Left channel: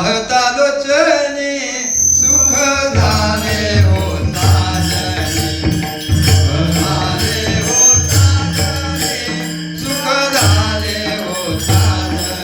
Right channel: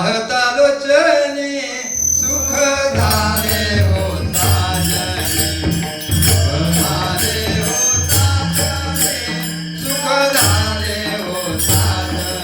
पाहता लोचनी सुख झाले हो साजनी झाले हो साजनी सुख झाले हो साजनी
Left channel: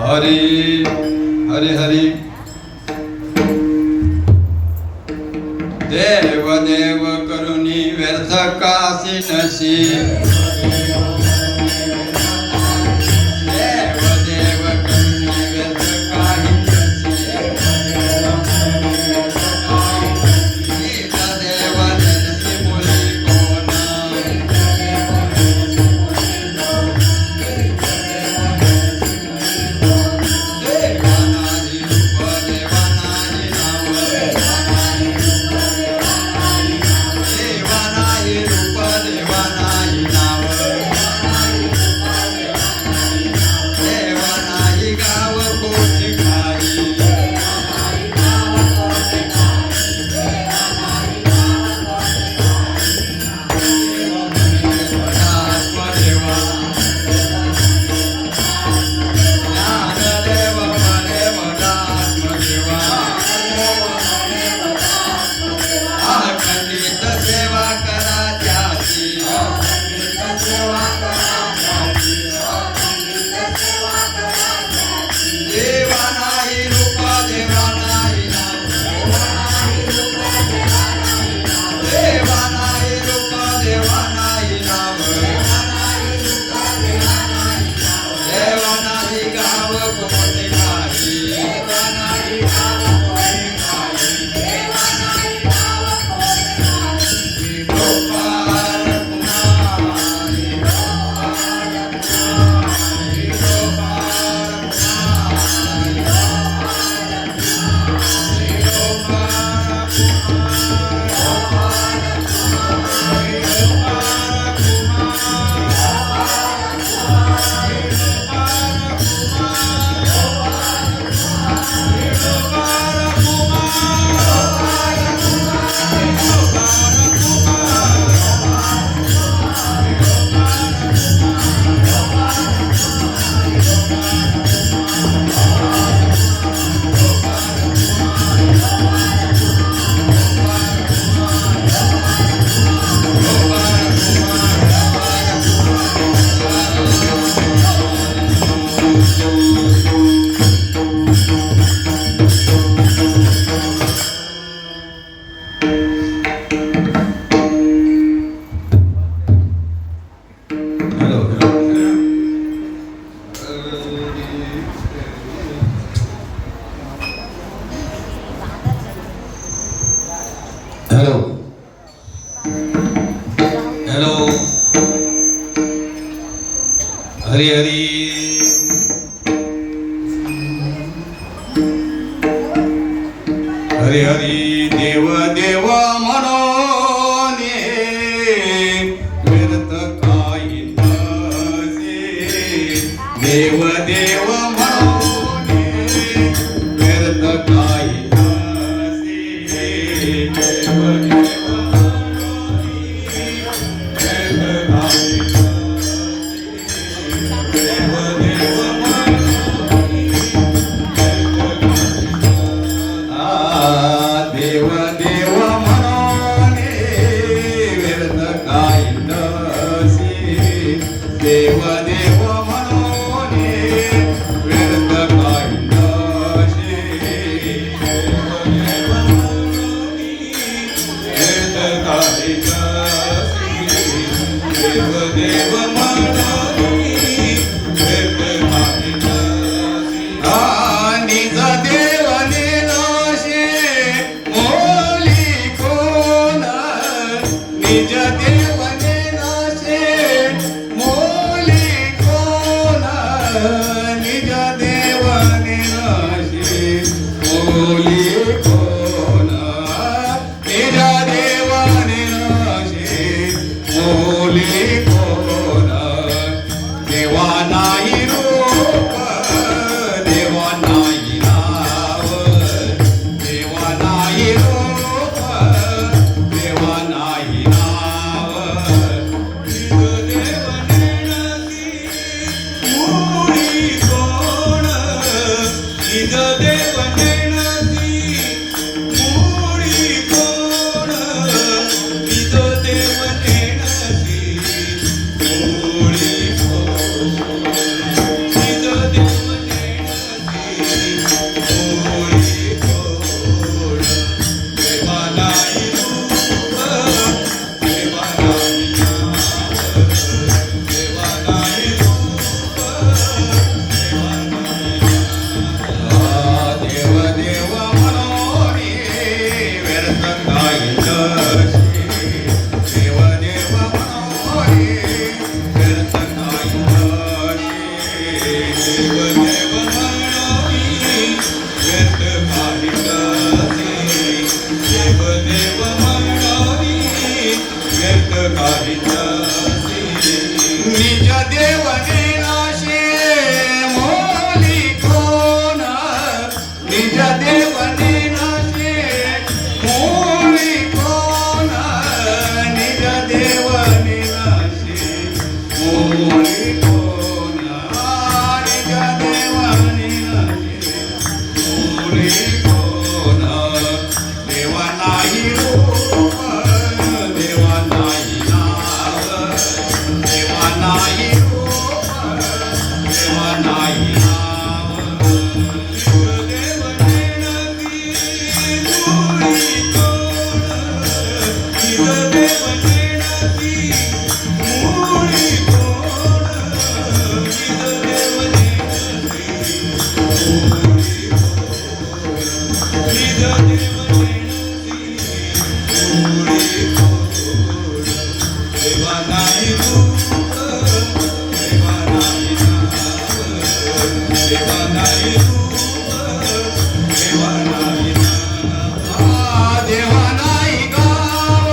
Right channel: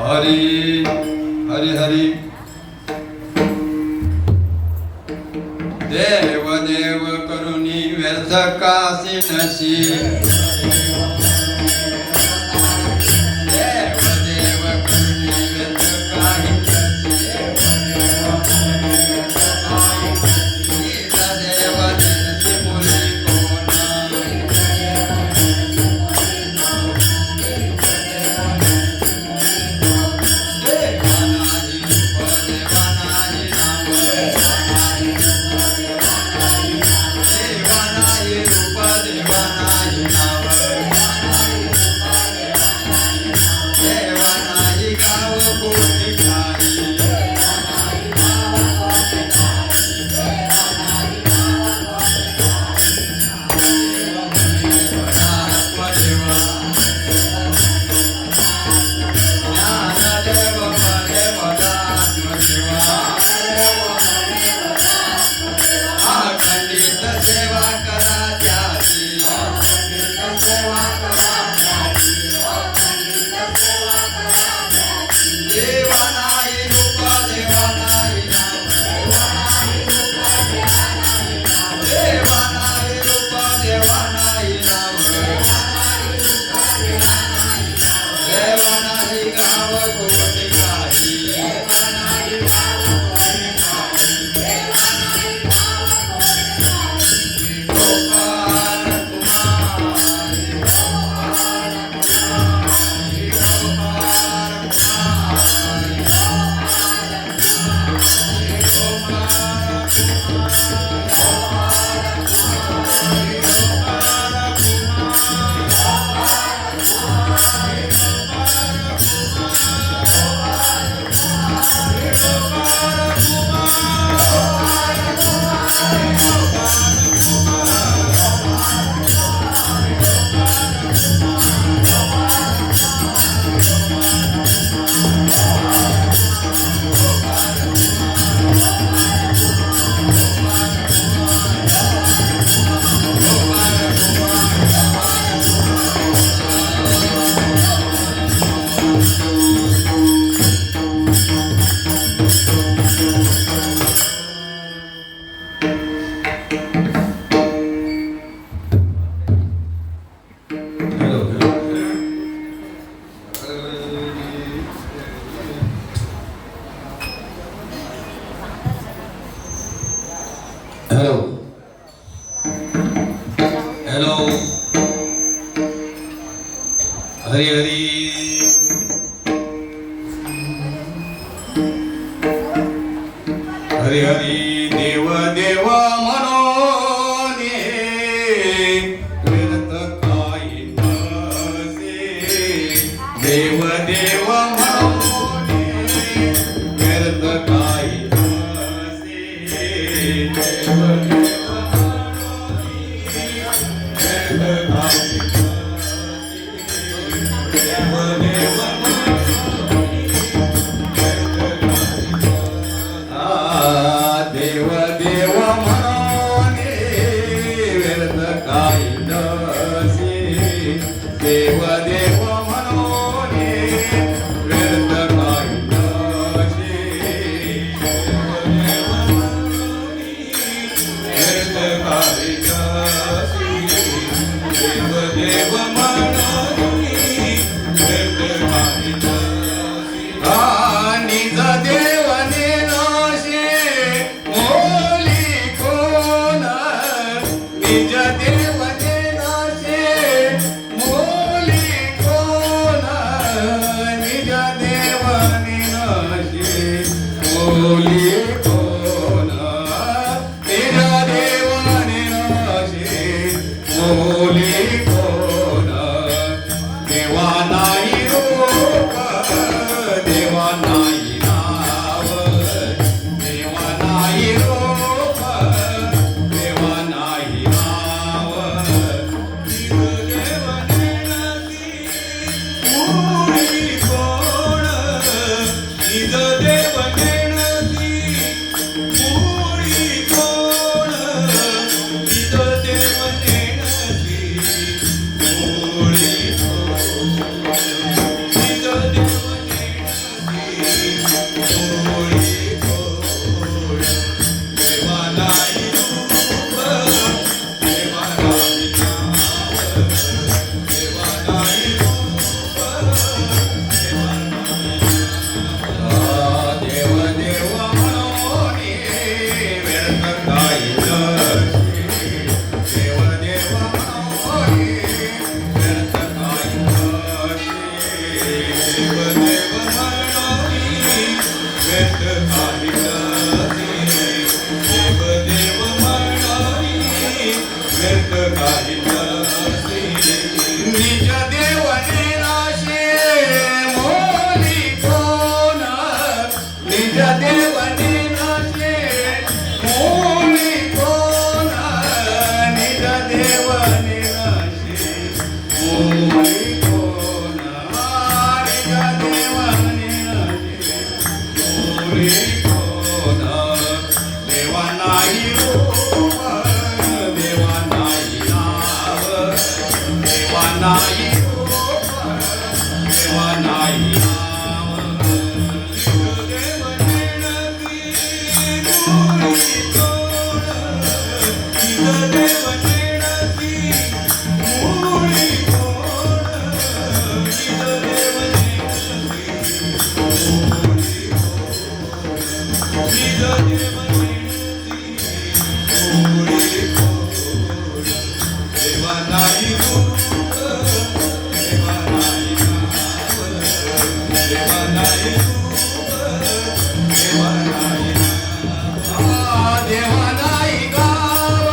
हरी हरी हरी देव देव करुणी व्यर्थ कासी नशी now म्हणून व्यर्थ काही नसे देव देव म्हणून व्यर्थ काही नसे देव देव देव देव म्हणून व्यर्थ काही नसे देव देव म्हणून व्यर्थ काही नसे देव काही नसे देव देव म्हणून व्यर्थ काही नसे निज देवने नाशे मोली कोण निज देवने नाशे मोली कोण निज देवने नाशे मोली कोण निज देवने नाशे मोली कोण देवा नाही रूप देवा नाही नाव देवा नाही रूप देवा नाही नाव देव नेणती मूळी कोण निज देव नेणती मूळी कोण निज देव नेणती मूळी कोण निज देव निज देवने नाशे मोली कोण निज देवने नाशे मोली कोण निज देवने नाशे मोली कोण निज देवने नाशे मोली कोण देवा नाही रूप देवा नाही नाव देवा नाही रूप देवा नाही नाव देव नेणती मूळी कोण निज देव नेणती मूळी कोण निज देव नेणती मूळी कोण निज देव नेणती मूळी कोण देवा नाही रूप देवा नाही नाव देवा नाही रूप देवा नाही नाव देवा नाही गाव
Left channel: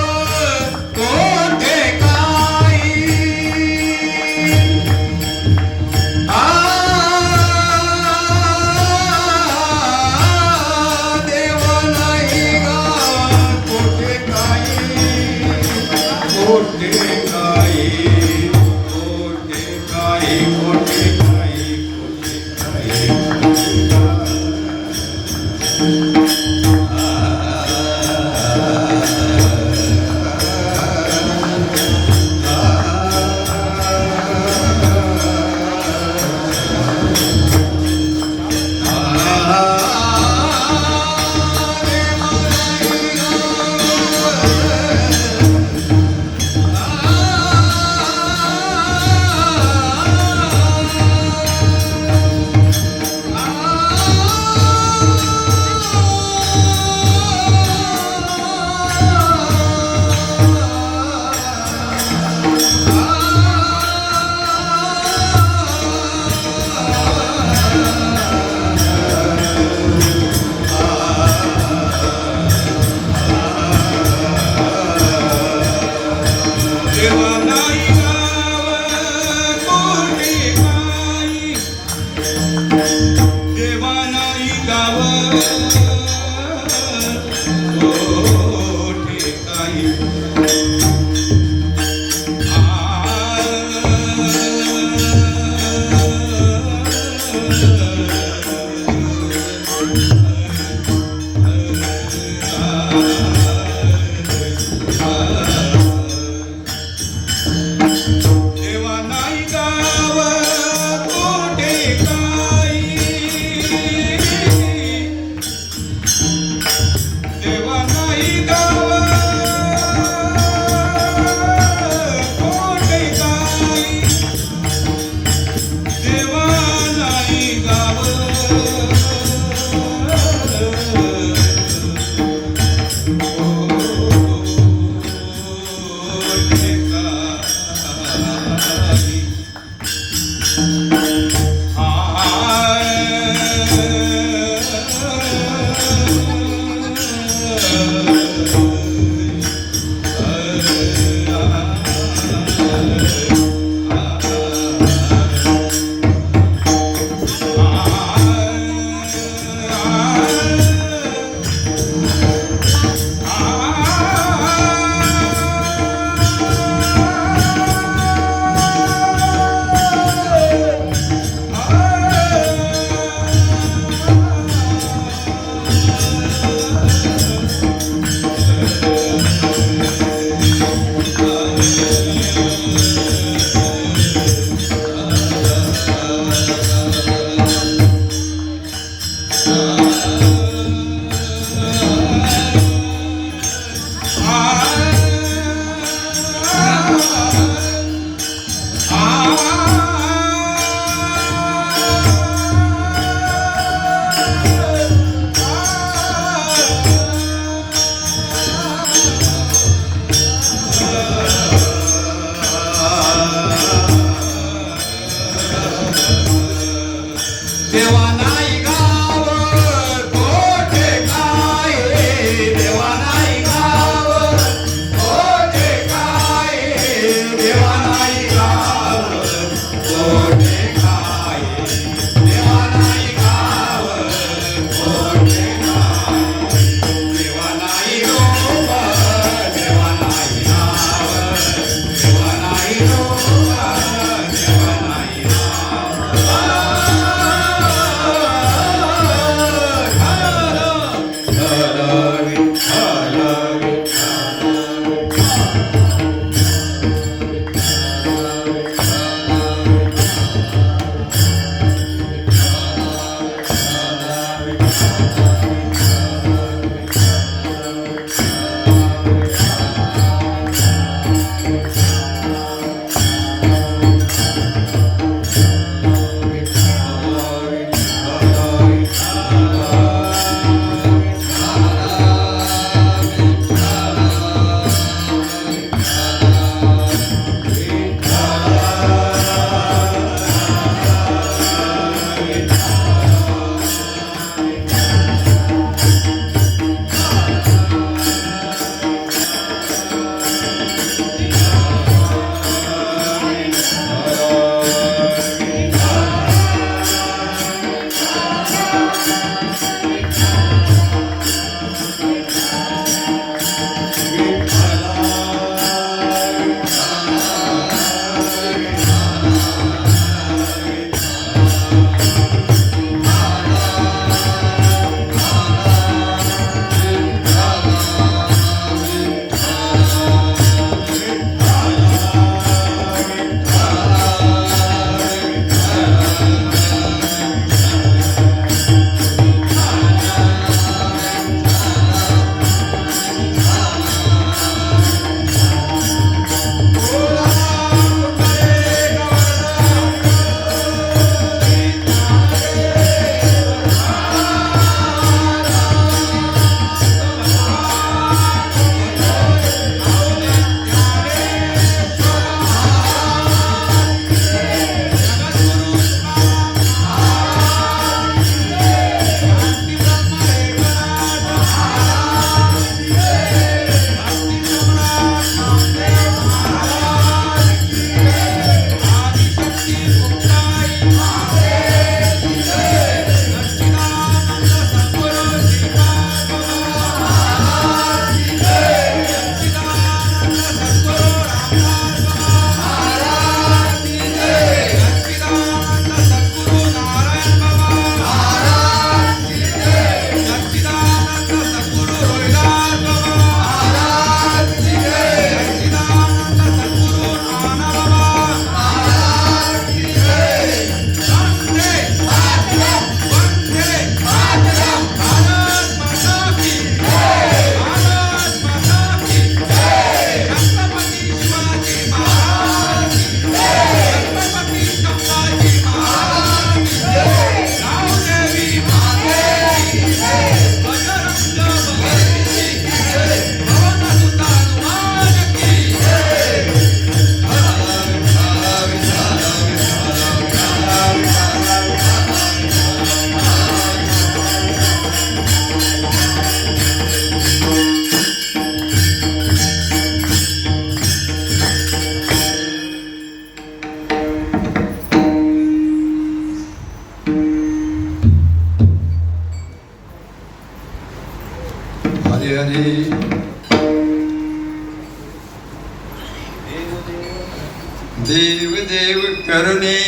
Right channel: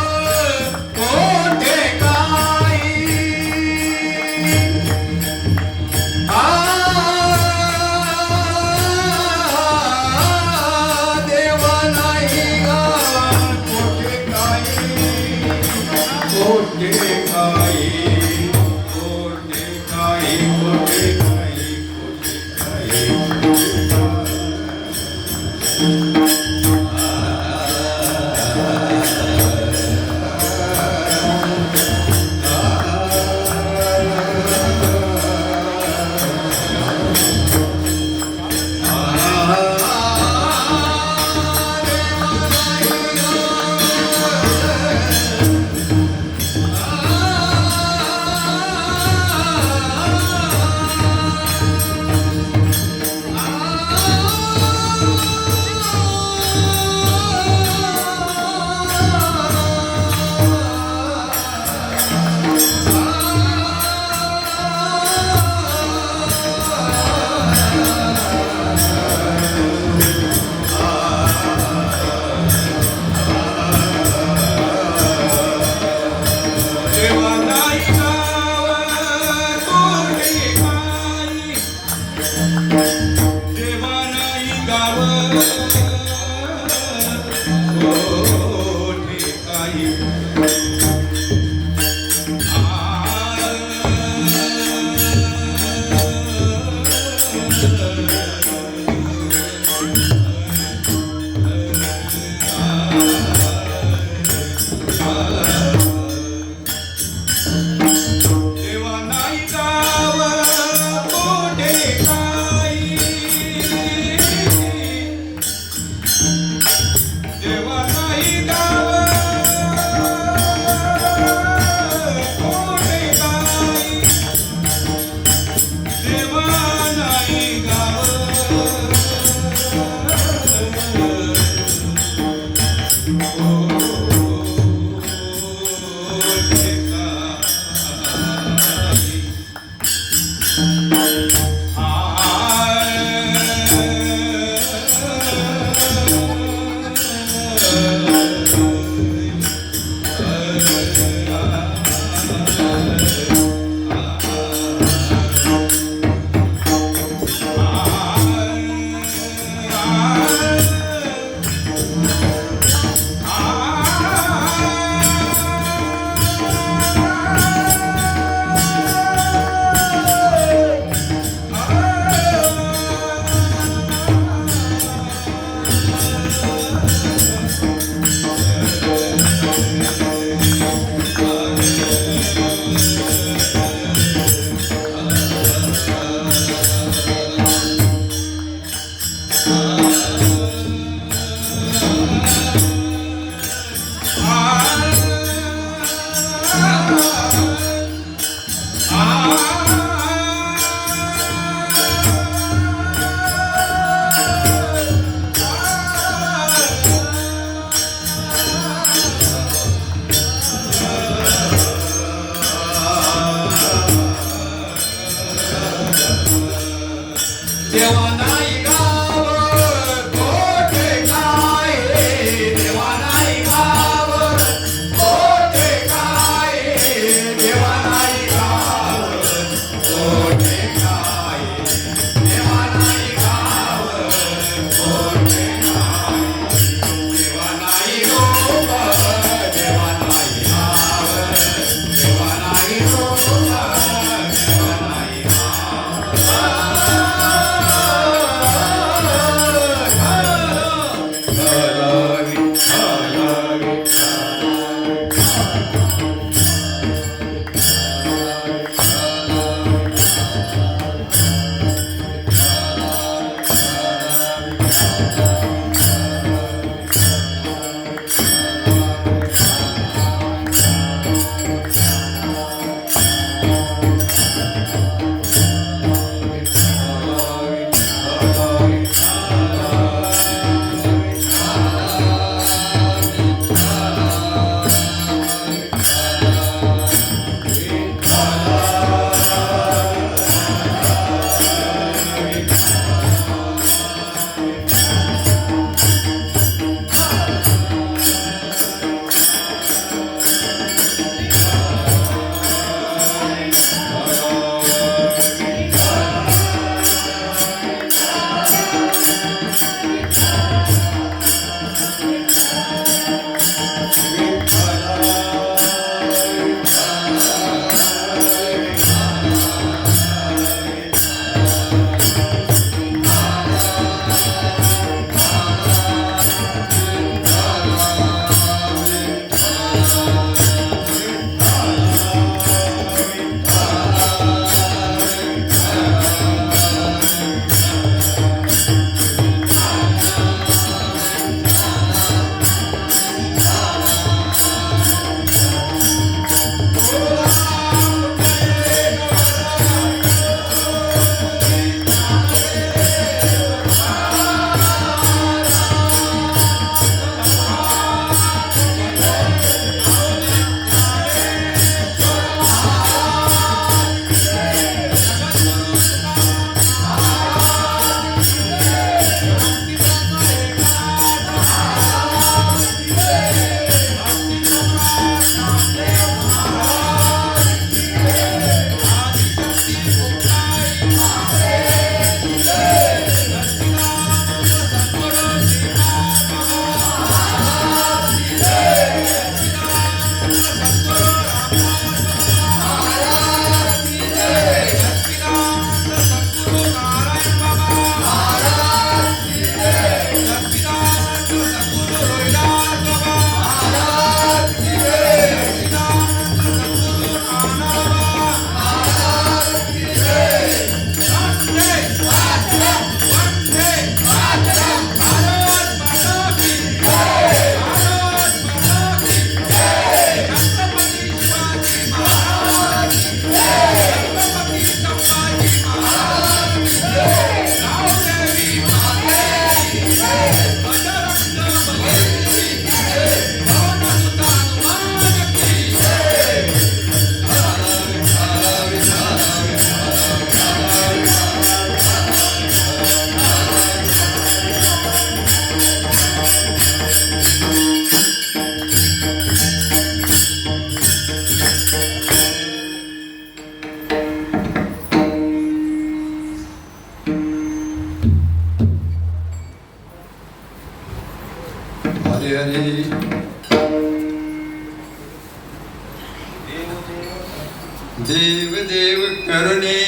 देव देव करुणे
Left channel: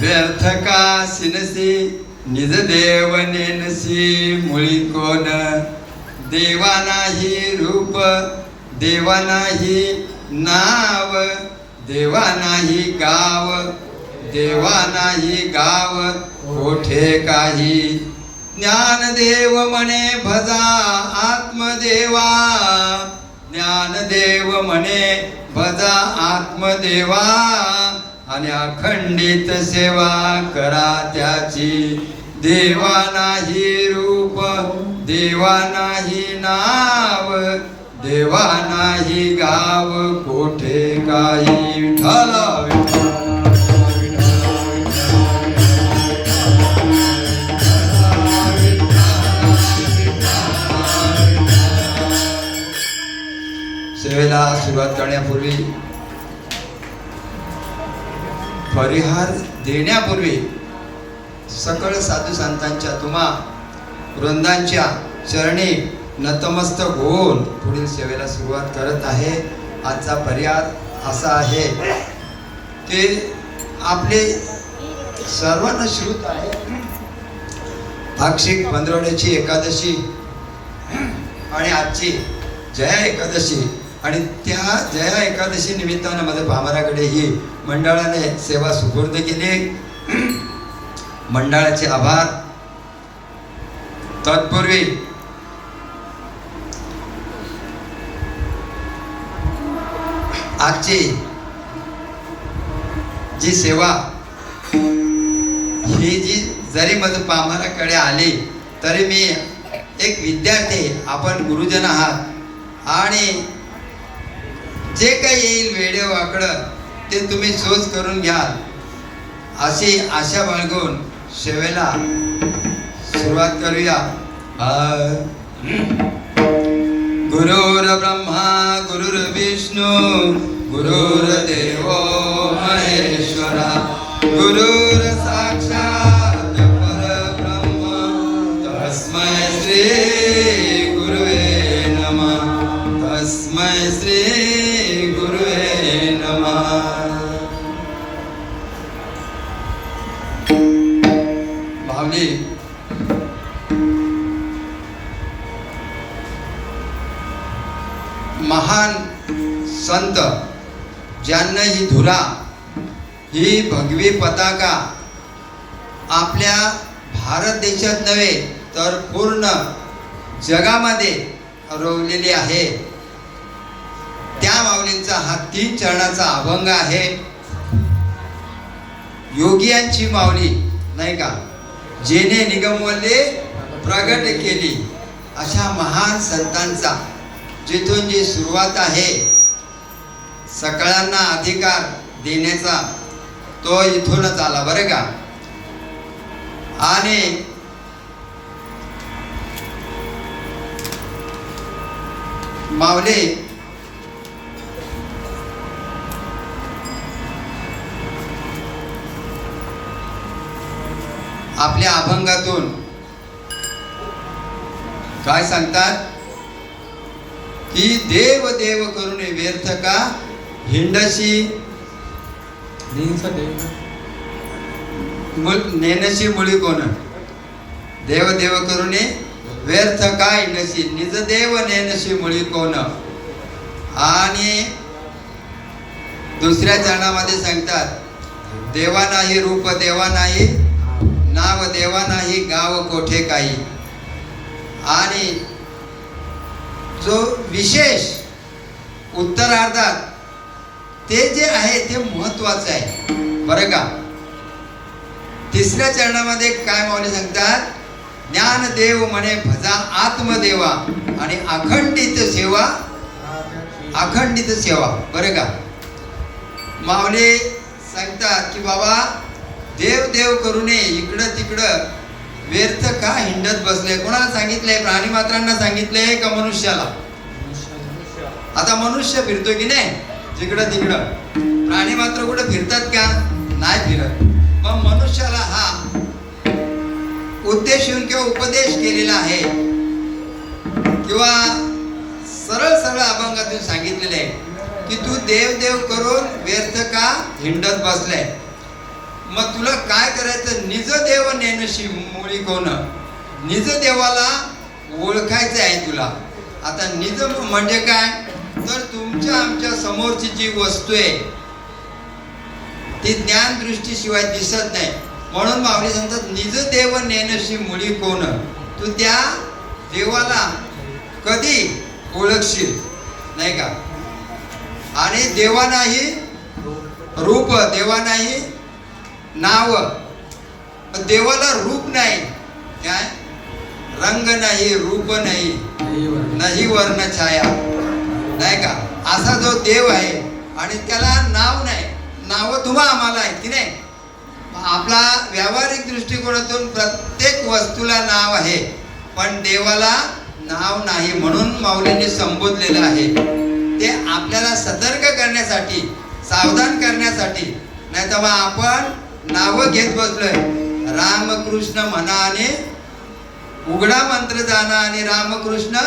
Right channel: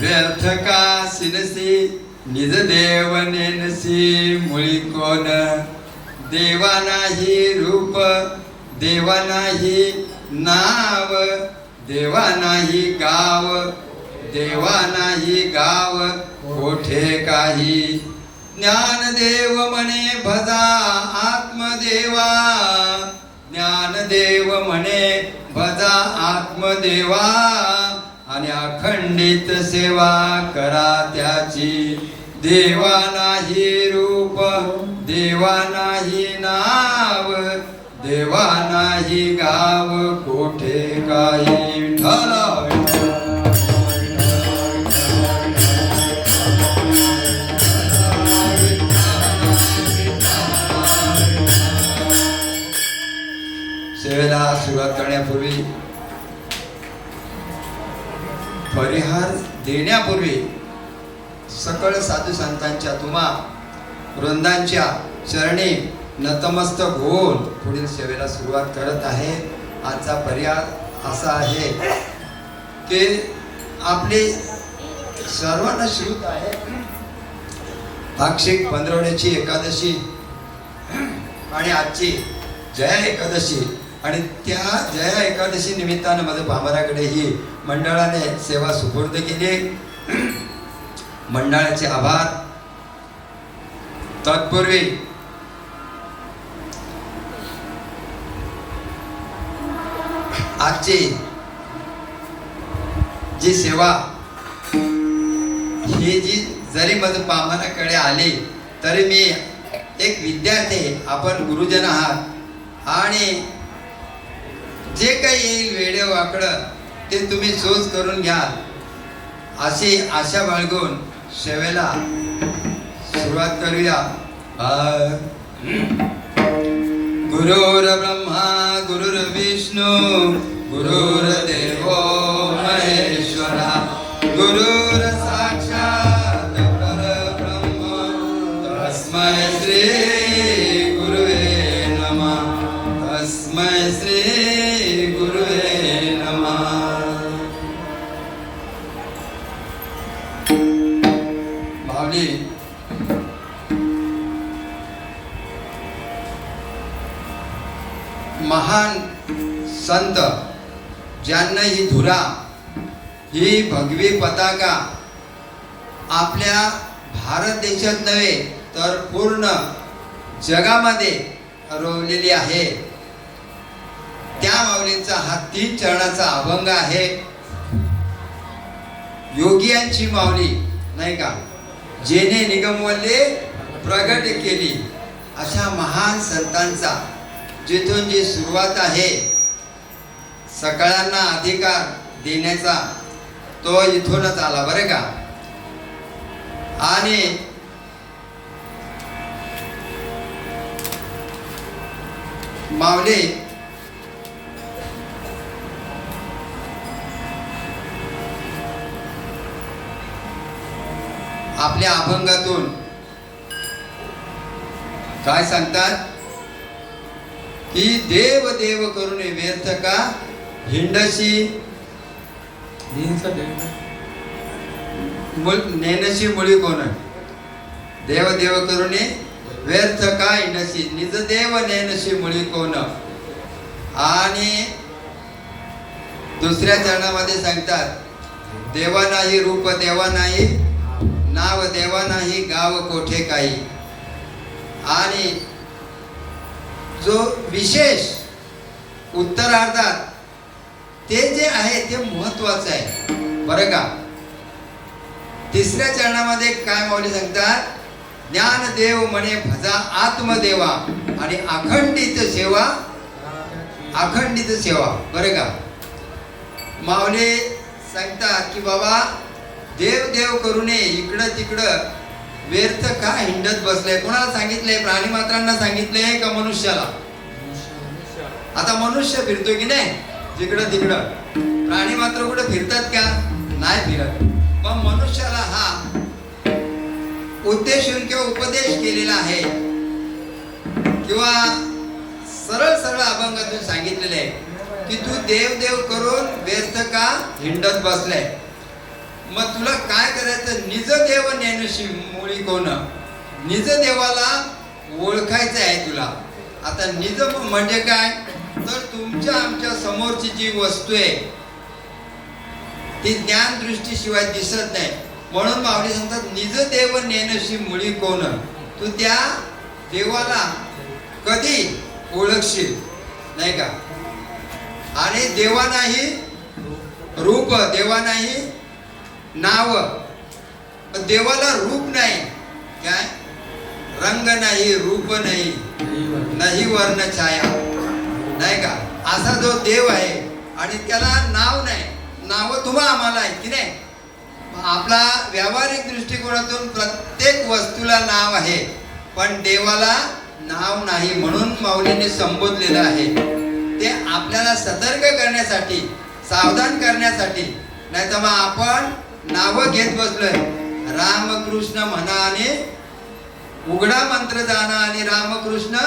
व्यर्थ का सिनसी निज देव नेनसी मुळी कोण देवा नाही रूप देवा नाही नाव देवा नाही गाव देवा नाही गाव कोठे काही ज्ञानदेव म्हणे भजा आत्मदेवा ज्ञानदेव म्हणे भजा आत्मदेवा आणि अखंडित सेवा करा त्याची देवा नाही रूप देवा नाही नाव देवा नाही गाव कोठे काही विठ्ठल सेवेला सुरुवात करण्यापूर्वी परिहार देण्यापूर्वी सकळ साधू संतांच्या तुम्हा वृंदांच्या चरणी नतमस्तक होऊन पुढील सेवेला सुरुवात करत आहे. आजचा परिहार असा आहे की आपले सर्वांना श्रुत आहे पाक्षिक पंधरवड्याची एकादशी आणि आजची जया एकादशी आणि त्या जया एकादशी निमित्तानं मध्ये भामराकडे ही मंडळाने सेवा सुपूर्द केली. मंडळाचे आभार. तत्पूर्वी आजची जी सेवा ही जी जरी मध्ये भामराकडे आली तरी मी एक विद्यार्थी आपण गुरुजन आहात आणि जे काही येईल वेडे वाकडं ते तुम्ही सोच करून घ्याल अशी आशा बाळगून सेवेला सुरुवात करूया. गुरुर ब्रह्मा गुरुर्विष्णू गुरुर्देव महेश्वरा गुरुर साक्षात परब्रह्म तस्मै श्री गुरुवे नमः तस्मै श्री गुरुवे नमः. माऊली महान संत ज्यांना ही धुरा ही भगवी पताका आपल्या भारत देशात नव्हे तर पूर्ण जगामध्ये रोवलेली आहे त्या माऊलींचा हा 3 चरणाचा अभंग आहे. योगियांची माऊली नाही का जेने निगमवले प्रगट केली अशा महान संतांचा जिथून जी सुरुवात आहे सगळ्यांना अधिकार देण्याचा तो इथूनच आला बरं का. आणि माऊली आपल्या अभंगातून काय सांगतात की देव देव करून व्यर्थ का हिंडशी नेनशी मुळी कोण देव देव करून व्यर्थ का हिंडशी निज देव नेनशी मुळी कोण. आणि दुसऱ्या चरणामध्ये सांगतात देवा नाही रूप देवा नाही नाव देवा नाही गाव कोठे काही. आणि जो विशेष उत्तरार्धात ते जे आहे ते महत्वाचं आहे बरं का. तिसऱ्या चरणामध्ये काय माऊली सांगतात ज्ञानदेव म्हणे भजा आत्मदेवा आणि अखंडित सेवा बरं का. माऊली सांगतात की बाबा देव देव करू नये इकडं तिकडं व्यर्थ का हिंडत बसले. कोणाला सांगितलंय प्राणी मात्रांना सांगितलंय का मनुष्याला. आता मनुष्य फिरतो की नाही तिकडं तिकडं प्राणी मात्र कुठं फिरतात का नाही फिरत. पण मनुष्याला हा उद्देशून किंवा उपदेश केलेला आहे किंवा सरळ सरळ अभंगातून सांगितलेले आहे की तू देव देव करून व्यर्थ का हिंडत बसलाय. मग तुला काय करायचं, निज देव नेनशी मुळी कोण, निज देवाला ओळखायचं आहे तुला. आता निज म्हणजे काय, तर तुमच्या आमच्या समोरची जी वस्तू आहे ती ज्ञान दृष्टीशिवाय दिसत नाही. म्हणून माऊली सांगतात निज देव नेनशी मुळी कोण, तू त्या देवाला कधी ओळखशील नाही का. आणि देवा नाही रूप, देवा नाही नाव, देवाला रूप नाही, काय रंग नाही, रूप नाही, नाही वर्ण छाया नाही का. असा जो देव आहे आणि त्याला नाव नाही, नाव तुम्हा आम्हाला आहेत की नाही. आपला व्यावहारिक दृष्टिकोनातून प्रत्येक वस्तूला नाव आहे, पण देवाला नाव नाही. म्हणून माऊलीने संबोधलेलं आहे ते आपल्याला सतर्क करण्यासाठी, सावधान करण्यासाठी. नाही तर मग आपण नावं घेत बसलोय, रामकृष्ण म्हणा आणि उघडा मंत्र जाणा आणि रामकृष्ण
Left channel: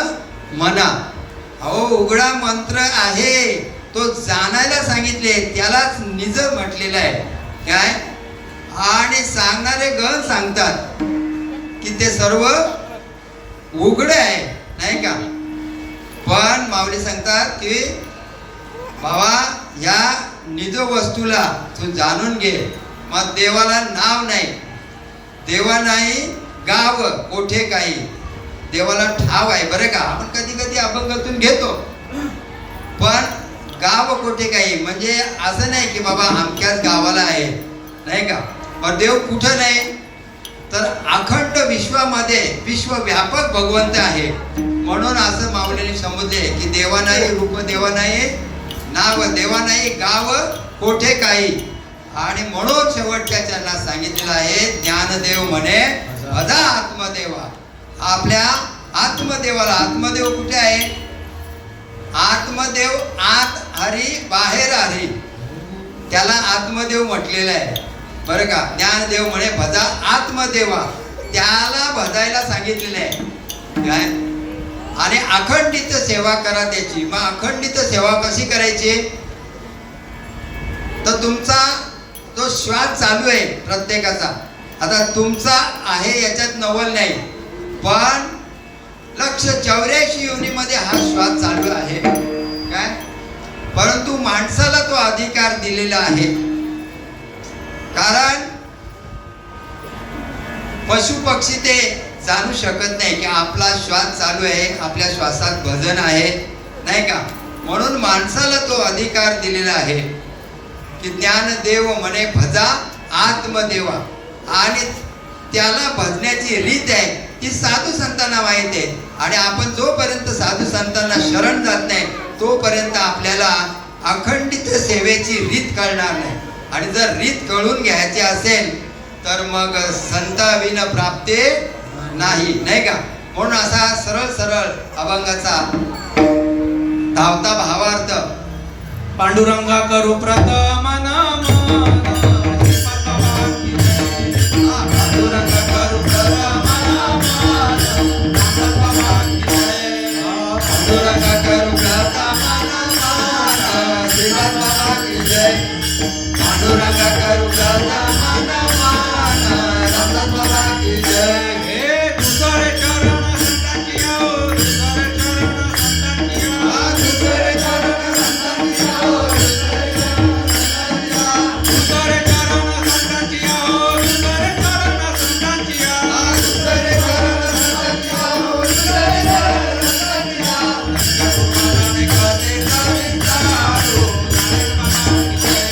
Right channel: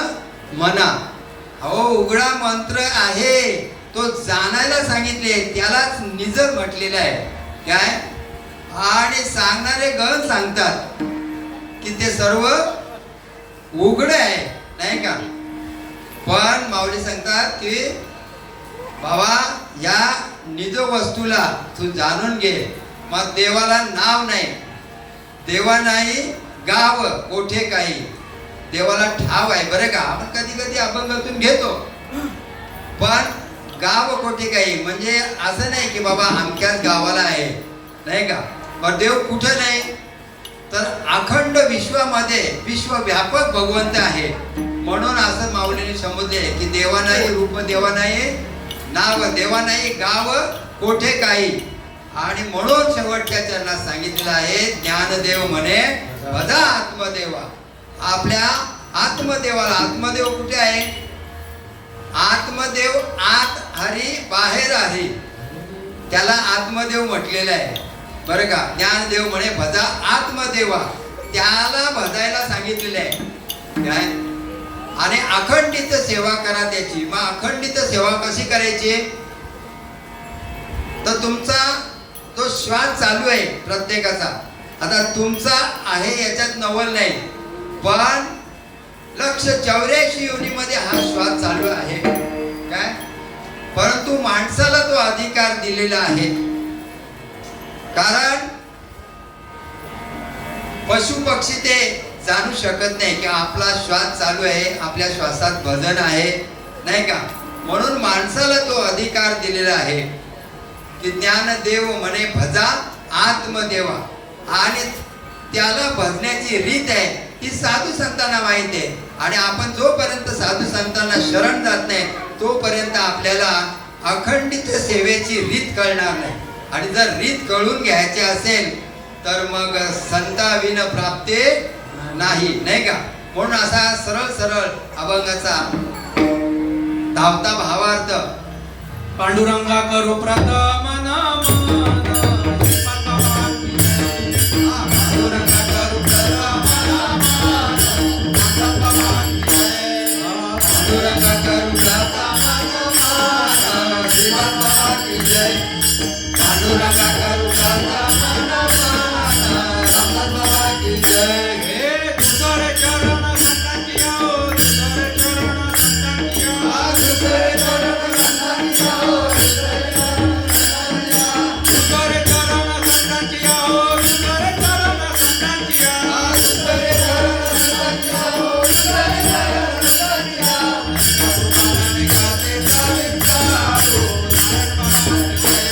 म्हणा. हो, उघडा मंत्र आहे तो जाणायला सांगितले, त्यालाच निज म्हटलेलं आहे काय. आणि सांगणारे गण सांगतात की ते सर्व उघड आहे नाही का. पण माऊली सांगतात की बाबा या निज वस्तूला तू जाणून घे. मग देवाला नाव नाही, देवा नाही गाव कोठे काही, देवाला ठाव आहे बरं का. आपण कधी कधी अभंगातून घेतो, पण गाव कोठे काही म्हणजे असं नाही की बाबा अमक्याच गावाला आहे नाही का. मग देव कुठं नाही, तर अखंड विश्वामध्ये विश्वव्यापक भगवंत आहे. म्हणून असं माऊलीने समजले की देवा नाही रूप, देवा नाही नाव, देवा नाही गाव कोठे काही. आणि म्हणून शेवटच्या चरणात सांगितलेलं आहे ज्ञानदेव म्हणे भजा आत्मदेवा. आपल्या आत्मदेवाला, आत्मदेव कुठे आहे, आत्मदेव आत हरी बाहेर हरी, त्याला आत्मदेव म्हटलेलं आहे बरं का. ज्ञानदेव म्हणे भजा आत्मदेवा, त्याला भजायला सांगितलेलं आहे काय. आणि अखंडित सेवा करा त्याची. मग अखंडित सेवा कशी करायची, तर तुमचा तो श्वास चालू आहे प्रत्येकाचा. आता तुमचा आहे याच्यात नवल नाही, पण 184 योनीमध्ये हा श्वास चालू आहे काय. परंतु माणसाला तो अधिकार दिलेला आहे, कारण पशु पक्षी ते जाणू शकत नाही की आपला श्वास चालू आहे, आपल्या श्वासात भजन आहे नाही का. म्हणून माणसाला तो अधिकार दिलेला आहे की ज्ञानदेव म्हणे भजा आत्मदेवा. आणि त्याला भजण्याची रीत आहे ती साधू संतांना माहित आहे. आणि आपण जोपर्यंत साधू संतांना शरण जात नाही तोपर्यंत आपल्याला अखंडित सेवेची रीत कळणार नाही. आणि जर रीत कळून घ्यायची असेल तर मग संताविन प्राप्ती नाही नाही का. म्हणून असा सरळ सरळ अभंगाचा धावता भावार्थ. पांडुरंगा करू प्रथम नमन, पांडुरंगा करू प्रथम नमन, पांडुरंगा करू प्रथम नमन, श्रीमद बाबा की जय. पांडुरंगा करू प्रथम नमन, रामदास बाबा की जय. हे दुसरे चरण संतांची आओ, दुसरे चरण संतांची आओ, दुसरे चरण संतांची आओ, दुसरे चरण संतांची आओ, दुसरे चरण संतांची आओ. दुसरे चरण संतांची आओ, दुसरे चरण संतांची आओ. तुकाराम गाते साविंतारो, नारायण बाबा की जय.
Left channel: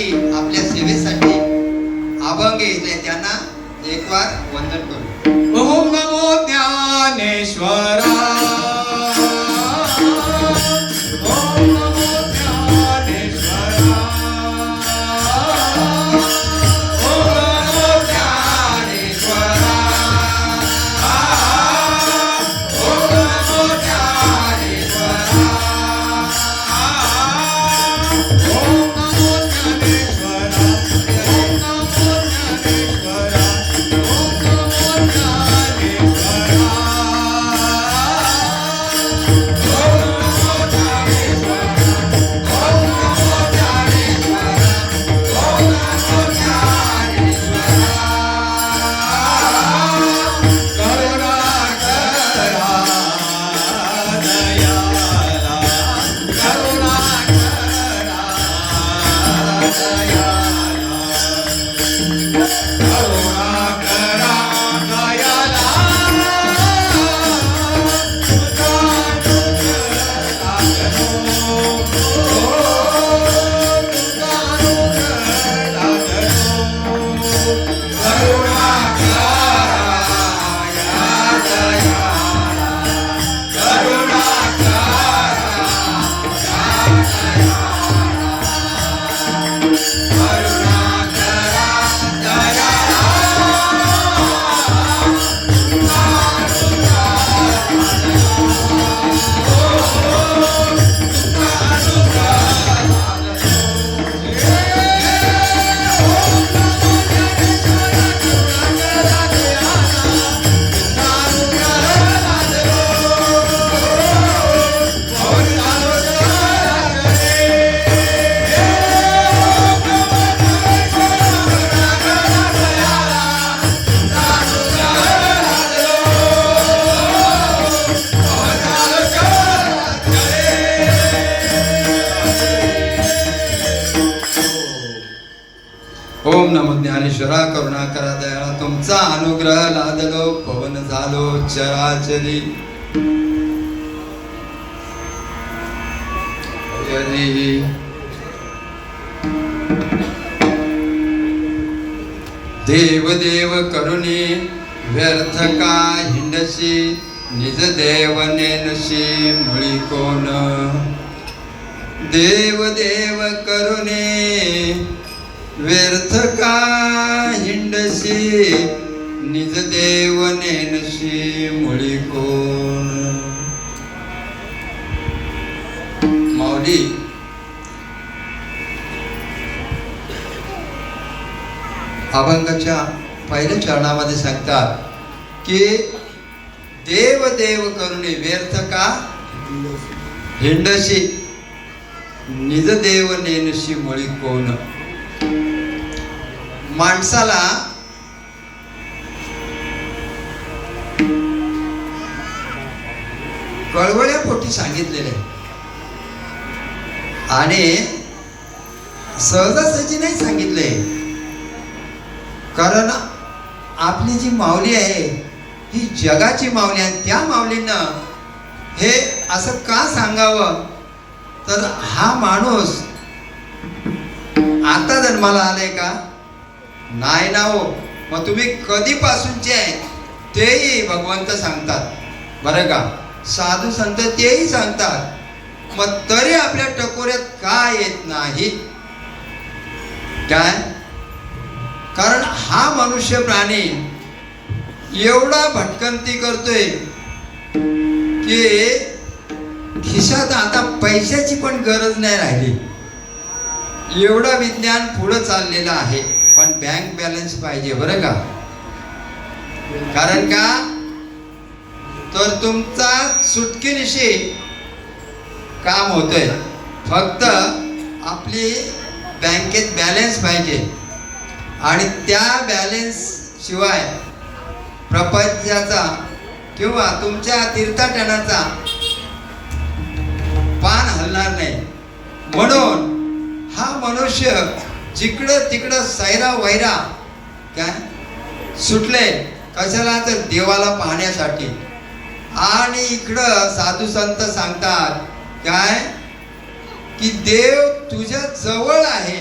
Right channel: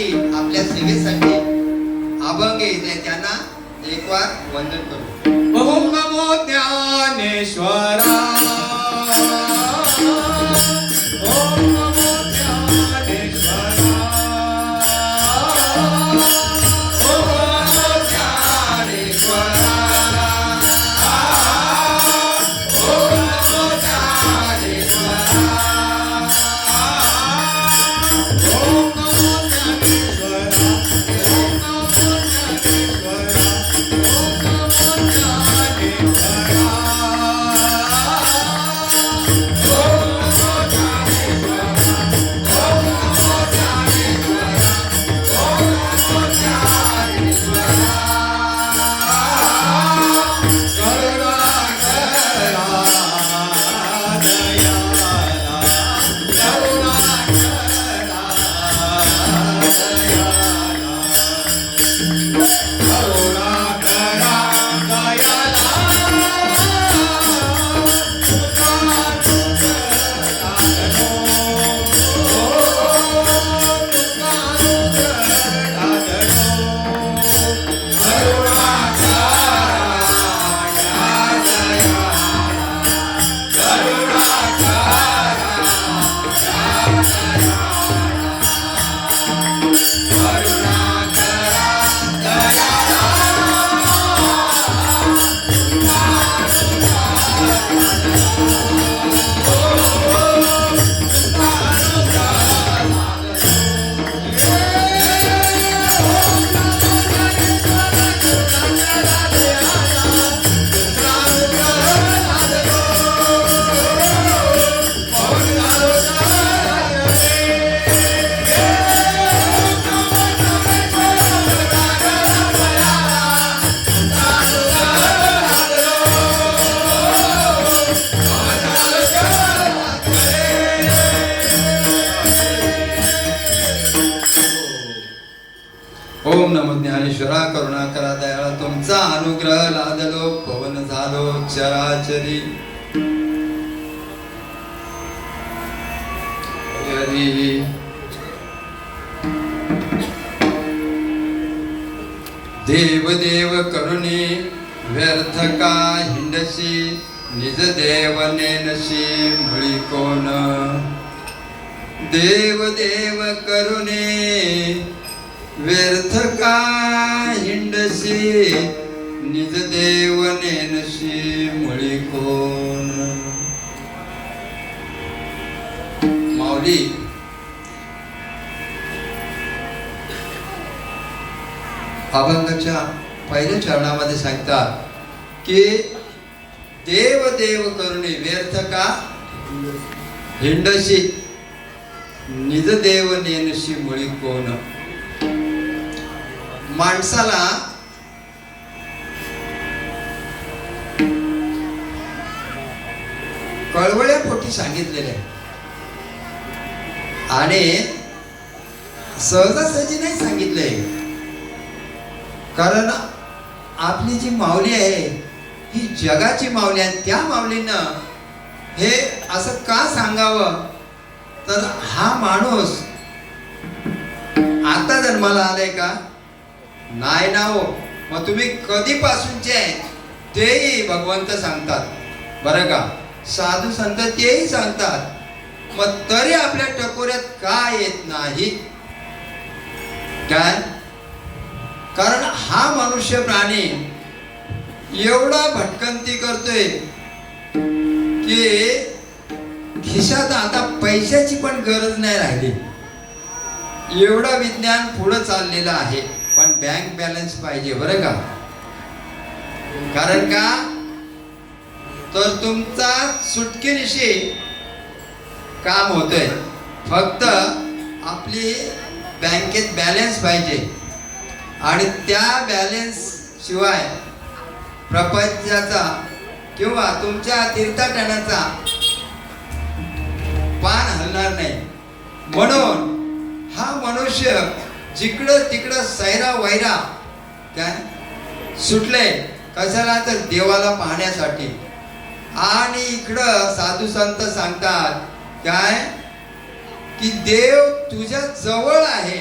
आपल्यासाठी आपल्या सेवेसाठी अभंग येते त्यांना एक वार वंदन करू. ओम नमो ज्ञानेश्वरा. ओम नमो ज्ञानेश्वरा. ओम नमो ज्ञानेश्वरा. ओम नमो ज्ञानेश्वरा. ओम नमो ज्ञानेश्वरा. ओम नमो ज्ञानेश्वरा. करुणा करा दयाळा तुमचा अनुग्रह लादलो पवन झालो चराचरी. हरी देव देव करुणी व्यर्थ का हिंडशी निज देव नेनशी मुळी कोण. देव देव करुणे व्यर्थ का हिंडशी निज देव नेनशी मुळी कोण. माऊली अभंगाच्या पहिल्या चरणामध्ये सांगतात की देव देव करुणे व्यर्थ का हिंडशी निज देव नेनशी मुळी कोण. माणसाला कळवळ्या पोटी सांगितलेले आणि सहजासहजी नाही सांगितले. कारण आपली जी माऊली आहे ही जगाची माऊली आहे. त्या माऊलीनं हे असं का सांगावं तर हा माणूस आता जन्माला आलाय का नाही ना हो. मग तुम्ही कधीपासूनचे आहेत तेही भगवंत सांगतात बरं का. साधू संत तेही सांगतात. मग तरी आपल्या टकोऱ्यात का येत नाही काय. कारण हा मनुष्य प्राणी एवढा भटकंती करतोय की खिशात आता पैशाची पण गरज नाही राहिली. एवढा विज्ञान पुढे चाललेलं आहे पण बँक बॅलन्स पाहिजे बरं का. कारण का तर तुमचा सुटकेनिशी काम होतंय. फक्त आपली बँकेत बॅलन्स पाहिजे आणि त्या बॅलन्स शिवाय प्रपंचाचा किंवा तुमच्या तीर्थाटनाचा पान हलणार नाही. म्हणून हा मनुष्य जिकडं तिकडं सैरा वैरा काय सुटले कशाला तर देवाला पाहण्यासाठी. आणि इकडं साधू संत सांगतात काय की देव तुझ्या जवळ आहे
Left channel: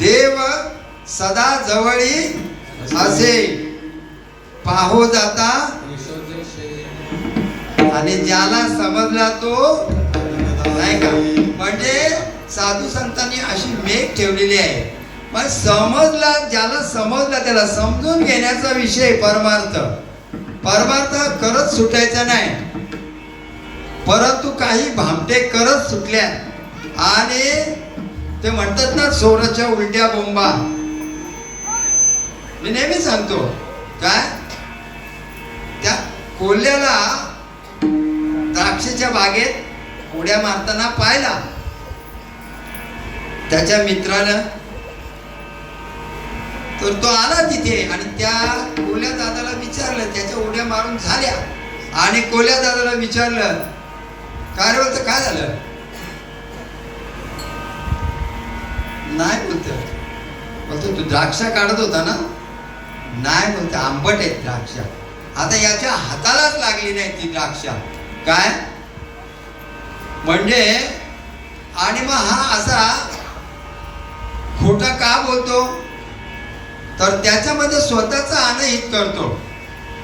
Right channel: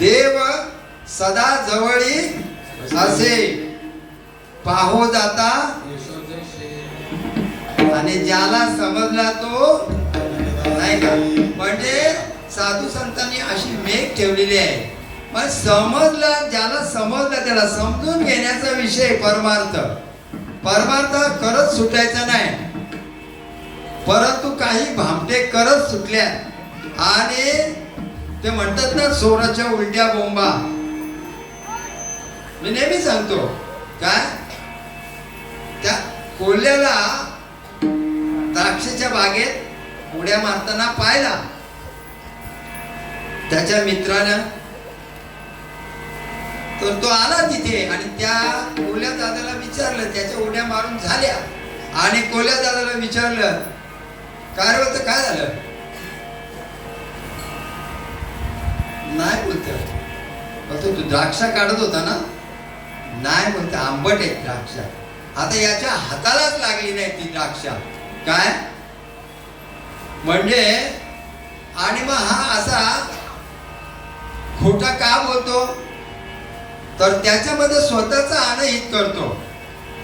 देव सदा जवळी असे पाहो जाता, आणि ज्याला समजला तो नाही का. म्हणजे साधू संतांनी अशी मेघ ठेवलेली आहे. पण समजला, ज्याला समजला त्याला समजून घेण्याचा विषय परमार्थ. परमार्थ करत सुटायचा नाही, परंतु काही भामटे करत सुटल्या. आणि ते म्हणतात ना, सोराच्या उलट्या बोंबा. मी नेहमी सांगतो काय, त्या कोल्ह्याला द्राक्षाच्या बागेत उड्या मारताना पाहिला. त्याच्या मित्रानं, तर तो आला तिथे आणि त्या कोल्ह्या दादाला विचारलं, त्याच्या उड्या मारून झाल्या. आणि कोल्ह्या दादाला विचारलं, काय रे होतं, काय झालं? नाही बोलतो, तू द्राक्षा काढत होता ना? नाही बोलतो, आंबट आहेत द्राक्षा. आता याच्या हातालाच लागली नाही ती द्राक्षा. काय म्हणजे, आणि मग हा असा खोटा का बोलतो, तर त्याच्यामध्ये स्वतःचा अनहित करतो.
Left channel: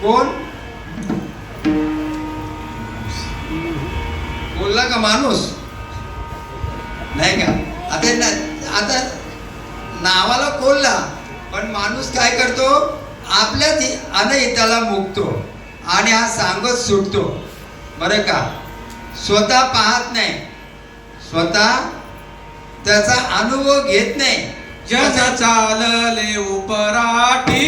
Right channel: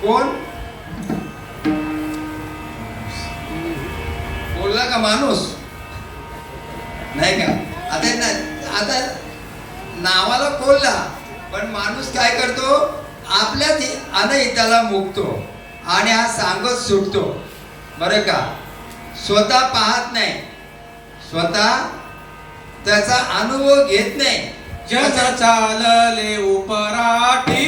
कोण बोलला का? माणूस नाही का. आता नावाला कोल्हा, पण माणूस काय करतो, आपल्याच अनहिताला मुकतो आणि हा सांगत सुटतो. बरं का, स्वतः पाहत नाही, स्वतः त्याचा अनुभव घेत नाही. जग चालले उपराठी,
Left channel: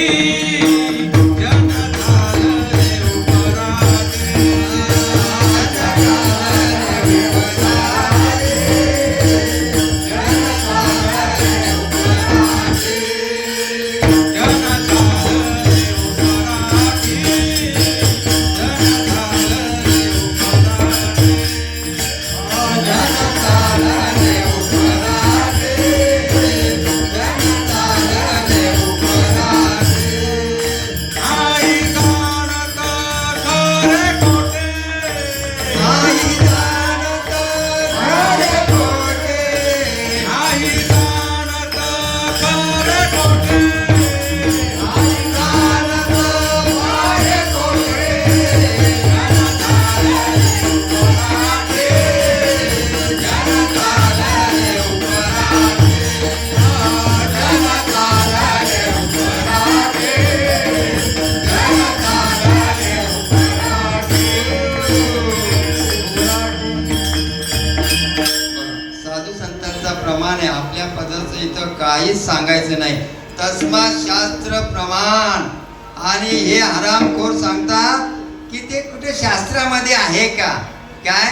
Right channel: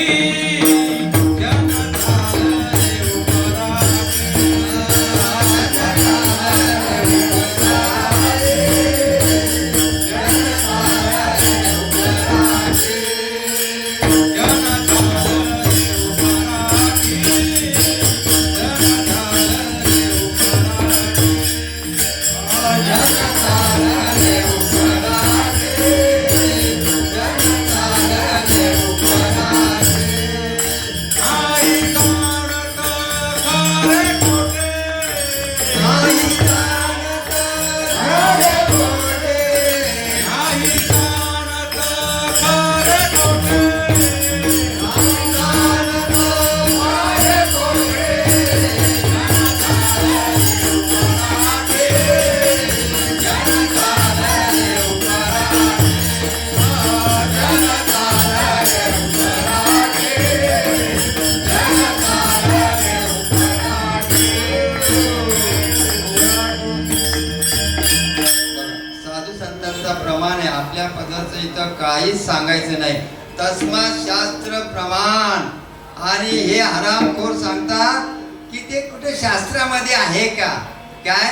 आपल्या पदाचं इथं काहीच सांगायचं नाही. तस्मात् शास्त्र प्रमाण. आणि हे हरामखोर सांगतात की ते कुठे शास्त्रामध्ये आहे का? काय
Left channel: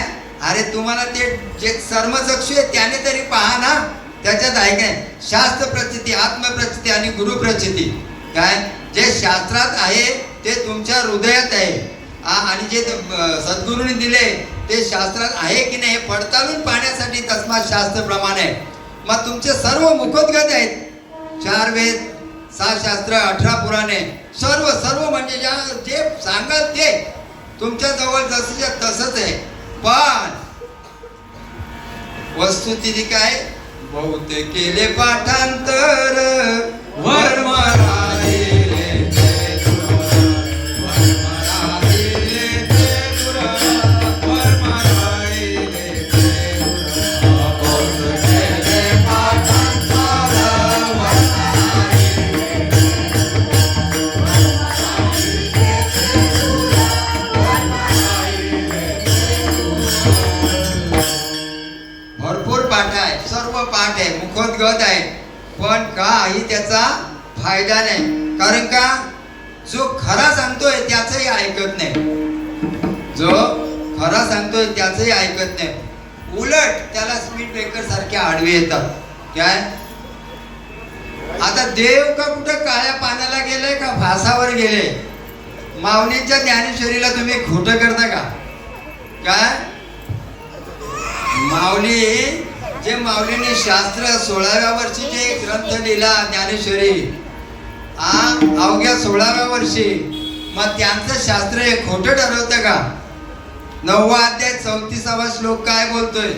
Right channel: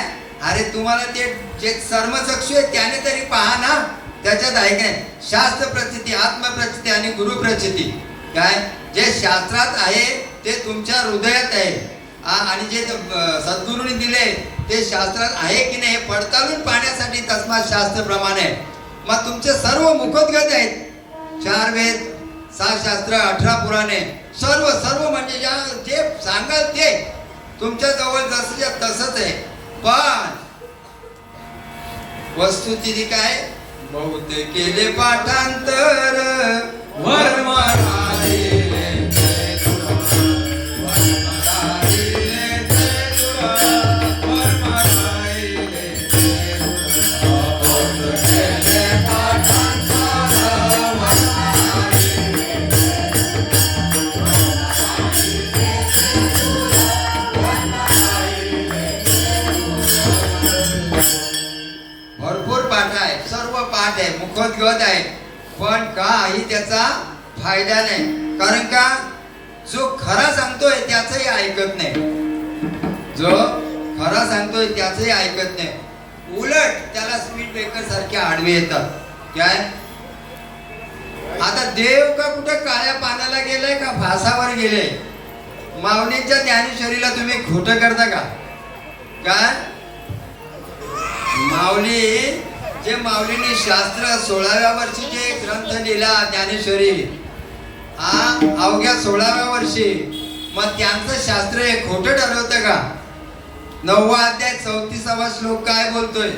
अरे तुम्हाला ते जे सर्मचक्षु आहे त्याने तरी पहा ना, त्याच्यात आहे काय शास्त्र प्रचिती, आत्मप्रचिती आणि गुरु प्रचिती. काय जे शास्त्रात आहे ते तुमच्या हृदयात आहे, आणि जे सद्गुरूंनी दिले ते शास्त्रात आहे की नाही हे पडताळून पाहण्यासाठी तस्मात् शास्त्र प्रमाण आहे. मग तुमचे सर्व मुखोद्गत आहेत, 4 वेद, 6 शास्त्र, 18 पुराणे, सर्व सर्व म्हणजे जे सांगाल ते तुमच्या जवळ जसं तसंच आहे. पण वस्तुस्थिती काय, बहुतेक केले पाठांतर वर्म मुखोद्गत आहे, पण काही त्याचा फायदा नाही. कारण का जो खरा सांगतोय त्याचंही ऐकत नाही, जो खरा सांगतोय त्याचंही ऐकत नाही. उलट त्याला स्पीड ब्रेकर सारखे आडवे येतात. काय आता देव का कुठं काळ्या पाण्याला गेले का फासावर गेले? माऊलींच्या ज्ञानेश्वरीला तुम्ही खोटं करता का? काय माऊली जे माऊलीने शास्त्र 16व्या वर्षी जे ग्रंथ लिहिला ज्ञानेश्वरी, अवघ्या 16व्या वर्षी, मग त्यांचं शास्त्र हे खोटं ठरवतं का? 9वा अध्याय 34वा श्लोक काय बोलतोय?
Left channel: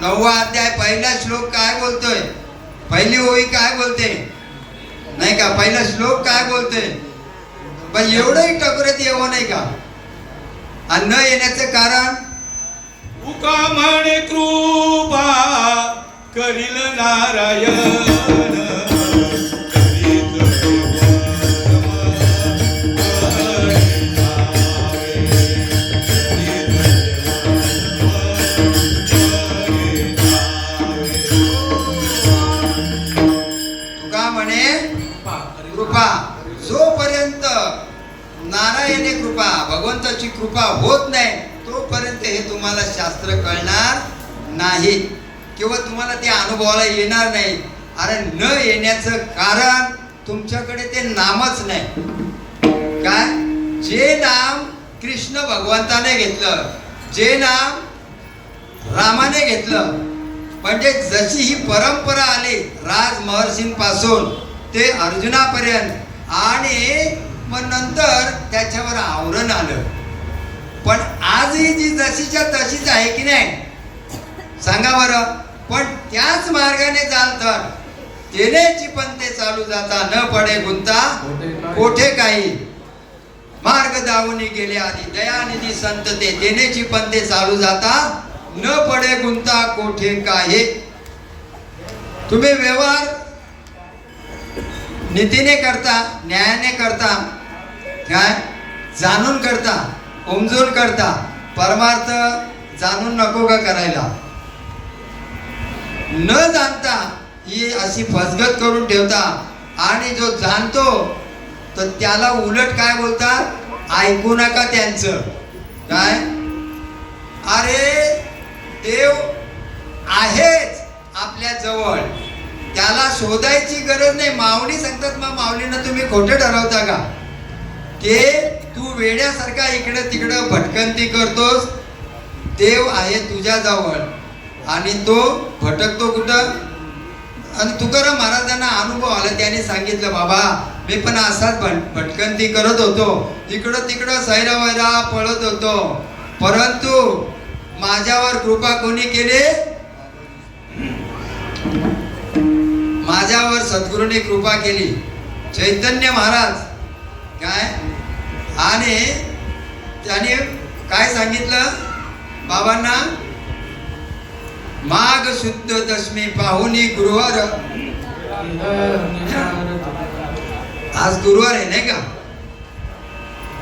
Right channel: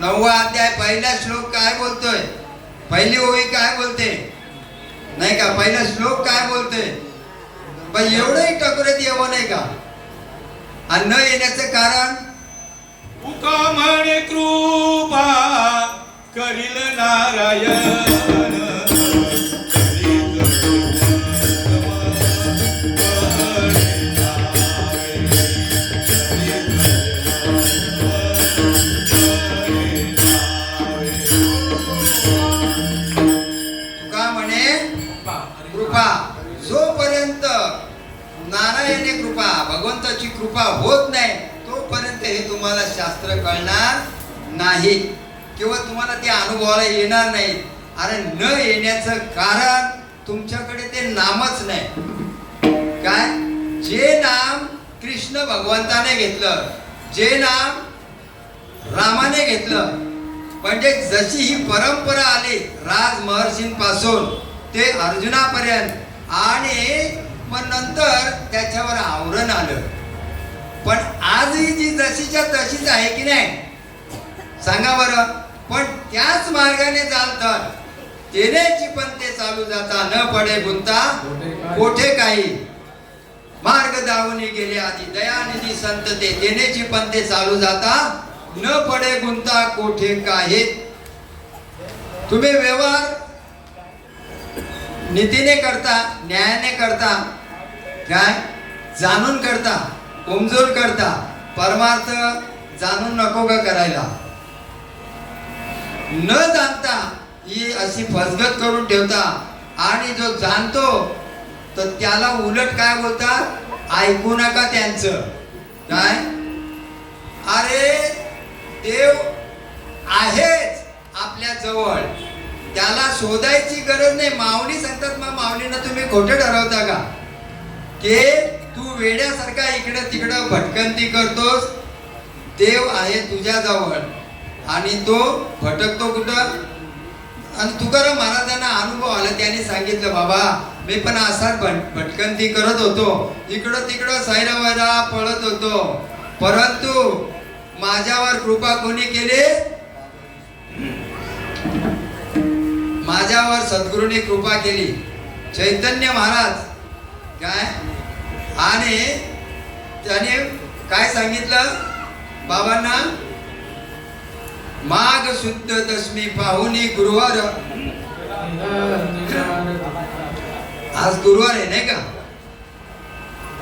9वा अध्याय पहिला श्लोक काय बोलतोय? पहिली ओळी काय बोलते नाही का, पहिला श्लोक काय बोलते, पण एवढंही टकोरत येवं नाही का. आणि न येण्याचं कारण तुका म्हणे कृपा करील नारायण. तुका म्हणे कृपा, जोपर्यंत नारायणी कृपा भगवंताची कृपा होत नाही तोपर्यंत हे तुम्हाला शास्त्र कळणार नाही किंवा तुम्हाला ते अनुभवाला येणार नाही. अरे न येण्याचं कारण तुमच्याकडे ते नामच नाही. काय, जे नाम कृष्ण भगवंताने घेतलं, जे नाम रामाने घेतलं, म्हणजे जशी ही परंपरा आली राज महर्षींपासून ते अर्जुनापर्यंत, आणि मग नंतर त्याच्यावर आवरण आलं. पण आजही जी जशीच्या तशीच आहे की नाही, सांगा बरं. पण त्याच मार्गाने चालतात तेनेची पण ते चालू जाता, न पडे गुंता कोठे काही. मार्ग दावूनी गेले आधी दयानिधी संत ते, तेनेची पण ते चालू जाता, न पडे गुंता कोठे काही. तुम्ही व्यवहार नीतीने करता, न्यायाने करता, काय जाणून करता, उमजून करता. परमार्थ जाणून नको का करायला. न जाणता ही अशी फसगत करून ठेवता, आणि जो जाणतो तर त्याला उलट काय बोलतात, ऐकू नका त्यांचं. काय, अरे देव आहेच आपल्या जवळ, त्याला शोधायची गरज नाही. माऊली सांगतात, मग माऊलींना तुम्ही खोटं ठरवता का, की तू वेड्यासारखा इकडे तिकडे भटकंती करतोस, देव आहे तुझ्या जवळ आणि तो भटकतो कुठं. आणि तुकाराम महाराजांना अनुभव आला, त्याने सांगितलं, बाबा मी पण असाच भटकंती करत होतो, इकडं तिकडं सैरा वैरा पळत होतो, परंतु माझ्यावर कृपा कोणी केली, माझ्यावर सद्गुरूने कृपा केली, चैतन्य महाराज. काय, आणि त्याने काय सांगितलं बाबांना, माघ शुद्ध दशमी पाहुनी गुरुवार, आज गुरुवार आहे नाही का,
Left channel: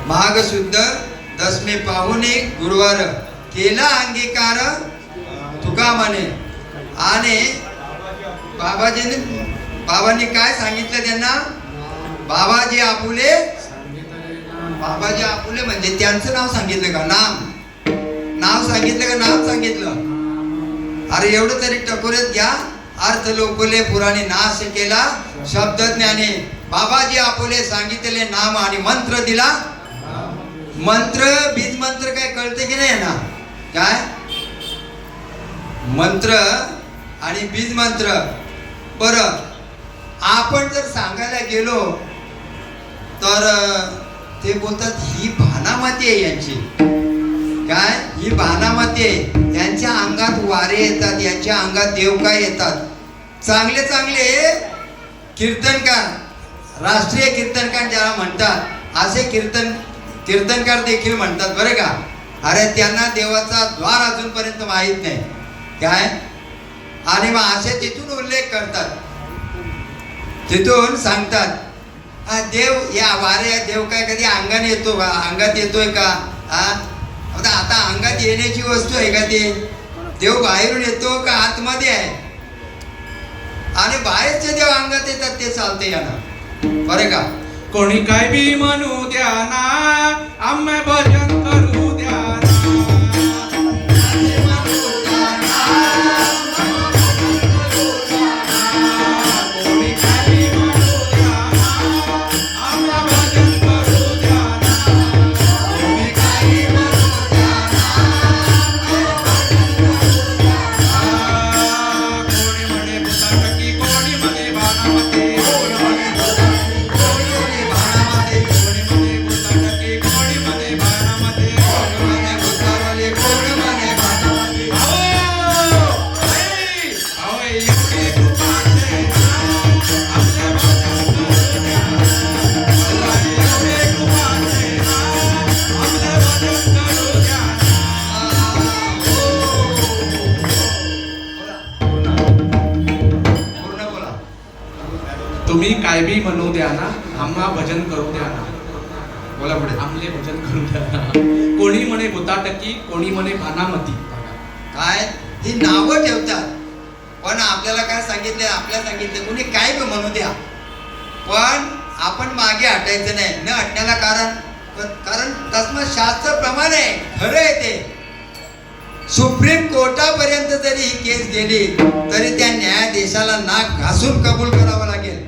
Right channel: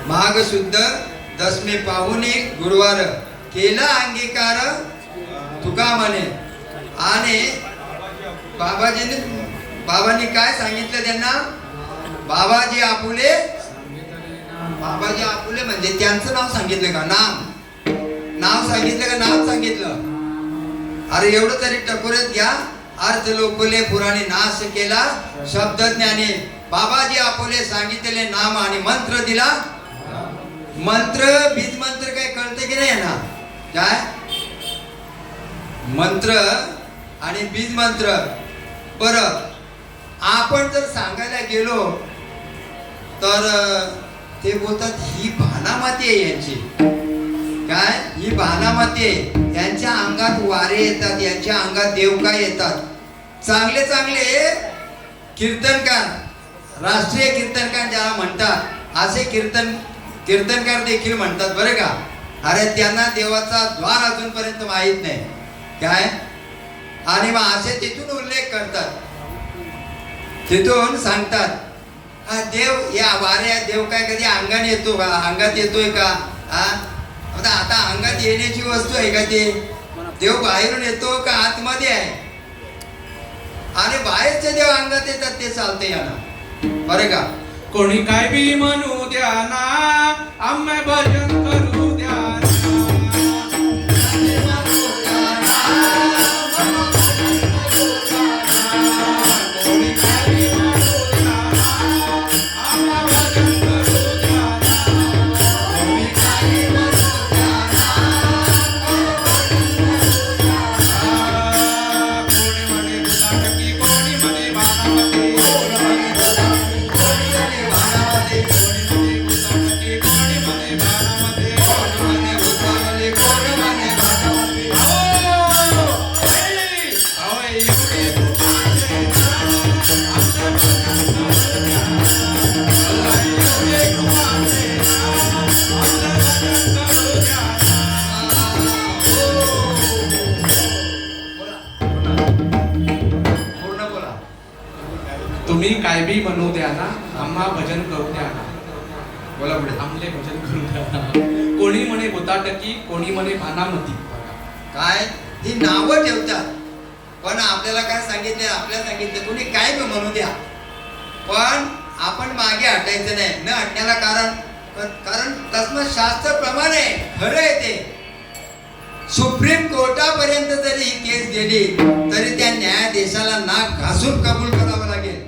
माघ शुद्ध दशमी पाहुनी गुरुवार केला अंगीकार तुका म्हणे. आणि बाबांनी काय सांगितलं त्यांना, बाबाजी आपुले, बाबाजी आपुले म्हणजे त्यांचं नाव सांगितलं का, नाव सांगितलं का, नाम सांगितलं. अरे एवढं तरी टकोरत घ्या, अर्थ लोकले पुराणे नाश केला, शब्द ज्ञाने बाबाजी आपुले सांगितले नाम, आणि मंत्र दिला. मंत्र बीज मंत्र काय कळते की नाही ना, काय मंत्र आणि बीज मंत्र. परत आपण जर सांगायला गेलो तर ते बोलतात ही भानामती आहे यांची. काय, ही भानामती आहे, यांच्या अंगात वारे येतात, यांच्या अंगात देव काय येतात. चांगले चांगले कीर्तनकार, राष्ट्रीय कीर्तनकार ज्याला म्हणतात, असे कीर्तनकार देखील म्हणतात बरं का. अरे त्यांना देवाचा द्वार अजूनपर्यंत माहित नाही. काय, आणि मग असे तिथून उल्लेख करतात, तिथून सांगतात देव या वाऱ्या, देव काय कधी अंगाने येतो, अंगात येतोय का. आता अंगात येण्याची वस्तू आहे का ते, देव बाहेरून येतो का आतमध्ये आहे. आणि बाहेरचे देव अंगात येतात ते चालते याना बरं का. कोणी काय बी म्हणू द्या ना, आम्ही भजन करू द्या ना. काय बी म्हणू द्या ना, आम्हा भजन करू द्या ना, बोला पुढे. आमले भजन करू द्या ना. कोणी म्हणे भूताटकी, कोणी म्हणे भानामती. काय ही नावं ठेवतात, पण आपल्याला काय सांगितले, आपल्याला सांगितले कोणी काय बी म्हणू द्या, पण आपण मागे हटायचं नाही. न हटण्याला कारण तस्म शास्त्र प्रमाणे खरं आहे ते. सुप्रीम कोर्टापर्यंत जरी ही केस गेली तरी त्या न्यायाधीशाला नाक घासून कबूल करावं लागेल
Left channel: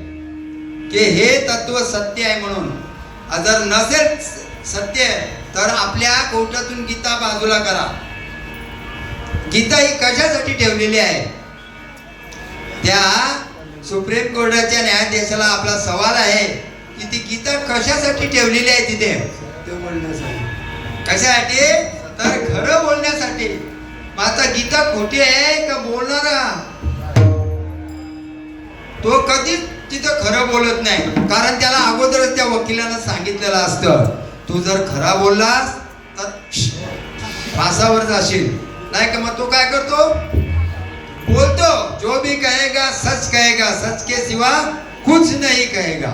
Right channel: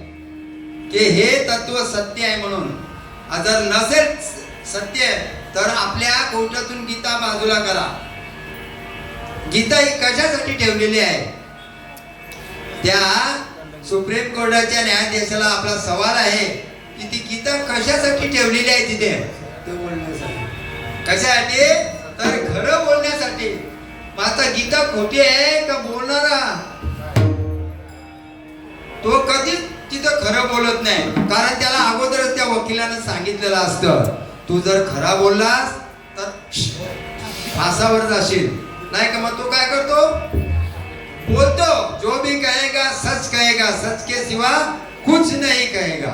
की हे तत्व सत्य आहे म्हणून. जर नसेल सत्य तर आपल्या कोर्टातून गीता बाजूला करा. गीता ही कशासाठी ठेवलेली आहे? त्या सुप्रीम कोर्टाच्या न्यायाधीशाला आपला सवाल आहे की ती गीता कशासाठी ठेवलेली आहे तिथे? कशासाठी? तर खरं बोलण्यासाठी. आता गीता खोटी आहे का बोलणारा तो कधीच तिथं खरं बोलत नाही, कारण त्याला अगोदरच त्या वकिलानं सांगितलेलं असतं तू जर खरा बोललास तर फासावर जाशील, नाही का? मग तो काय करतो? बोलतो जो भी कहेगा सच के सिवा कुछ नहीं कहेगा.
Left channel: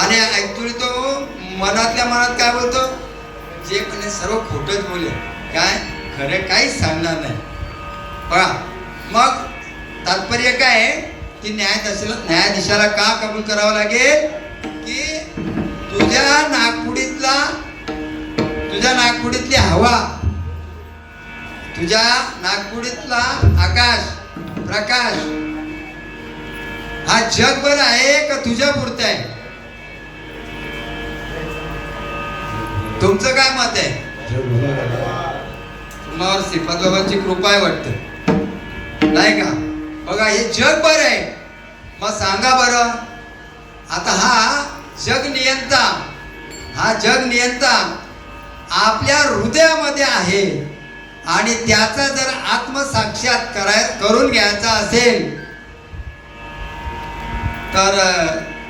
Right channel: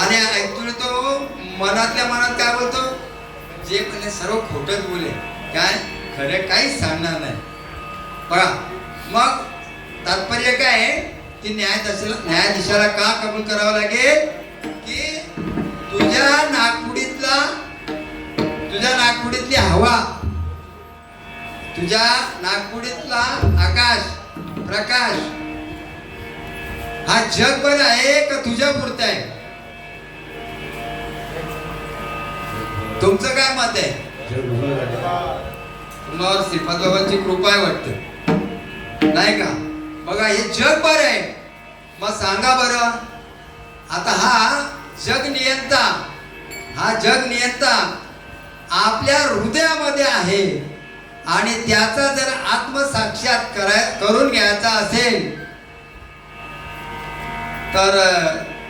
आणि ऍक्च्युली तो मनातल्या मनात काय बोलतो? जे पण सर्व खोटच बोले, काय खरे काहीच सांगणार नाही. पहा मग तात्पर्य काय आहे की न्यायाधीशाला का कबूल करावं लागेल की तुझ्या नागपुडीतली हवा, तुझ्या नागपुडीतला आकाश प्रकाश हा जगभर आहे का तुझ्या पुरता आहे? तुमचं काय मत आहे? तुम्हाला श्रीपाद बाबांची कृपा आहे वाटतं, नाही का? बघा हे जगभर आहे. मग सांगा बरं, आता हा जग नियंता आपल्या हृदयामध्ये आहे आणि त्याचा जर आत्मसाक्षात करून घ्यायचा असेल तर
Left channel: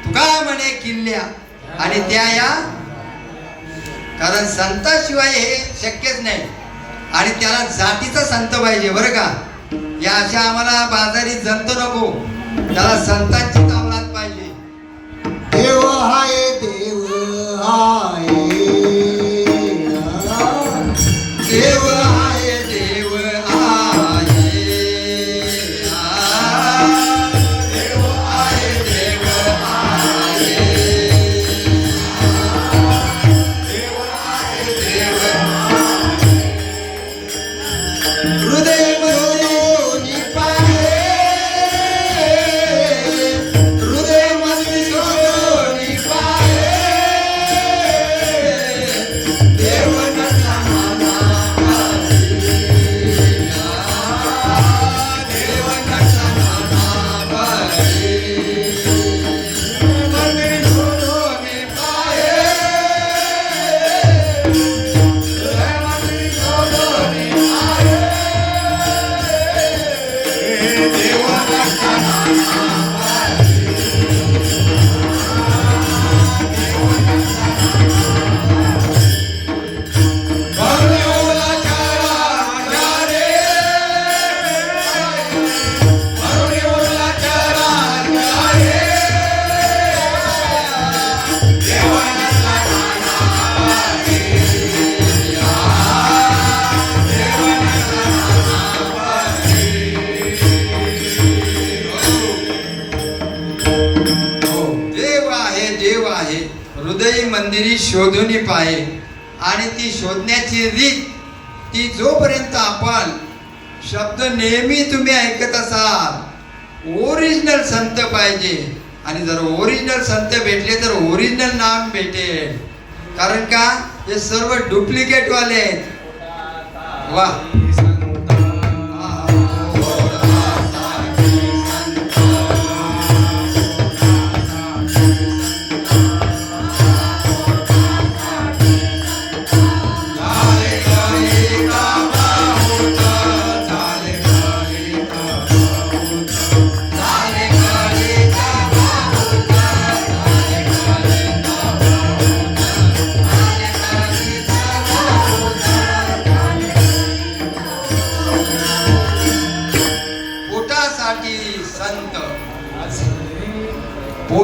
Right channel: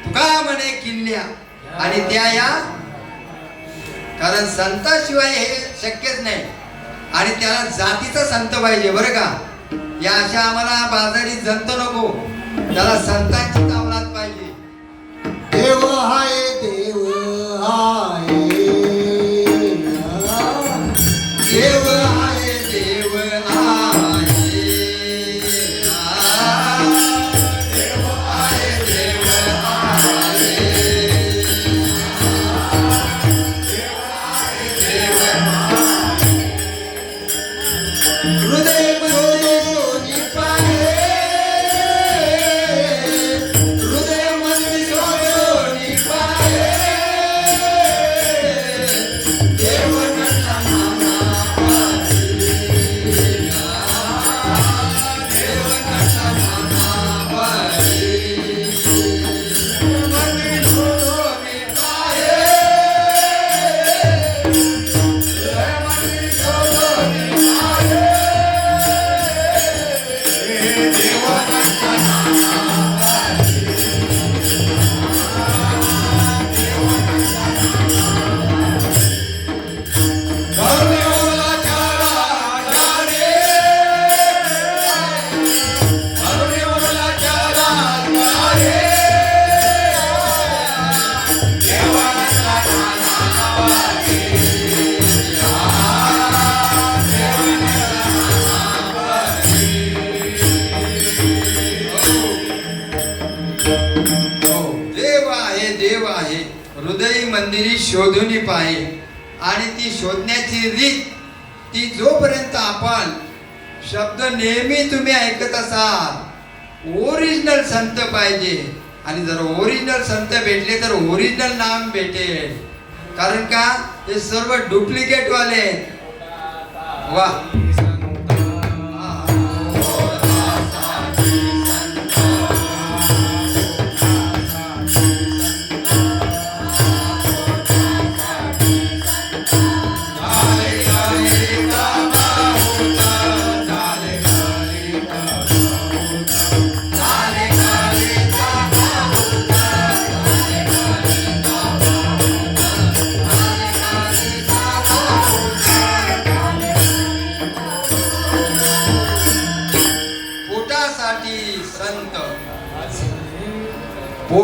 तुका म्हणे किल्ल्या आणि त्या या, कारण संताशिवाय हे शक्यच नाही आणि त्याला जातीचा संत पाहिजे बरं का. या अशा आम्हाला बाजारी जंत नको, त्याला संतांची तावलात पाहिजे. देव हाय देव हाय देव आहे देव आहे देव आहे देव आहे हृदय मधोनी पाहे, हृदय मधोनी पाहे, देव म्हटला मामा पाहे, देव म्हटला मामा पाहे, हृदय मधोनी पाहे, हृदय मधोनी पाहे. देव आहे हृदय मंदिरी शोधून पाहे. आणि ती शोधण्याची रीत ती जोपर्यंत आपण शब्द नेहमी तुम्ही ऐकत असाल ओरिजिनल संत पाहिजे. आणि जर ओरिजिनल संत भेटले तर ओरिजिनल नाम भेटेल, कारण का हे सर्व डुप्लिकेट वाले आहेत. वा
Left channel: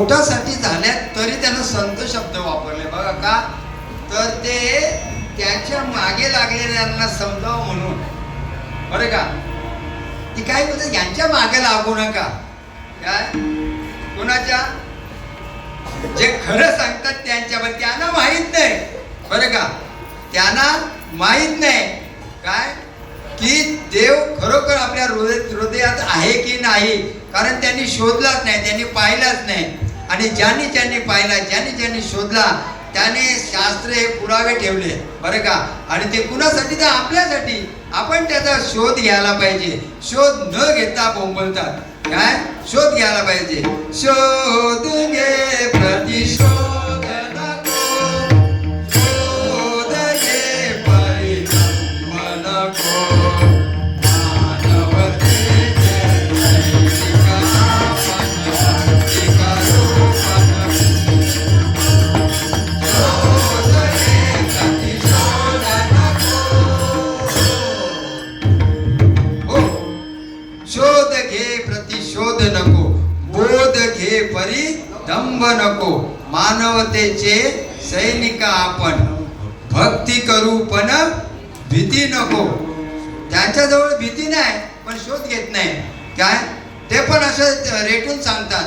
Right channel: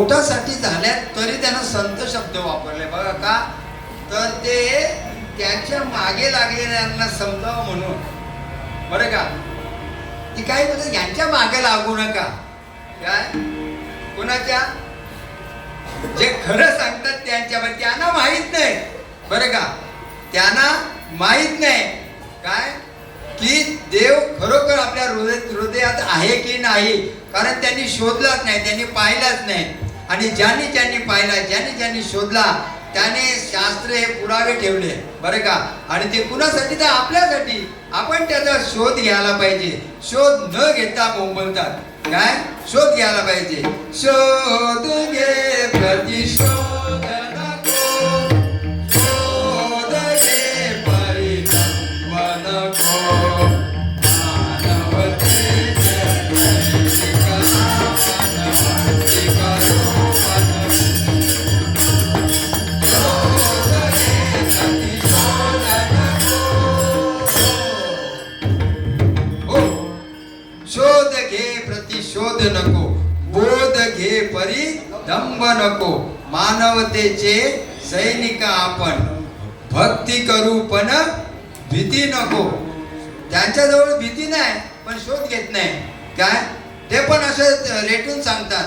पोटासाठी झाल्यात तरी त्यानं संत शब्द वापरले बघा का, तर ते त्याच्या मागे लागलेल्यांना समजावं म्हणून, बरं का. ती काय बोलत, यांच्या मागे लागू नका. काय कोणाच्या, जे खरं सांगतात त्यांच्यावर, त्यांना माहित नाही बरं का, त्यांना माहित नाही काय की देव खरोखर आपल्या हृदयात आहे की नाही, कारण त्यांनी शोधलाच नाही, त्यांनी पाहिलाच नाही. आणि ज्यांनी पाहिला, ज्यांनी शोधला, त्याने शास्त्र हे पुरावे ठेवले बरं का. आणि ते कुणासाठी, तर आपल्यासाठी. आपण त्याचा शोध घ्यायला पाहिजे. शोध न घेता बोंबलतात. काय शोध घ्यायला पाहिजे. शोध घे प्रतिशोध नको, शोध घे परिणाम नको, मानवतेचे नैतिका भक्तिका रूपन. शोध घे प्रतिशोध नको, शोध घे प्रतिशोध नको, बोध घे परिदंभ नको, मानवतेचे सैनिक आपण, भक्ती करू पण भीती नको. त्यांच्याजवळ भीती नाही पण शोध घेत नाही. काय ते पण असं रेटून सांगतात.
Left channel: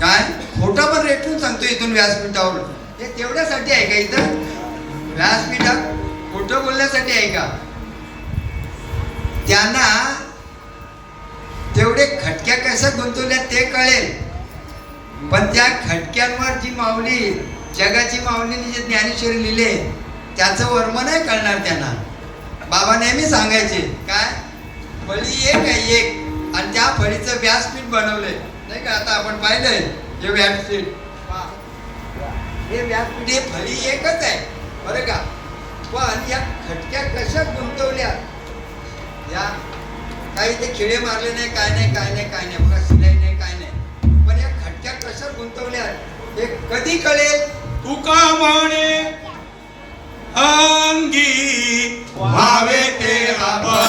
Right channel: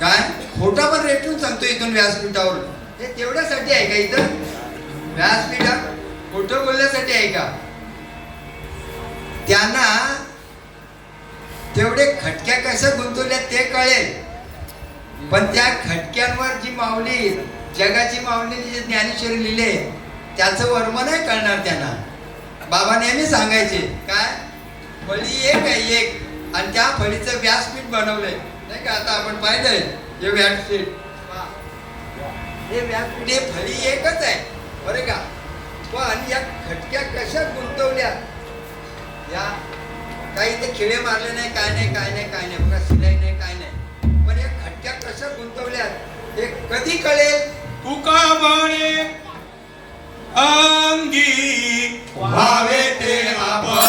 काय खोटा पण रेटून सांगतो इथून व्यासपीठावर. ते तेवढ्यासाठी आहे का इथं व्यासपीठात खोटं बोलण्यासाठी आहे का? त्यांना तेवढे खटक्या कशा गुंतवल्या ते कळेल, पण त्या खटक्यांवर जी माऊली, जगाची माऊलीने जे ज्ञानेश्वरी लिहिले त्याचं वर्म नाही कळणार त्यांना. बाबा नेहमी सांगायचे काय, फळी एक आहे एक, आणि त्या फळीचं व्यासपीठ बनवलंय नाही का. आता आपण पाहिलंय हे व्यासपीठ, हे व्यासपीठ, हे फळी एकच आहे बरं का. पण या खटक्या कशा गुंतवल्या, या काही ते खिळे मारले नाही, काय नाही बघा, शिलाई नाही, काय नाही, पण या खटक्या कशा गुंतवल्या हे कधी कळेल. तुका म्हणे अंगी व्हावे ते आपण,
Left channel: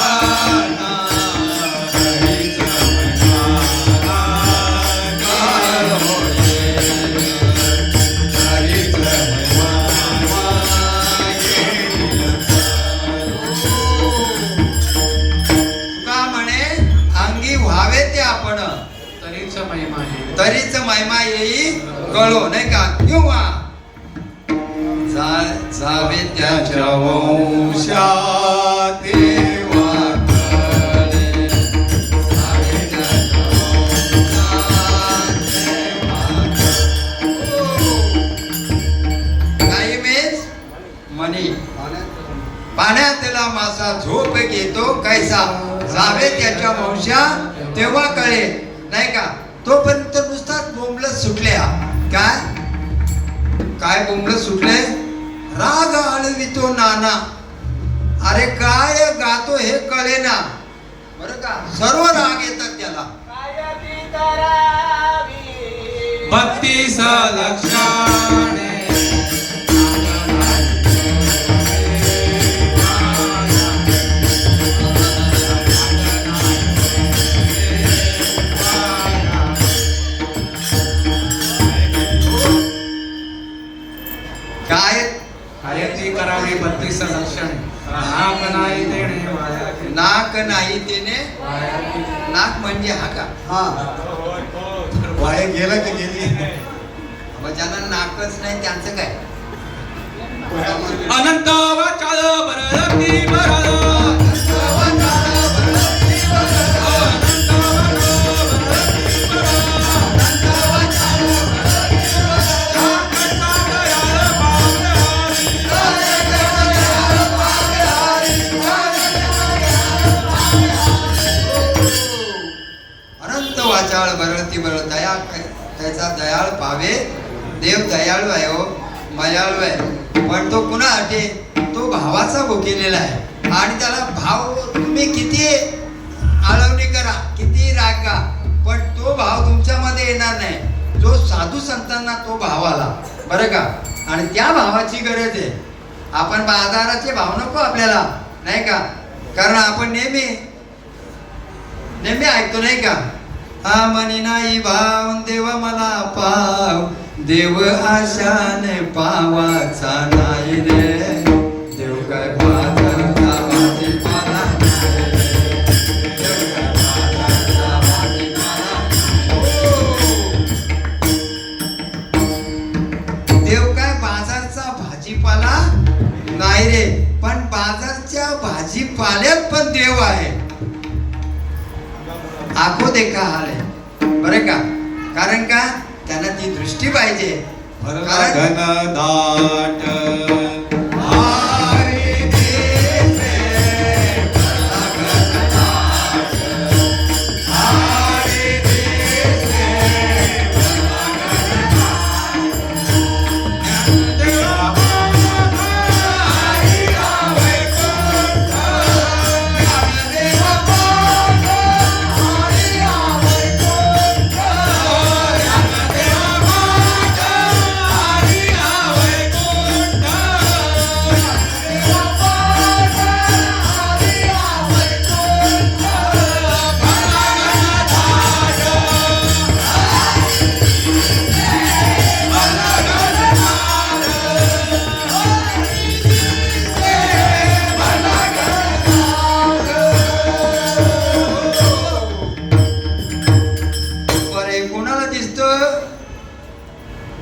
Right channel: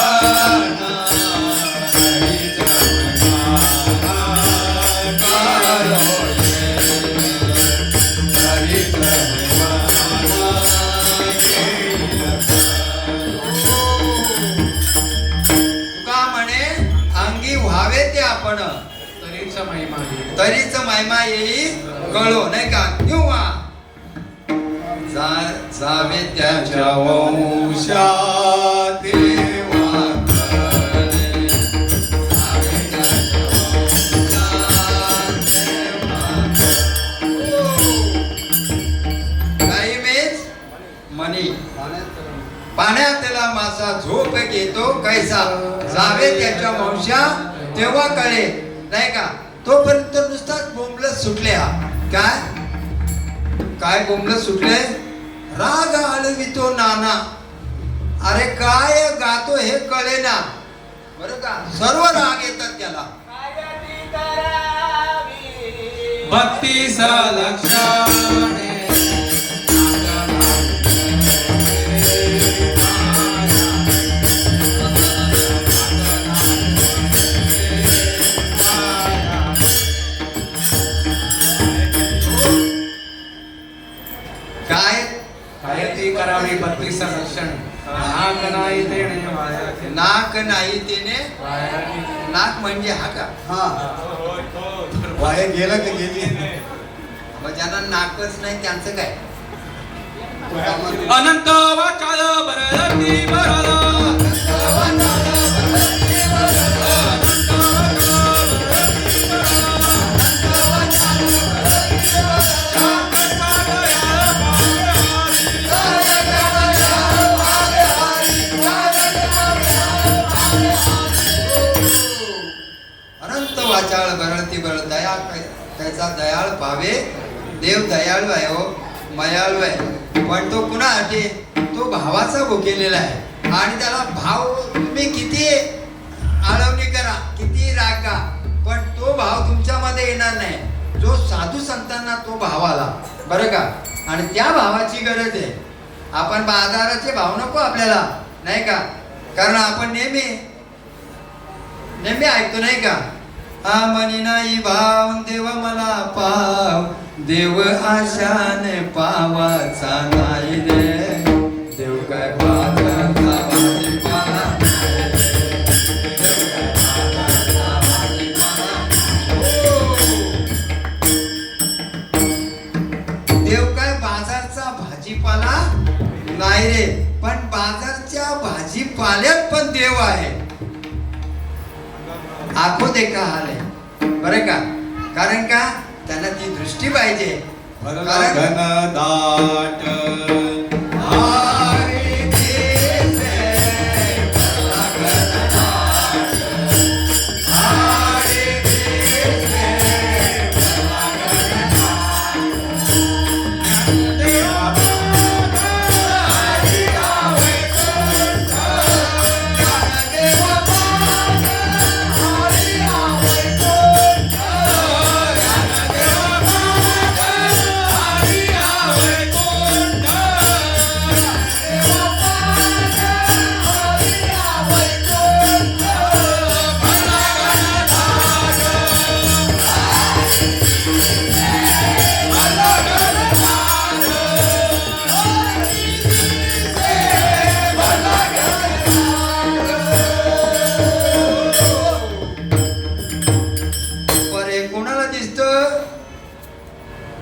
तरीच महिमा येई कळो नाही का. किंवा जावे त्याच्या वंशात काही वेळेस म्हणे पाण्यातला मासा झोप घेतो कैसा, जावे त्याच्या वंशा तेव्हा कळे नाही का. तोपर्यंत नुसताच बोंबलत सुटले. काय काय बोंबलत सुटले, राग आळवितो नाना, अरे काय गातो हे कळेना बरं का. सर्व राग येतात त्याला. बत्तीस लक्षणे करावी 32 लक्षण. नाक नाही तेने, नाक म्हणजे हा का, वाया गेला की गेली. मग ज्यांना नाकच नाही त्यांचं काय. अनंत वाचाळ बरती बरला, दया दया त्याचा दयाळ पावे. देव दयाळू आहे हो, मयाळू आहे, पण तो कुणासाठी, तो भावाचा भुकेलेला आहे. आणि त्याला भाव तुम्ही किती आळवणी करा, किती रागा, पण तो भाव तुमच्यामध्ये येणार नाही. जो साधू संतांना तो भाव आला बरं का. आणि त्या भावाची गरज आहे. आपण बाजाराचे भाव नको आपल्याला नाही का, कारण आपण नेहमी ऐकतो नाही का, हा मनी नाही भाव देव मला पाव, देव आशाने पावाचा नाही रे, देव काय पावाचा भाजीपाला नाही. देव काय पावाचा भाजीपाला. देव काय बाजारचा भाजीपाला नाही रे, पण बाजारच्या भाजीपाल्यात पण देव आहे. आखो देखा हाल आहे बरं का, कारण का त्याला ती दृष्टी पाहिजे. कारण दाट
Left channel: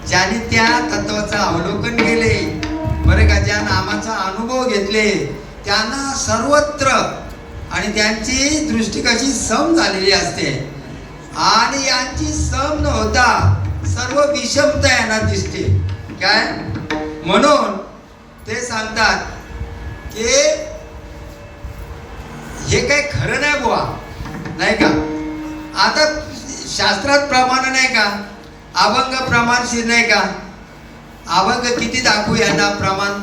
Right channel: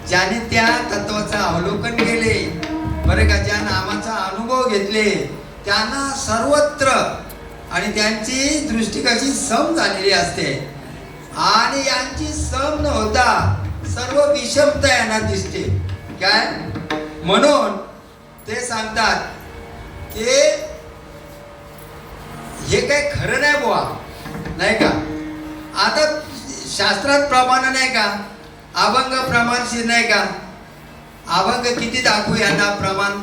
ज्याने त्या तत्वाचं अवलोकन केले बरं का, ज्या नामाचा अनुभव घेतले त्यांना सर्वत्र, आणि त्यांची दृष्टी कशी सम झालेली असते, आणि यांची सम न होता सर्व विषमता यांना दिसते काय. म्हणून ते सांगतात की हे काही खरं नाही बुवा, नाही का. आता शास्त्रात प्रमाण नाही का, अभंग प्रमाणशीर नाही का. अभंग किती दाखवू यांना प्रमाण,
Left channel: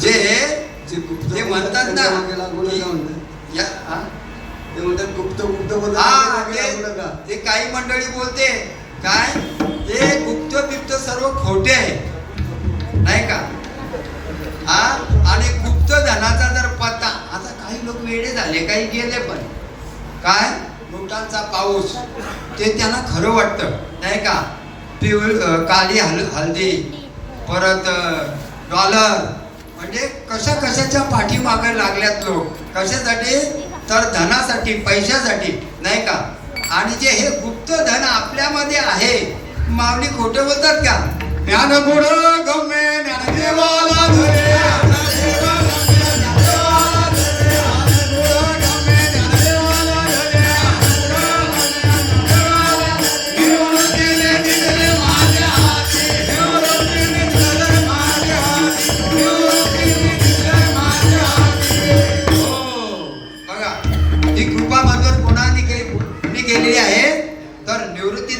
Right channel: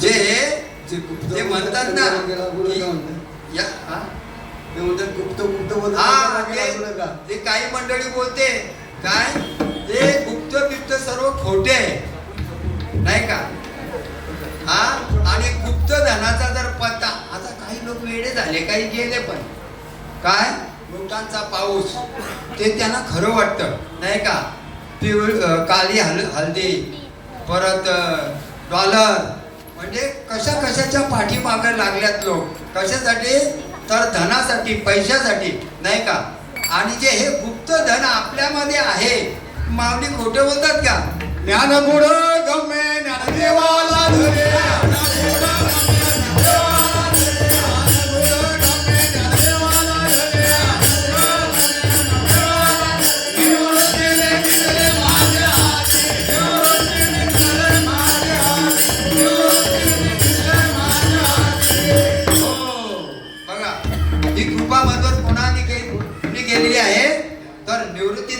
जे जे म्हणतात ना की या हा? हा, ते काही मंडळी बोलते काय ते गुप्त बिप्त सर्व खोटे आहे नाही का. हा, आणि गुप्त धनाचा जर पत्ता, आता काही लोक वेडे झाले, काही गेले पण काय नोटांचा पाऊस ते त्यांना खरं वाटतं नाही का. काली हल्दी परत डॉलर, म्हणजे कशा कशाच्या पाठीमागे लागल्यात लोक, कशासाठी तर धनासाठी, पैशासाठी नाही का. आणि जे हे गुप्त धन आपल्यामध्ये आहे, माऊली खोटे बोलतात का. ज्ञान गुण गम्य ज्ञानदेवाला धरे,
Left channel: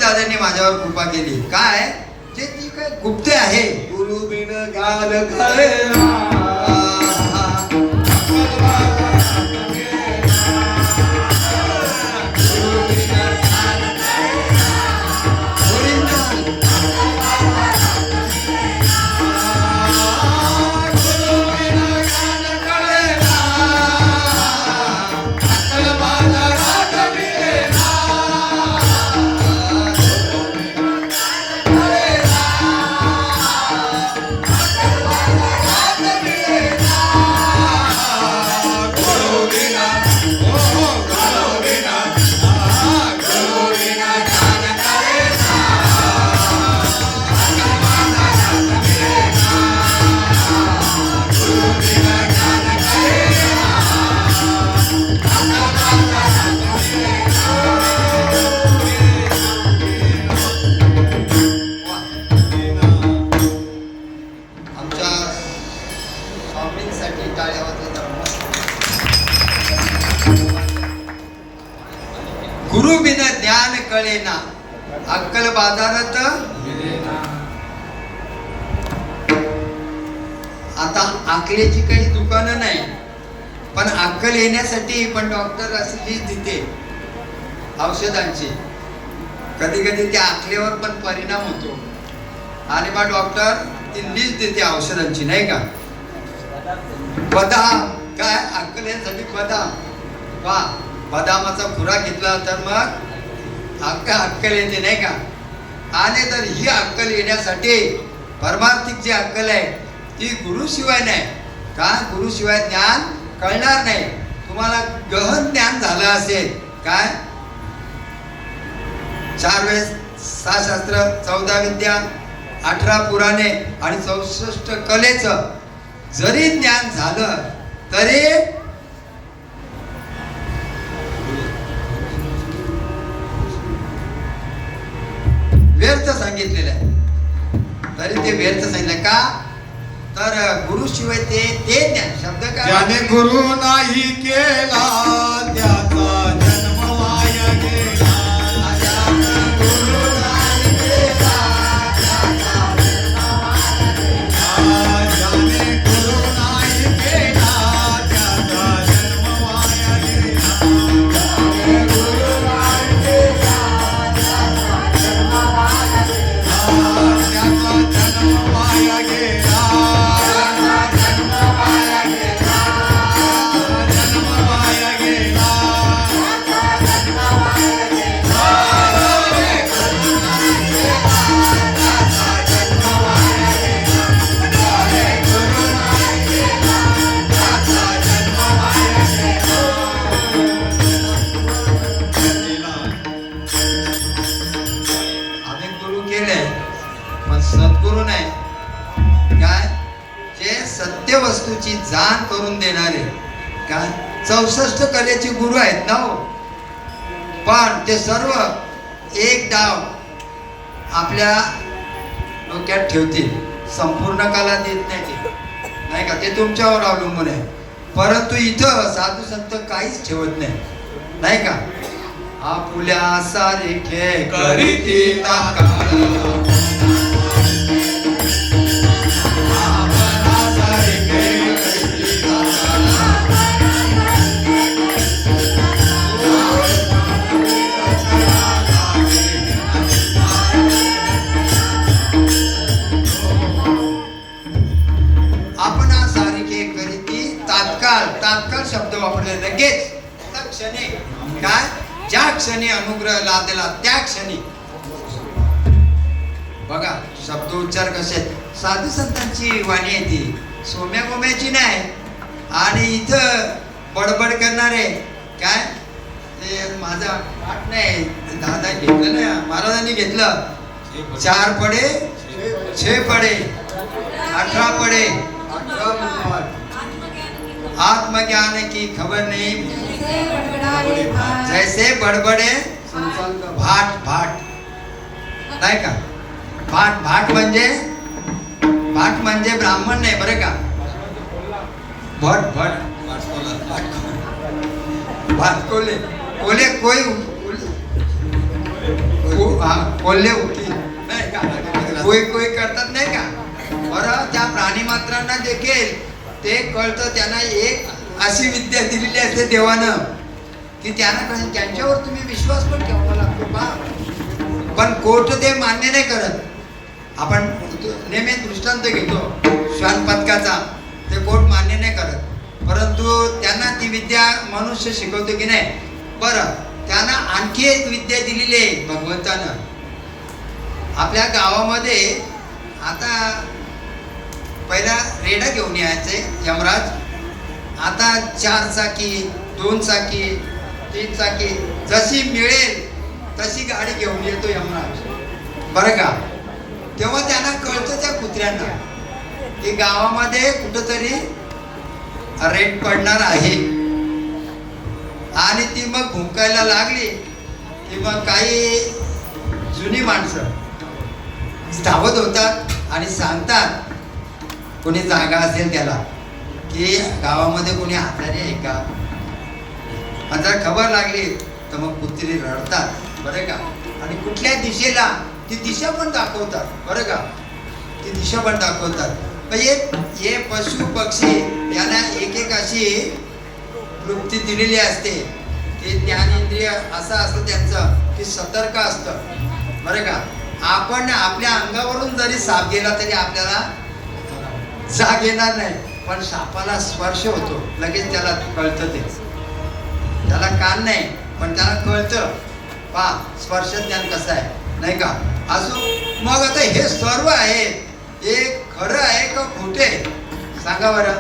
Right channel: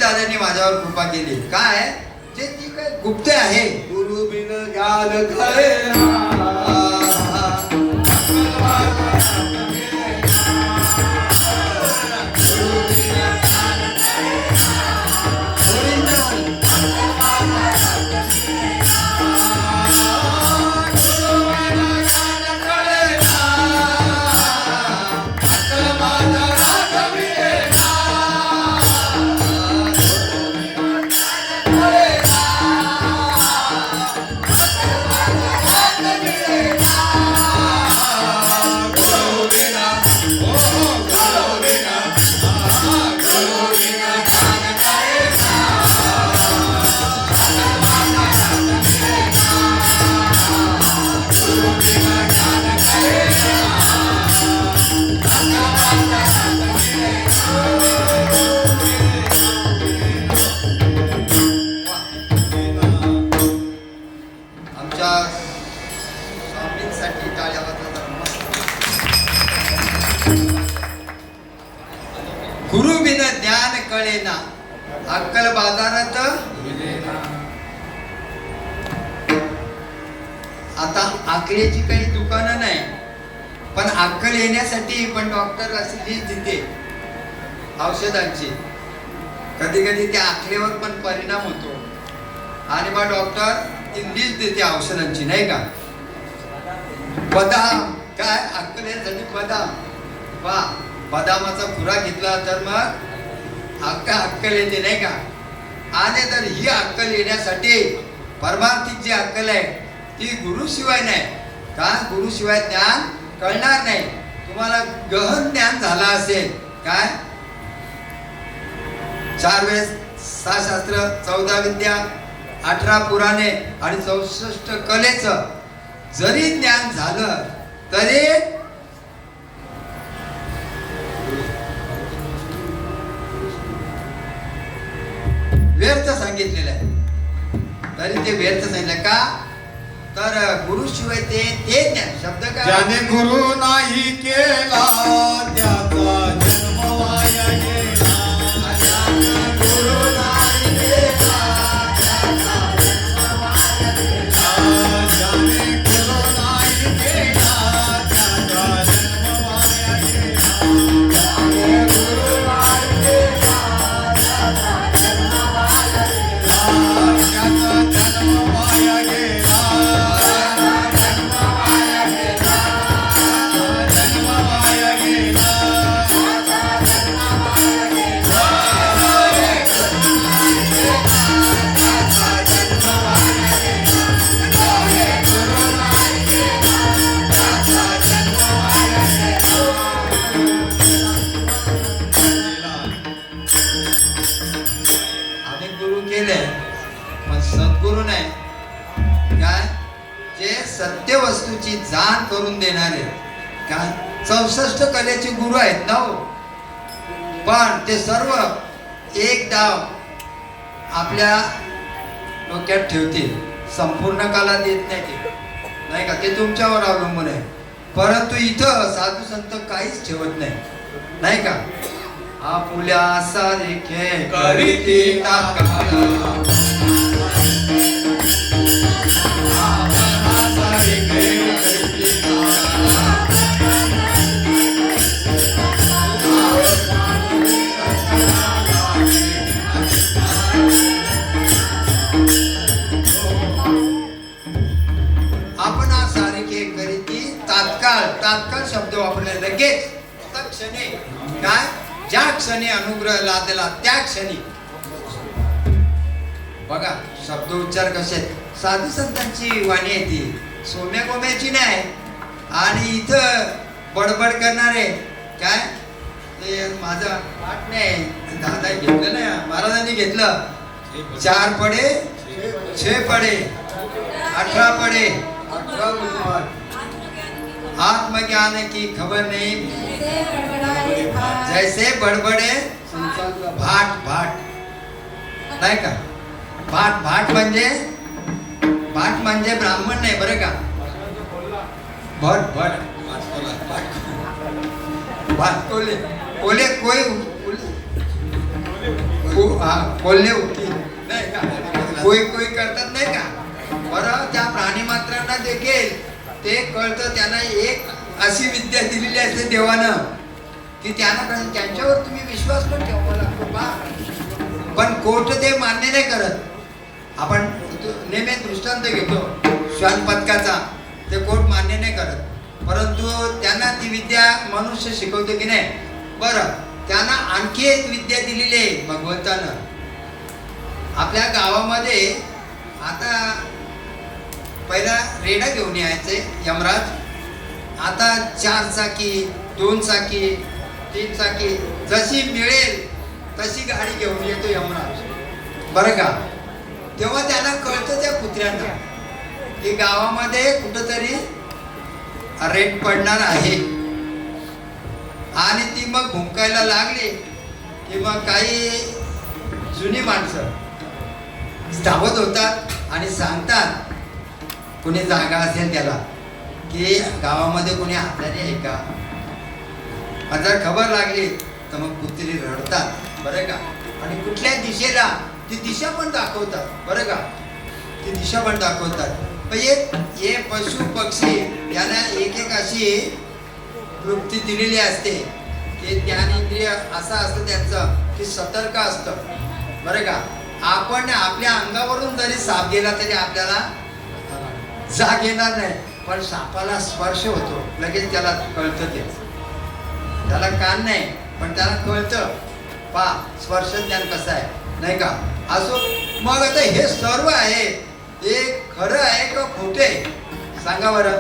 दादांनी माझ्यावर कृपा केली काय, जे ती काय गुप्त आहे. गुरु बिन ज्ञान कळेना, गुरु बिन ज्ञान कळेना, अक्कल बाजारात. आता अकलेची काही दुकानं नाही, पण अक्कल येण्यासाठी पण डॉक्टर अशी लिस्ट देते औषधांची. कधी कधी त्या अकलेवर पण परिणाम होतो, आणि मग डॉक्टर ती लिस्ट देते औषधांची नाही का. बदाम काय अक्कल येण्यासाठी बदाम, बदामाचा खुराक घेतला तर मग अक्कल येते नाही का. आणि तर ही अक्कल येण्यासाठी परमार्थिक जी अक्कल आहे ती गुरुशिवाय नाही का. गुरुशिवाय ज्ञान कळणार नाही. तुम्हाला गहन ज्ञान झालं असेल काय 4 वेद 6 शास्त्र 14 विद्या 18 पुराणे आणि 64 कलेचं जरी ज्ञान झालं तरी व्यर्थ सांगितलेलं आहे. तरी ते व्यर्थ सांगितलं का तर गुरुशिवाय ते ज्ञान शब्द काय ज्याने गुरु नाही केला त्याचा जन्म वाया गेला. गुरु नाही केला त्याचा जन्म वाया गेला. ज्याने गुरु नाही केला त्याचा जन्म वाया गेला. ज्याने गुरु नाही केला त्याचा जन्म वाया गेला. त्याचा जन्म वाया गेला. आम्ही गुरु केले पण सद्गुरु नाही काय. जे सत्य वस्तूची जाण करून देणारे काय 64 कलेचे गुरु आहेत ना हो. पण ते सर्व एक डाव आपल्या डोक्यात ठेवतील. संपूर्ण कला देत नाही ते नाही का. ते तुमच्यावर अवलंबून आहे. परंतु इथं साधू संत काहीच ठेवत नाही का. आपुल्या सारखे करीती आकारा. आपणा सारखे करीती तात्काळ शब्द वापरले लगेच क्षणी काय. ज्या क्षणी अनुग्रह लादला त्या क्षणी बघा शब्द उच्चार कसे आहेत. साधू संतांची वाणी आहे ती सोम्या गोम्याची नाही. आणि इथं बडबड करणारे काय ते माझा पाठ नाही. दादा घेतलं नाही महाराजांनी घेतलं. 4 पडे 6 पडे 18 पडे आत्मज्ञान की खबर नहीं जैसे बडबडे भाट नाही का. भाट म्हणजे ब्राह्मण नाही बरं का. भाट कोले कोई कोल्हे उठली नाही का. कोई करतात नाही का. बरं त्या प्राणी मात्रांना देखील ते कळतं. त्यांना एक अशी विद्या दिलेली असते देवानं की त्यांना त्यांच्यावर तुम्ही विश्वास पण ठेवावा लागतो का. पण कोर्ट ते मान्य नाही करत. आपण नेहमी दृष्टांत घेतो श्वान पथकाचा. ते कोर्ट मान्य नाही करत. परंतु त्यांना ती विद्या मनुष्य शिकवतो की नाही. बरं त्यांना आणखी एक विद्या दिलेली आहे भगवंतानं. आपल्या गावामध्ये आता पहिला रेडा घेऊन यायचे यमराज. आता 4 चाकी 2 चाकी 3 चाकी जशी मिळेल तशी गाडी घेऊन येतो यमराज बरं का. तेव्हा त्यांना कळतं त्या कुत्र्यांना की गावामध्ये कुठंतरी रेड पडणार आहे. आणि ती मग भुंकायला लागली की मग काही जुनी माणसं धावत होतात आणि सांगतात कोणी जागा असेल त्याला की गावामध्ये कोणी आजारी आहे का. जर खबर लागली तर मग कुत्री रडतात बरं का. आणि कुठल्या दिशेला ती दिशा पण दाखवतात बरं का. ती दिशा पण दाखवतात. हे पशु पक्षी यांना एक अशी वृत्ती दिलेली असते की ज्ञानेंद्रिय असं असतं त्यांचं की सतर्क असतं बरं का. आपण आपल्या अंगावरून जरी साप गेला तरी आपल्याला जाग येणार नाही. पण सापाला स्पर्श होतो लगेच त्याला कळतं. ते त्याला कान नाही पण त्याला कळतं. पहा स्पर्श ज्ञान कसं आहे नाही का. असो मग आता हे सर्व आहे हे खरं आहे का खोटे सांगा बरं.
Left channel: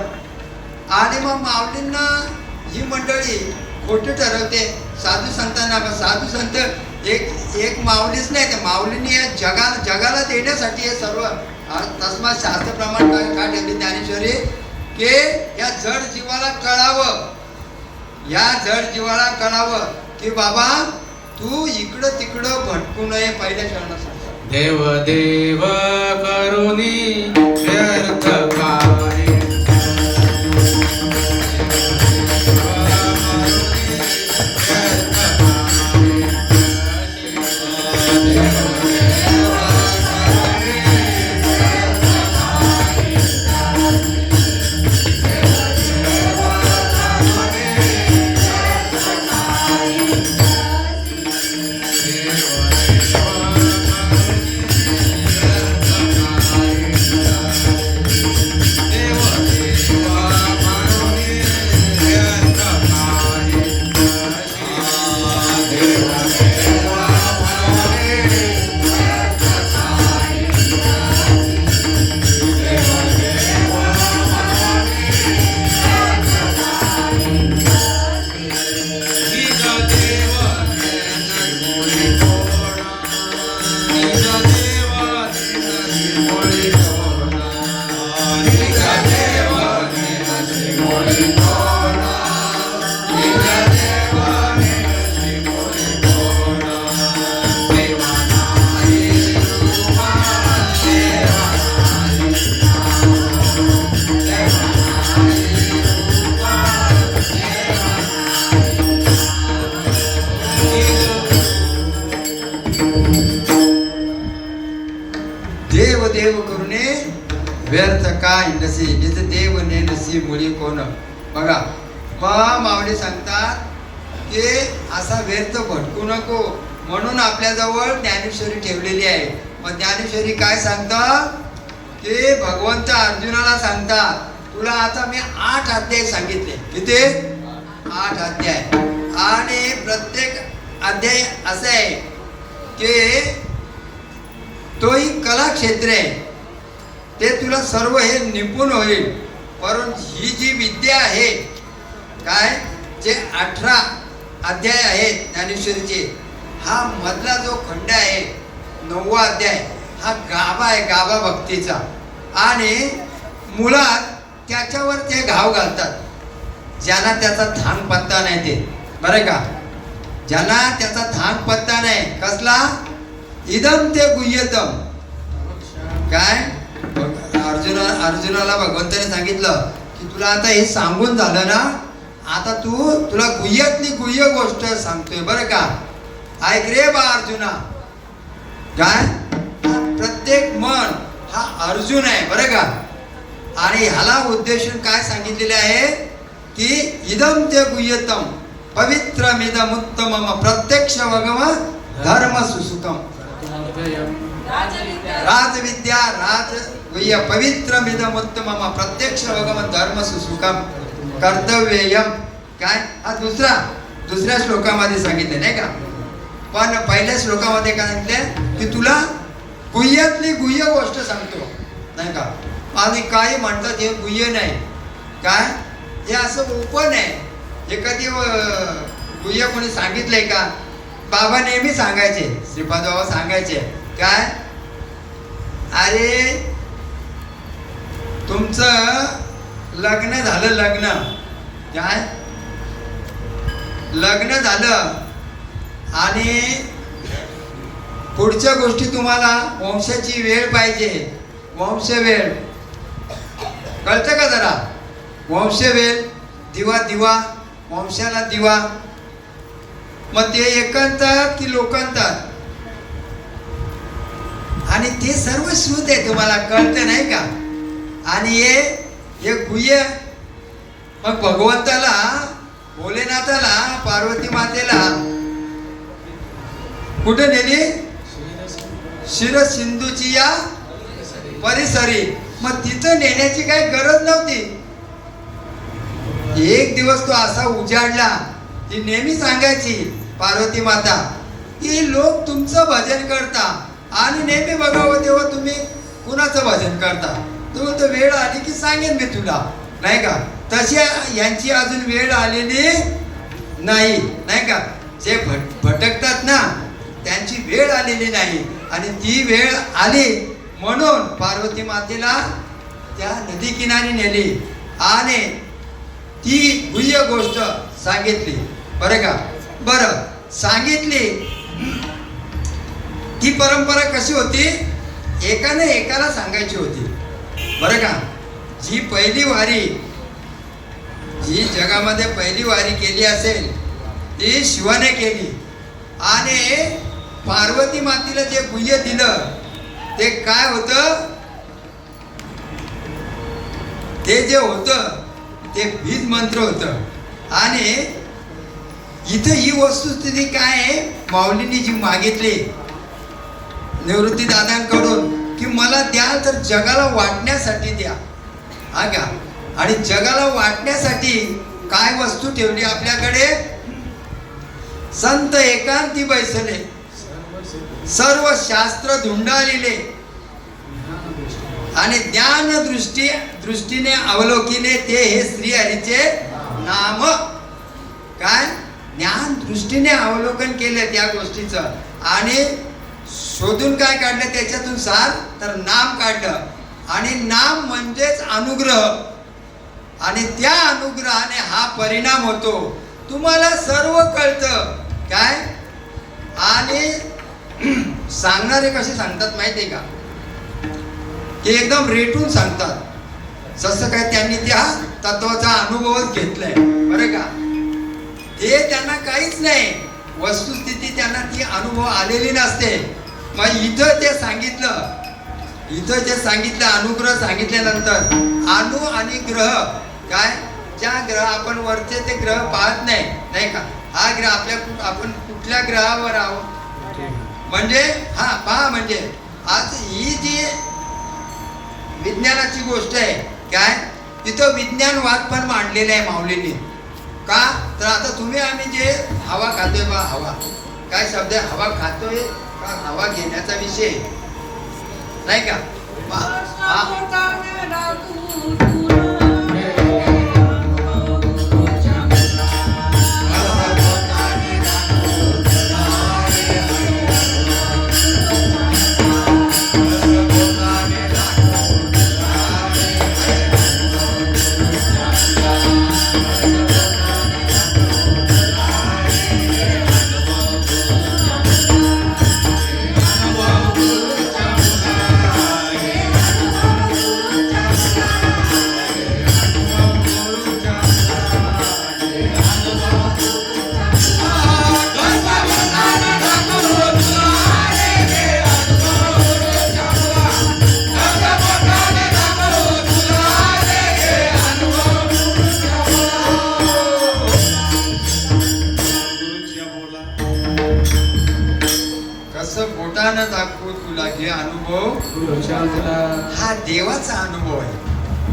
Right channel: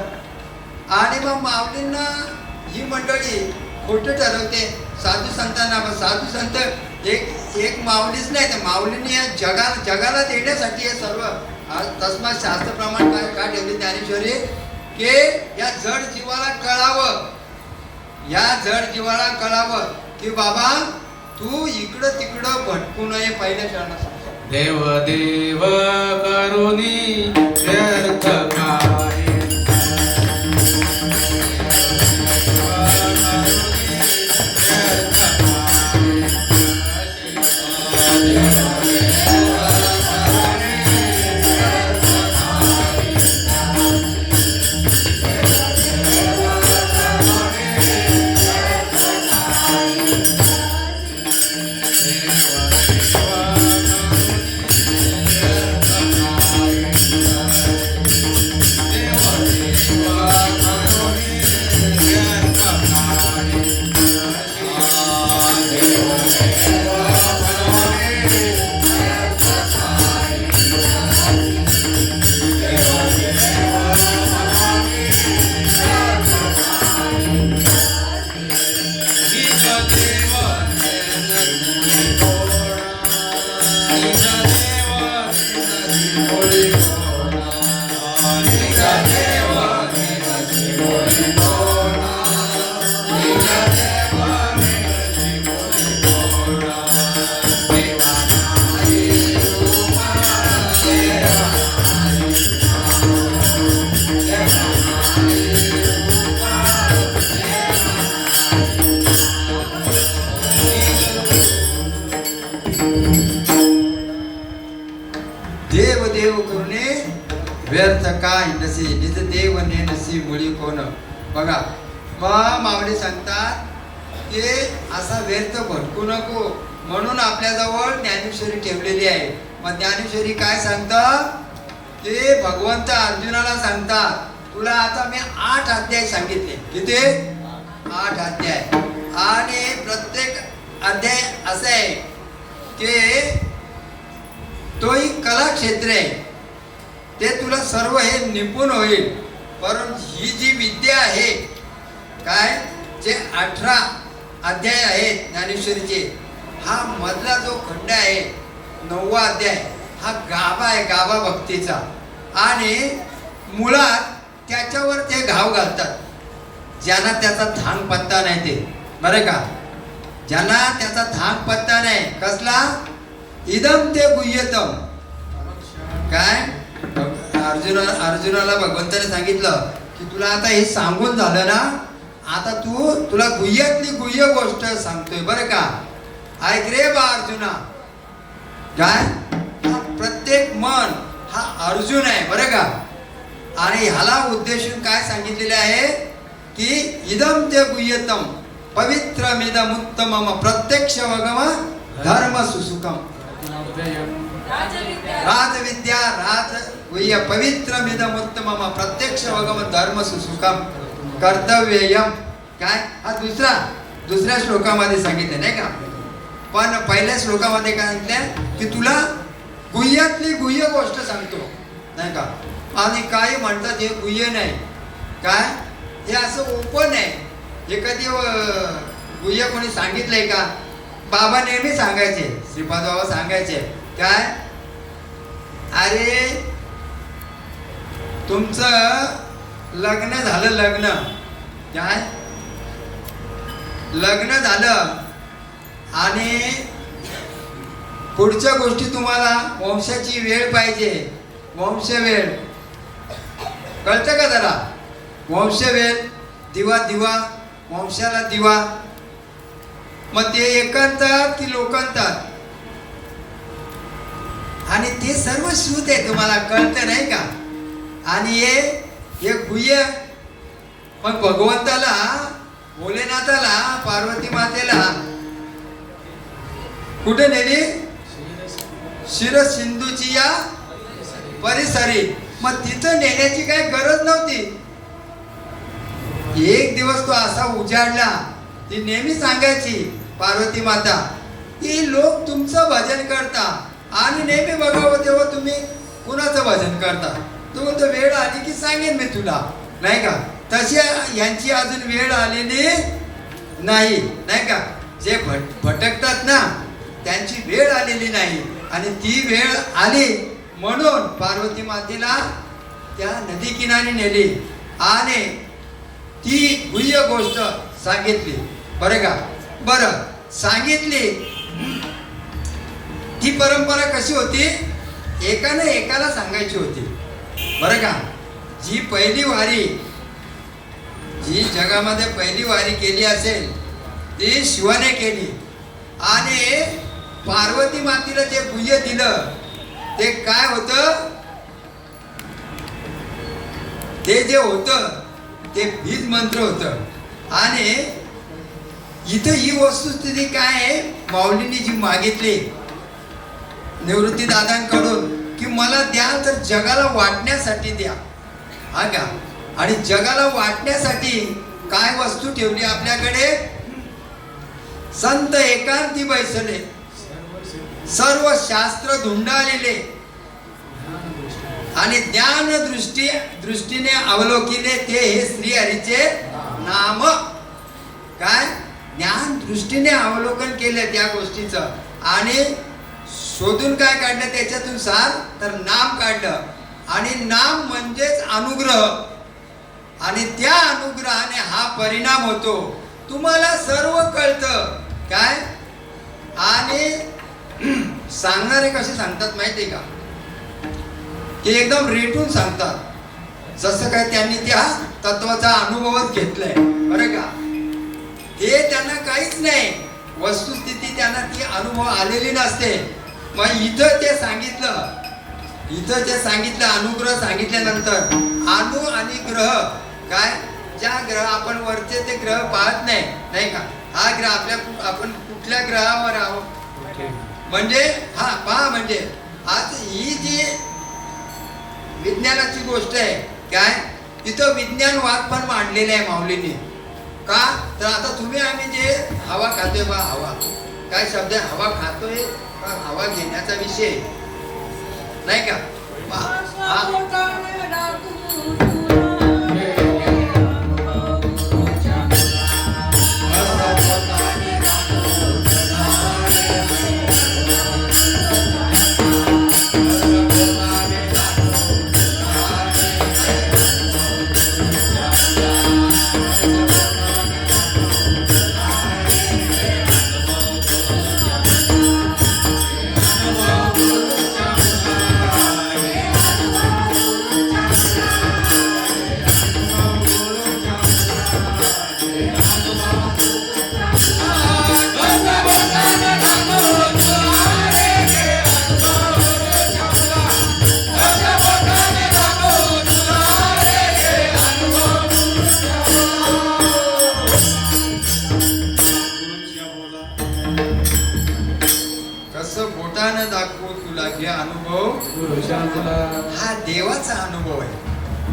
आणि मग माऊलींना ही मंडळी खोटे ठरवते साधू संतांना. मग साधू संत एक माऊलीच नाही तर माऊलींनी या जगाला देण्यासाठी हे सर्व तस्मात शास्त्र प्रमाण काय ठेवले ज्ञानेश्वरी की या जड जीवाला कळावं, या जड जीवाला कळावं की बाबा तू इकडं तिकडं भटकू नये. पहिल्या चरणात सांगतो देव देव करुणी व्यर्थ काय. देव देव करुणे व्यर्थ काय नसे जिथे देव ने नसी मुळी कोण. बघा मग माऊली सांगतात की असा व्यर्थ भटकू नको म्हणून आपल्याजवळ ज्ञानेश्वरी ठेवलेली आहे. मग ज्ञानेश्वरी काय सांगतात की भगवंत अर्जुनाला सांगतात तुला आता मी 8 अध्याय सांगितले. किती? 8 अध्याय. आणि प्रत्येक अध्याय असं आहे की तोही कला क्षेत्र आहे ते तुला सर्व हे निपुण होईल. परंतु ही जी विद्या आहे काय जे 18 अध्याय आहेत ज्ञानेश्वरीचे हा मधला जो खंड आहे 9वा अध्याय हा गाभा आहे गाभा भक्तीचा. आणि मुळात त्याच्यावर ते घाव घालतात ज्यांना त्याचा थांग पत्ता नाही ते बरं का. ज्यांना त्याचा थांग पत्ता नाही कसला इदम ते गुह्यतम काय अर्जुनाला भगवंताने सांगितलं की तुला आता हे सांगून झालं ना आता तुला गुह्यातली गुह्य गोष्ट सांगतोय बरं का. ऐक रे बा अर्जुना काय प्रत्येक मन हा अर्जुन आहे बरं का. आणि ह्याला उद्देशून काय सांगितलेले आहे की इदम ते गुह्यतम पवित्रमिदमुत्तमम प्रत्यक्ष वगम धर्म सुसुतम. राजविद्या राज गुह्य पवित्रमिदमुत्तमम प्रत्यक्ष वगम धर्म सुसुकम कर्तव्ययम. काय हा दुसऱ्या श्लोकामध्ये सांगितलं नाही का. पण पहिल्या श्लोकामध्ये काय सांगितलं की तुला गुह्यातली गुह्य गोष्ट सांगतो नाही का. आणि काही म्हणतात हे गुह्य नाही काय हे असं ओपन आहे. हे कधी गुह्य कोणी सांगितलंय का. बाबा नेहमी सांगायचे श्रीपाद बाबा सांगायचे काय अरे तुमचं लग्न झालं काय लग्न झालं आणि पुढच्या गोष्टी तुम्हाला वंशाची वेळ पाहिजे. वंश वेळ कळतं का जरा. वंश वेळ दिवा वंशाला दिवा. मग ते एकांतात की लोकांतात आणि ते सर्व शुद्ध आहे तुम्हाला कळतं नाही का. आणि हे गुह्य मग भगवंताला भोलेनाथाला पार्वती मातेला कुठे नेली शिर सिंधूची या परिसरी. मग तिथं नेण्याची काही गरज नव्हती. एक दिवस तो असा उजाडला ती नेहमी सांगायची पार्वती माता की लोक तुमचं भजन करता आणि नेहमी बघावं तेव्हा तुम्ही कुणाचं भजन करता. तो म्हणतो वेळ आली की सांगेन मी तुला, नाही का. तशी यांची अजून वेळ आलेली नाही, नाही का. जे भटकतात ना त्यांची वेळ आलेली नाही आणि ती वेळ आली म्हणून पार्वती मातेला त्या नदी किनारी नेली आणि ती गुह्य गोष्ट सांगितली. बरं का. बरं सांगितली. ती परंपरा कशी होती, एकाने एकाला सांगायची होती. बरं का. जी पहिली वारी, जी जगामध्ये पहिली वारी केली असेल ती शिवाने केली आणि पार्वती मातेला जे गुह्य दिलं ते काय होतं, ते जे होतं ते बीज मंत्र होतं. आणि इथं ही वस्तुस्थिती काय आहे, माऊलींनी जी मागितली निवृत्ती दादांकडून की मला द्याल तर जगाला वाटण्यासाठी द्या, हा का. आणि जगाला वाटण्यासाठी काय वस्तू ठेवली आपल्याकडे, संत एकांती बैसले, सर्व शास्त्र धुंडाळले आणि ज्ञान दृष्टीने अवलोकिले ते हे श्रीहरीचे नाम. काय ज्ञान दृष्टीने अवलोकन केले त्या गोष्टीचं आणि शोधून काय काढलं त्याच्यातून सार, तर नाम काढलं. आणि नाम म्हणजेच अनुग्रह आणि त्या अनुग्रहाने हा परिणाम होतो. तुम्हाला सर्व कळतं काय. आणि सांगणारे कसे सांगतात माहितीये का, ते एकदम रेटून सांगतात, जसं काय त्यांनी त्या तत्वाचा अनुभवच घेतलाय. बरं का. हे त्यांना काहीच नाही, वस्तुस्थिती त्यांना ती अनुभव आलेली नसते. मग इथं ते सांगितलं, इथं जे सांगितलं अनुग्रह सांगितल्यानंतर अनु आणि ग्रह काय, ज्या ग्रह आपण वरचे ते ग्रह पाहत नाही, नाही का. हा ग्रह आपण कुठल्या ग्रहावर आहोत म्हणजे हा पहा, म्हणजे आज ही जी विज्ञानाची गोष्ट आहे काय, तिथं विज्ञानवाद पण मांडलेला आहे माऊलींनी. का तर आता तुम्ही आम्ही जे हवा खातोय बा, हवा काय शब्द आहे, हवा खातोय का हवा घेण्याचा विषय, नाही का. बोटानं दाखवू तुला जे अनुभव, हा देवाचा अनुभव आहे,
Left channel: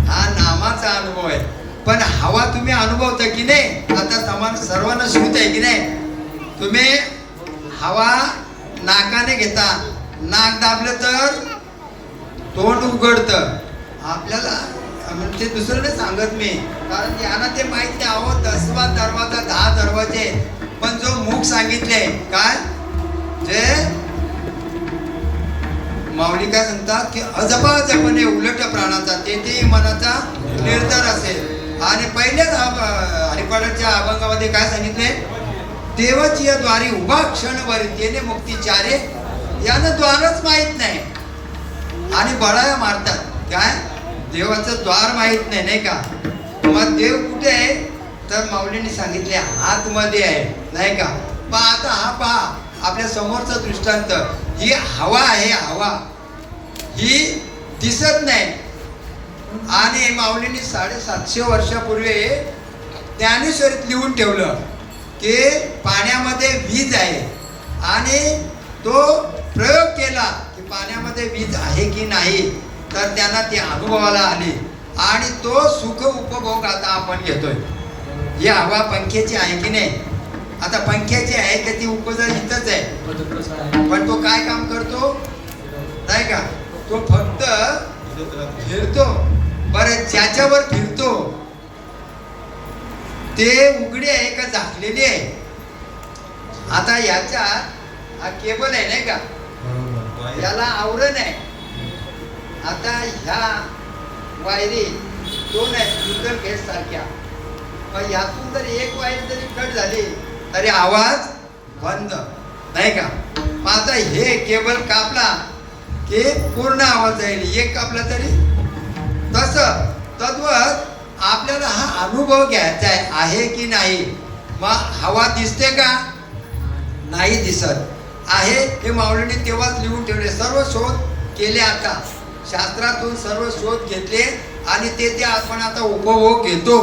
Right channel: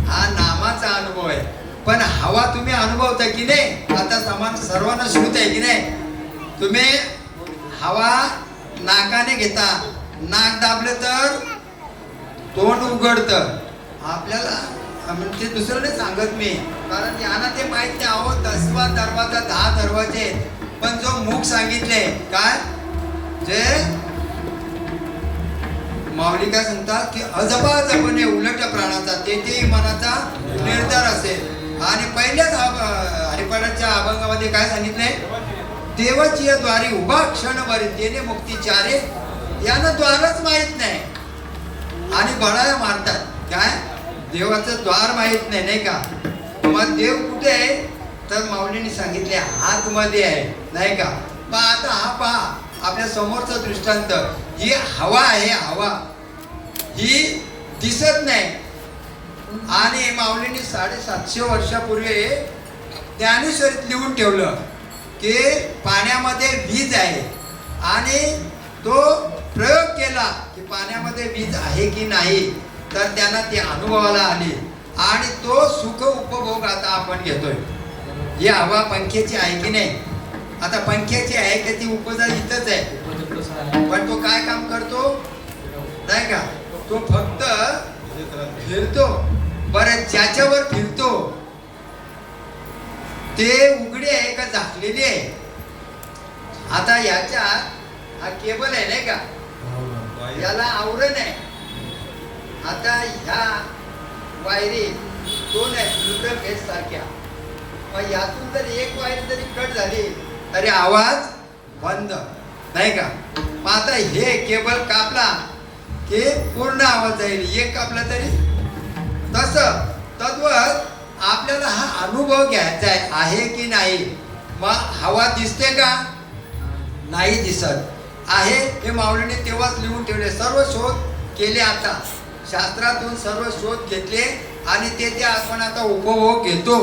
हा नामाचा अनुभव आहे. पण हवा तुम्ही अनुभवता की नाही, आता समान सर्वांना श्रुत आहे की नाही. तुम्ही हवा नाकाने घेता, नाक दाबलं तर तोंड उघडतं. आपल्याला म्हणजे दुसरं नाही सांगत मी, कारण यांना ते माहित नाही. अहो 10वा दरवाजा 10 दरवाजे, पण जो मुख सांगितले काय, जे माऊली काय सांगतात की अजपाजपणे उलट प्राणाचा तेथे मनाचा निर्धार असेल. आणि पहिल्याच हरिपाठाच्या अभंगामध्ये काय सांगितलंय, देवाची या द्वारी उभा क्षणभर तेने मुक्ती चारे. यानं द्वारच माहित नाही आणि बळाया मारतात काय, देवाचं द्वार माहित नाही, नाही का. मग देव कुठे आहे, तर माऊलीने सांगितले आतमध्ये आहे, नाही का. पण आता हा पहा आपल्या समोरचा दृष्टांत, ही हवा आहे, हवा ही दिसत नाही. आणि माऊलींनी 750 वर्षापूर्वी ज्ञानेश्वरीत लिहून ठेवलं की पाण्यामध्ये वीज आहे आणि तो प्रयोग केला की पाण्यामध्ये वीज आहे की नाही, तर त्यांना ती अनुभवाला आली आणि तो सुख उपभोग आता आपण घेतोय. ही हवा पंख्याची आहे की नाही, आता पंख्याची आहे का ती उपजा इथंच आहे, पण तो काय काम करतो नाही का, तो फक्त फिरतो. बरं ज्याच्यावर फिरतो ते उघडे आहे का झाकलेली आहे. आता याच्या हा केबल आहे नाही का, याला आवरण आहे. आता ह्या वायरी दोन आहेत न्यूट्रल फेस सारख्या, मग यातून जर एक वायर जरी कट झाली तरी आवाज बंद नाही का. मग आता हे केबल कापला की पूर्ण आवाज जाईल, एक कापला तरी. तसं तद्वत आपल्याला हा अनुभव घ्यायचा आहे की नाही. मग हवा दिसते का, नाही दिसत आहे. हे माऊलीने तेव्हाच लिहून ठेवले, सर्व शोध केले. आता शास्त्रातून सर्व शोध घेतले आणि ते आपण आता उपभोग घेतो.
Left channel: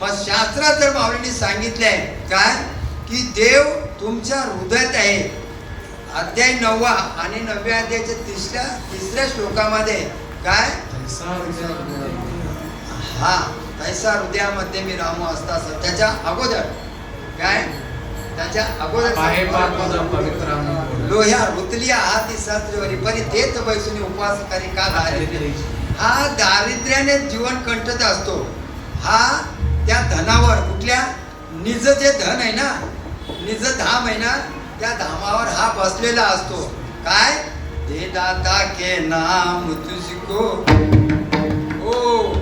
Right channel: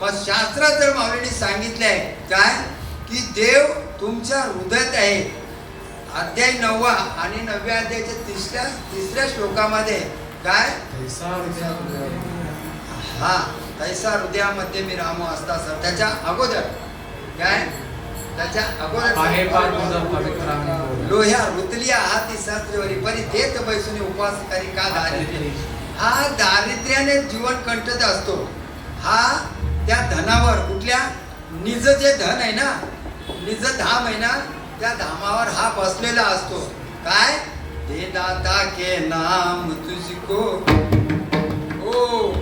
मग शास्त्रात जर माऊलीने सांगितलंय काय की देव तुमच्या हृदयात आहे. अध्याय 9 आणि 9व्या अध्यायाच्या तिसऱ्या श्लोकामध्ये काय, हा तैसा हृदयामध्ये मी रामो असता. त्याच्या अगोदर काय, त्याच्या अगोदर लोह्या रुतलिया हाती शास्त्रीवरी परी देत बैसुनी उपवास करी का दारिद्र्य. हा दारिद्र्याने जीवन कंटत असतो. हा त्या धनावर, कुठल्या निज जे धन आहे ना, निज धाम आहे ना, त्या धामावर हा बसलेला असतो. काय, दे दाता के नाम तुझको. ओ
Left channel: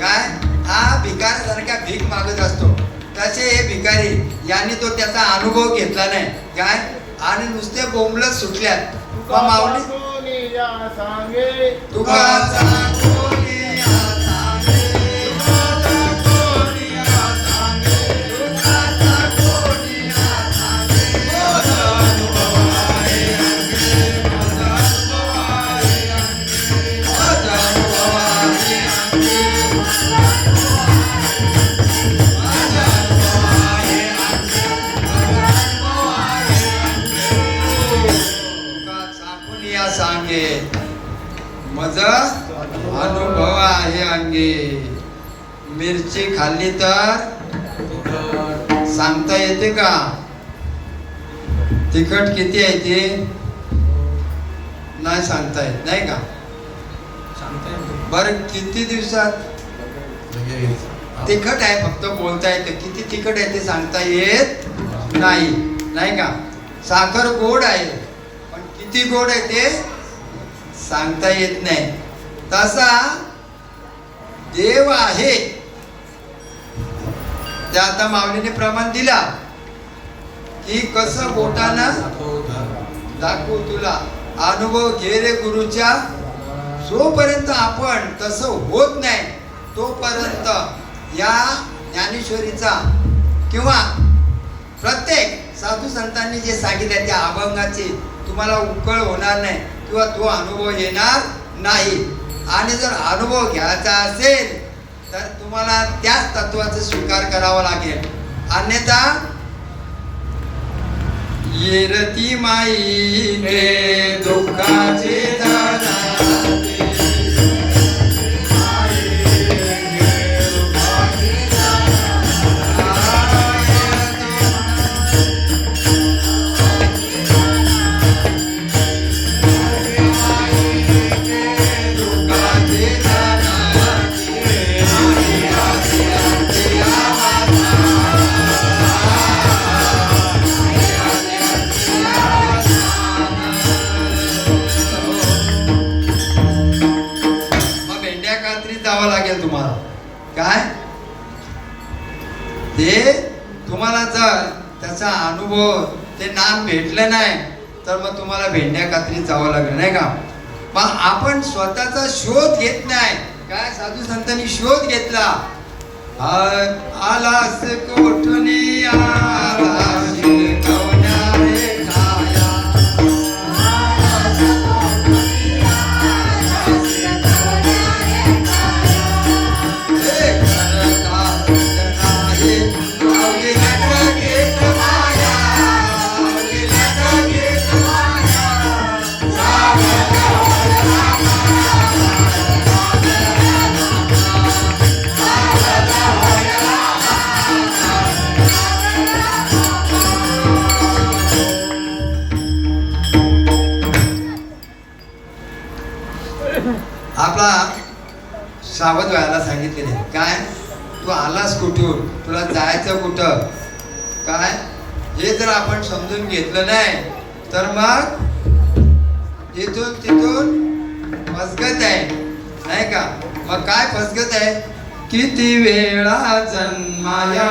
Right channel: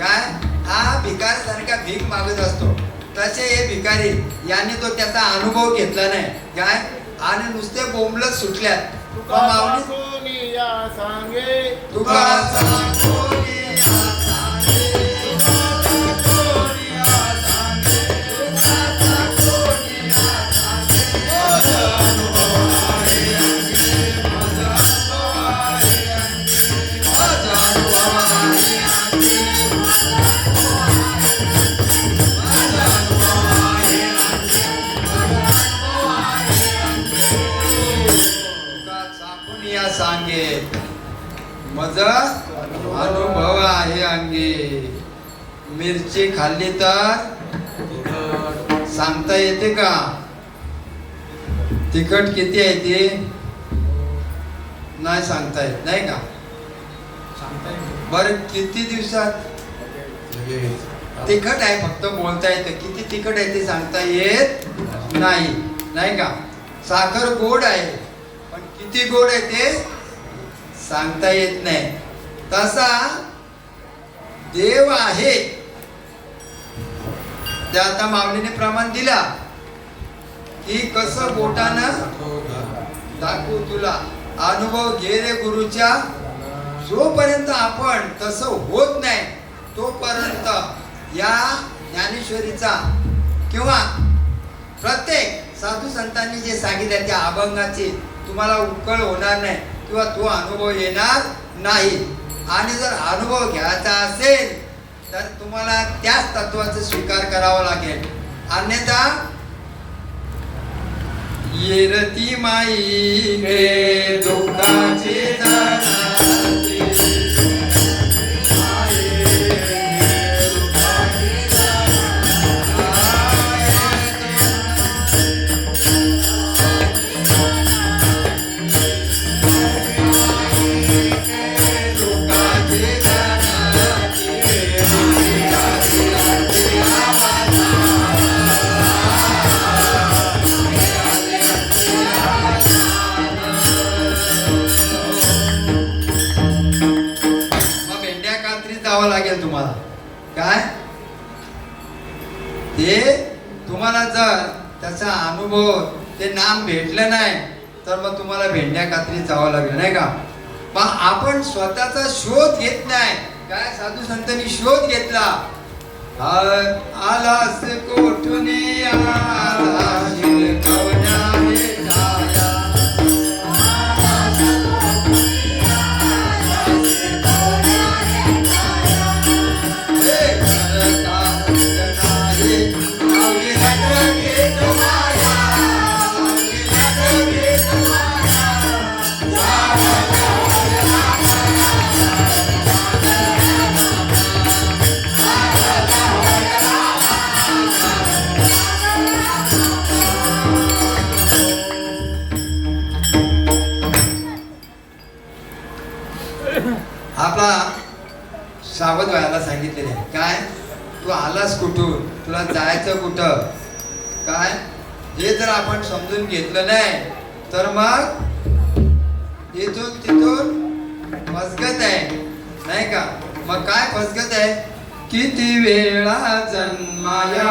काय, हा भिकारी सारखा भीक मागत असतो. तसे हे भिकारी यांनी तो त्याचा अनुभव घेतला नाही काय, आणि नुसते बोंबलत सुटल्यात. माऊली सांगे मज अनुभव आहे अंगी. मिरची खाल्ली तर सांगता येते का तिखट किती आहे ते, नाही सांगता येत नाही का. बरं किती दिवसात तिखट आहे फक्त बोलता येतं, किती तिखट आहे ते सांगता येत नाही नाही का. साखर गोड आहे पण किती गोड आहे ते सांगता येत नाही. तसा देव आहे ते आता माऊलीने प्रमाण दिला की कसं बोटानं दाखवू तुला. अनुभव घे रे गुरुच्या. जोपर्यंत आपण तसं होत नाही तोपर्यंत या ज्ञानेश्वरीचा किंवा प्रत्येक साधू संतांनी जे सांगितले त्या अभंगाची तुम्हाला उकळ होणार नाही किंवा तो अनुभव येणार नाही. आणि जर अनुभव घ्यायचा असेल तर तुम्हाला त्याच तत्वाचा स्वीकार करावा लागेल. अन्यथा येरती माई ने दुःखाचे लागेल तुम्हाला काय ते. तुम्हाला जर त्याचा अनुभव ते नाम भेटलं नाही तर मग तुम्हाला भेंड्या कात्रीत जावं लागेल नाही का. पण आपण स्वतःचा शोध घेत नाही काय. साधू संतांनी शोध घेतला. आलास कोठुनी आला शिरकवणारे काया. आपला सावध व्हायला सांगितलेले काय तू आलास कुठून तुला जायचं कुठं काय हे जर आपण समजून घेतलं नाही तर मग इथून तिथून फसगत आहे नाही का मग काय फसगत आहे किती वेळा जन्माया